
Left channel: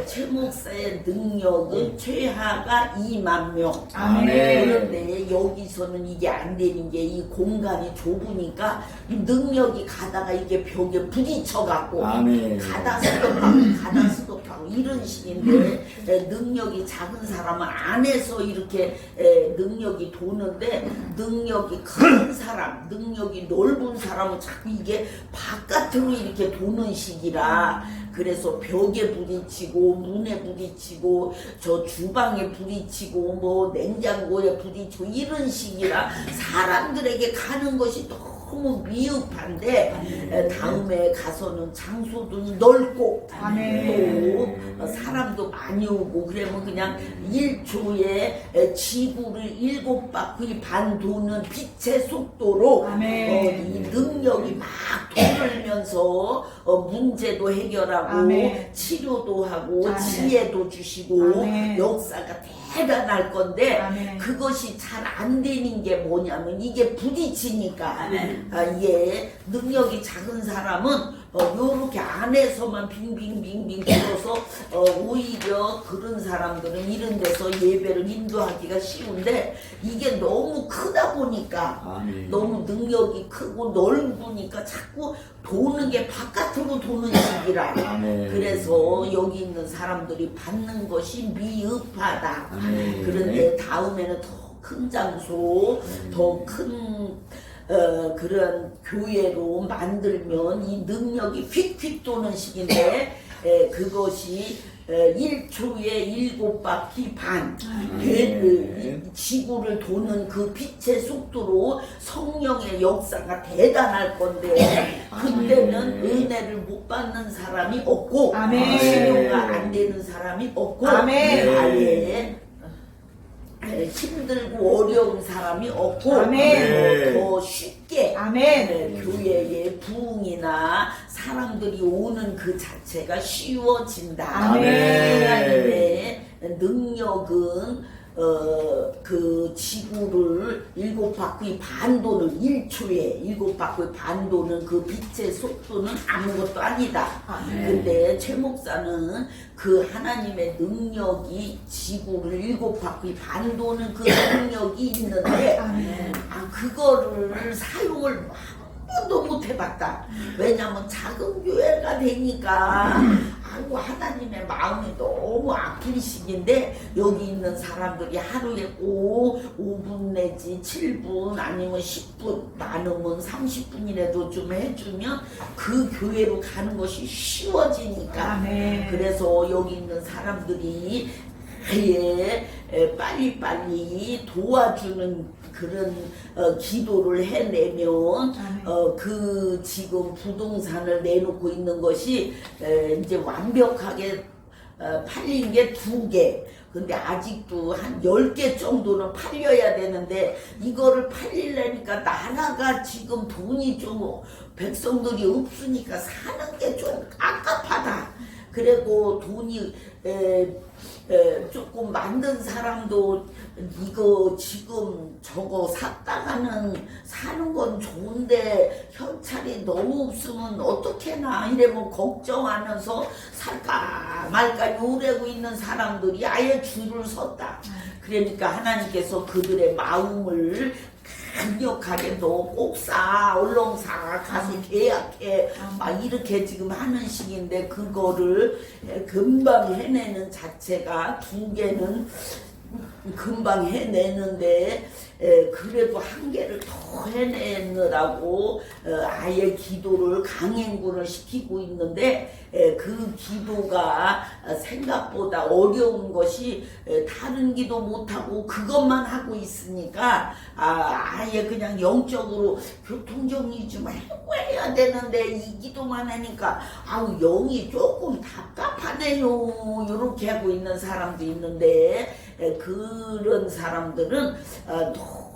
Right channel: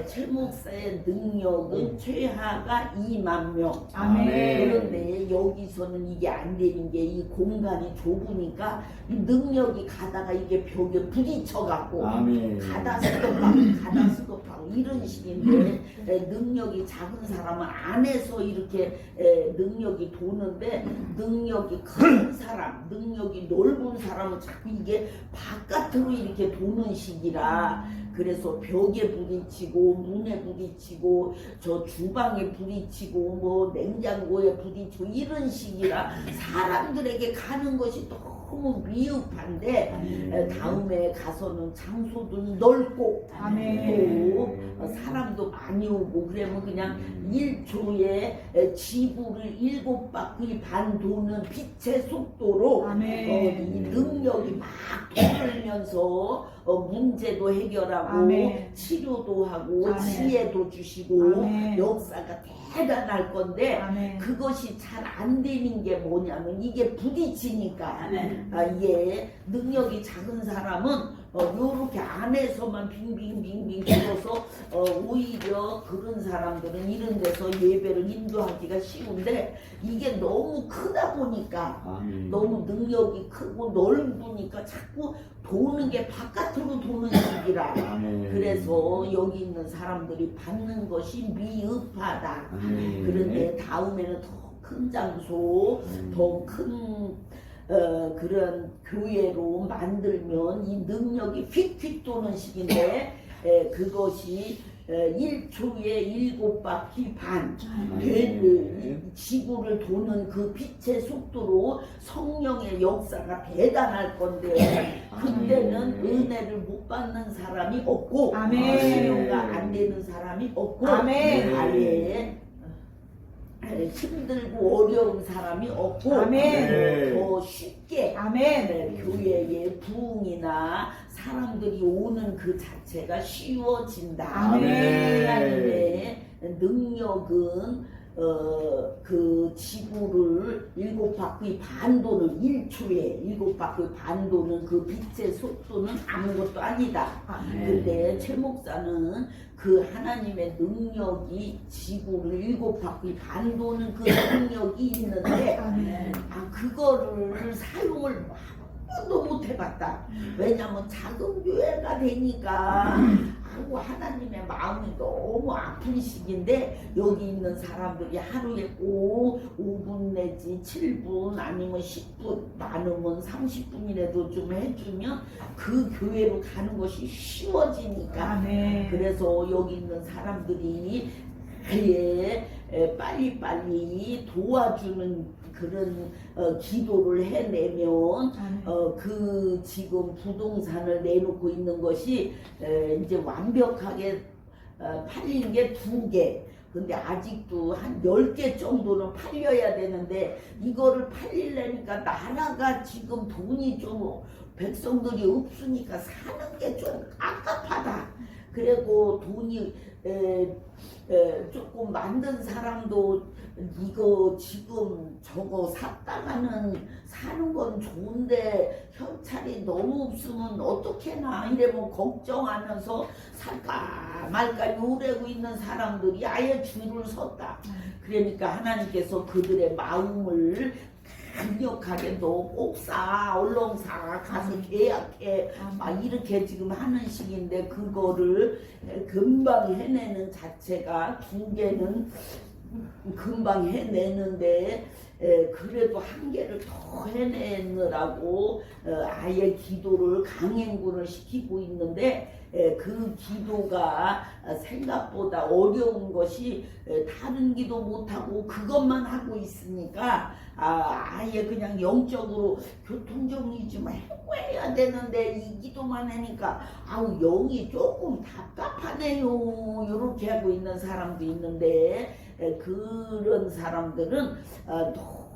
최 목사의 능력은 최하가 2만 명. 그런데 여기서는 이게 안 되는 게 이 공간이 좁으니까 이 능력이 가다가 이게 벽에 부딪혀 갖고 가다 스톱하고 이런 식인데 능력이 작은 사람은 안에서 이렇게 능력이 도는데 능력이 큰 사람 능력이 넓은 사람은 자꾸 이게 바깥으로 이렇게 도는 식이라 그래서 벽에 부딪히고 문에 부딪히고 저 주방에 부딪히고 뭐 냉장고에 부딪히고 이런 식이라 사람들에게 가는 것이 너무 미흡한데 다음에 가서는 장소도 넓고 또 사람도 많이 오고 그러면 그냥 1초에 지구를 7바퀴 반 도는 빛의 속도로 이 능력이 막 돌면서 문제도 해결하고 치료도 하고 지혜도 주시고 역사가 대단할 건데 그것이 잘 안 되는 게 뭐냐면 이게 부딪히니까 이게 능력이 작은 사람은 요렇게 안에서만 빙빙빙빙 돌아서 오히려 그런 사람들은 이런 데서 예배를 인도하기가 쉬운데 이게 너무 크다 보니까 아멘. 너무 능력이 크고 넓으니까 자꾸 도는 게 바깥으로 도는 식이라. 아멘. 그래서 여기 있는 사람들이 받는 것이 미흡하다. 아멘. 그런데 다음에는 더 큰 장소, 더 큰 그런 교회로 만들면 이 능력이 휙휙 도는 식인데 그것이 1초에 7바퀴 반 지구를 도는 그 빛의 속도로 성령의 역사가 대단할 건데 그때는 은혜를 못 받는 사람이 없고 아멘. 치료가 안 되는 사람이 없고 아멘. 아예 힘들고 어려운 사람이 없고 아멘. 더 쉽게 아멘. 교회의 부흥이나 사람들이 오는 그 자체가 쉬워진다. 아멘. 하나님의 능력은 그 지구를 7바퀴 반 도는 1초에 7바퀴 반 도는 그 빛의 속도는 아무것도 아니다. 아멘. 근데 최 목사는 그 하나님의 능력이 지구를 7바퀴 반 도는 그 능력이 있는데 아멘. 그거를 사용을 한 번도 못 해봤다. 왜냐면 작은 교회가 되니까 아이고 하나님의 마음이 너무 아픈 시기인데 여기 있는 사람들이 하루에 꼭 5분 내지 7분 아니면 10분 많으면 30분이라도 좀 해주면 그 교회로 가는 것이 쉬워지니까. 아멘. 그래서 여기 있는 사람들이 아예 빨리빨리 도와주는 그런 기도를 해내면 그 지금 부동산을 내놓고 있는 것이 이제 완벽하게 팔린 게 2개. 근데 아직도 한 10개 정도는 팔려야 되는데 이거를 팔리려니까 나라가 지금 돈이 좀 백성들이 없으니까 사는 게 좀 깝깝하다. 그리고 돈이 조금 만든 사람도 이거 지금 저거 샀다가는 사는 건 좋은데 현찰이 너무 없으면 어떡해나 이러면 걱정하면서 살까 말까 요래고 있는 사람들이 아예 줄을 섰다. 그러니까 하나님께서 그들의 마음을 강력하게 너 꼭 사, 얼렁 사, 가서 계약해 막 이렇게 지금 하는 시기인데 그거를 금방 해내는 자체가 2개는 금방 해내는데 그래도 1개를 더 해내느라고 아예 기도를 강행군을 시키고 있는데 그 기도가 생각보다 어려운 것이 다른 기도 못하고 그것만 하고 있으니까 아예 그냥 영적으로 교통정리 좀 해야 되는데 이 기도만 하니까 아우 영이 조금 답답하네요 이렇게 하고 있는 사람도 있는데 그런 사람들은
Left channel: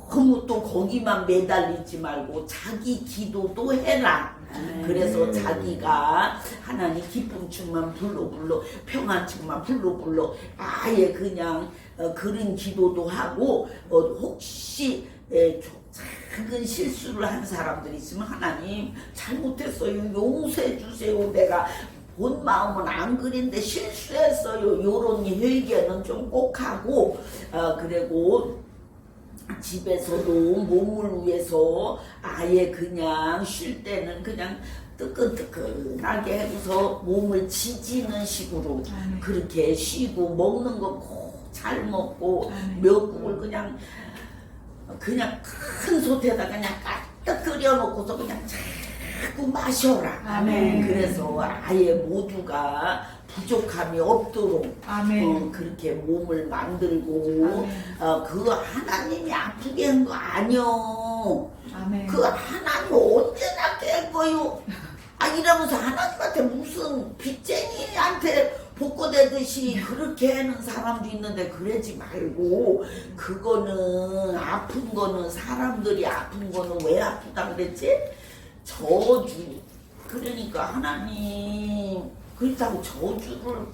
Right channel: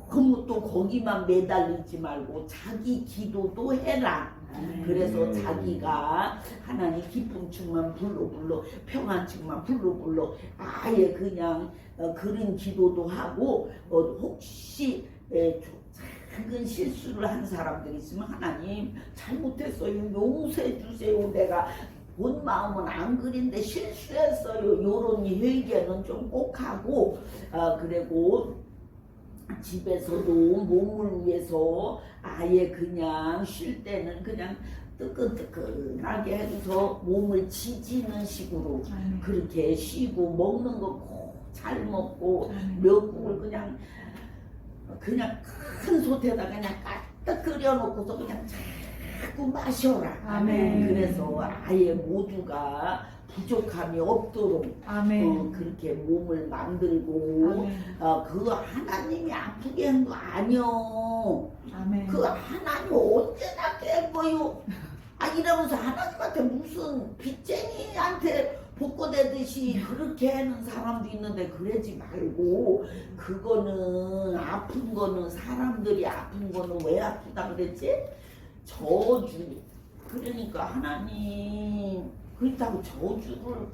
너무 또 거기만 매달리지 말고 자기 기도도 해라. 그래서 자기가 하나님 기쁨 충만 불러 평안 충만 불러 아예 그냥 그런 기도도 하고 혹시 작은 실수를 한 사람들이 있으면 하나님 잘못했어요 용서해 주세요 내가 본 마음은 안 그린데 실수했어요 요런 회개는 좀 꼭 하고 그리고 집에서도 몸을 위해서 아예 그냥 쉴 때는 그냥 뜨끈뜨끈하게 해서 몸을 지지는 식으로 그렇게 쉬고 먹는 거 꼭 잘 먹고 미역국을 그냥 큰 솥에다 그냥 가득 끓여놓고서 그냥 자꾸 마셔라. 아멘. 그래서 아예 모두가 부족함이 없도록 그렇게 몸을 만들고 그 하나님이 아프게 한 거 아니요. 아멘. 그 하나님 언제나 깬 거요. 이러면서 하나님한테 무슨 빚쟁이한테 복고되듯이 그렇게 하는 사람도 있는데 그러지 말고 그거는 아픈 거는 사람들이 아픈 거는 왜 아프다 그랬지? 저주. 그러니까 하나님 그렇다고 저주를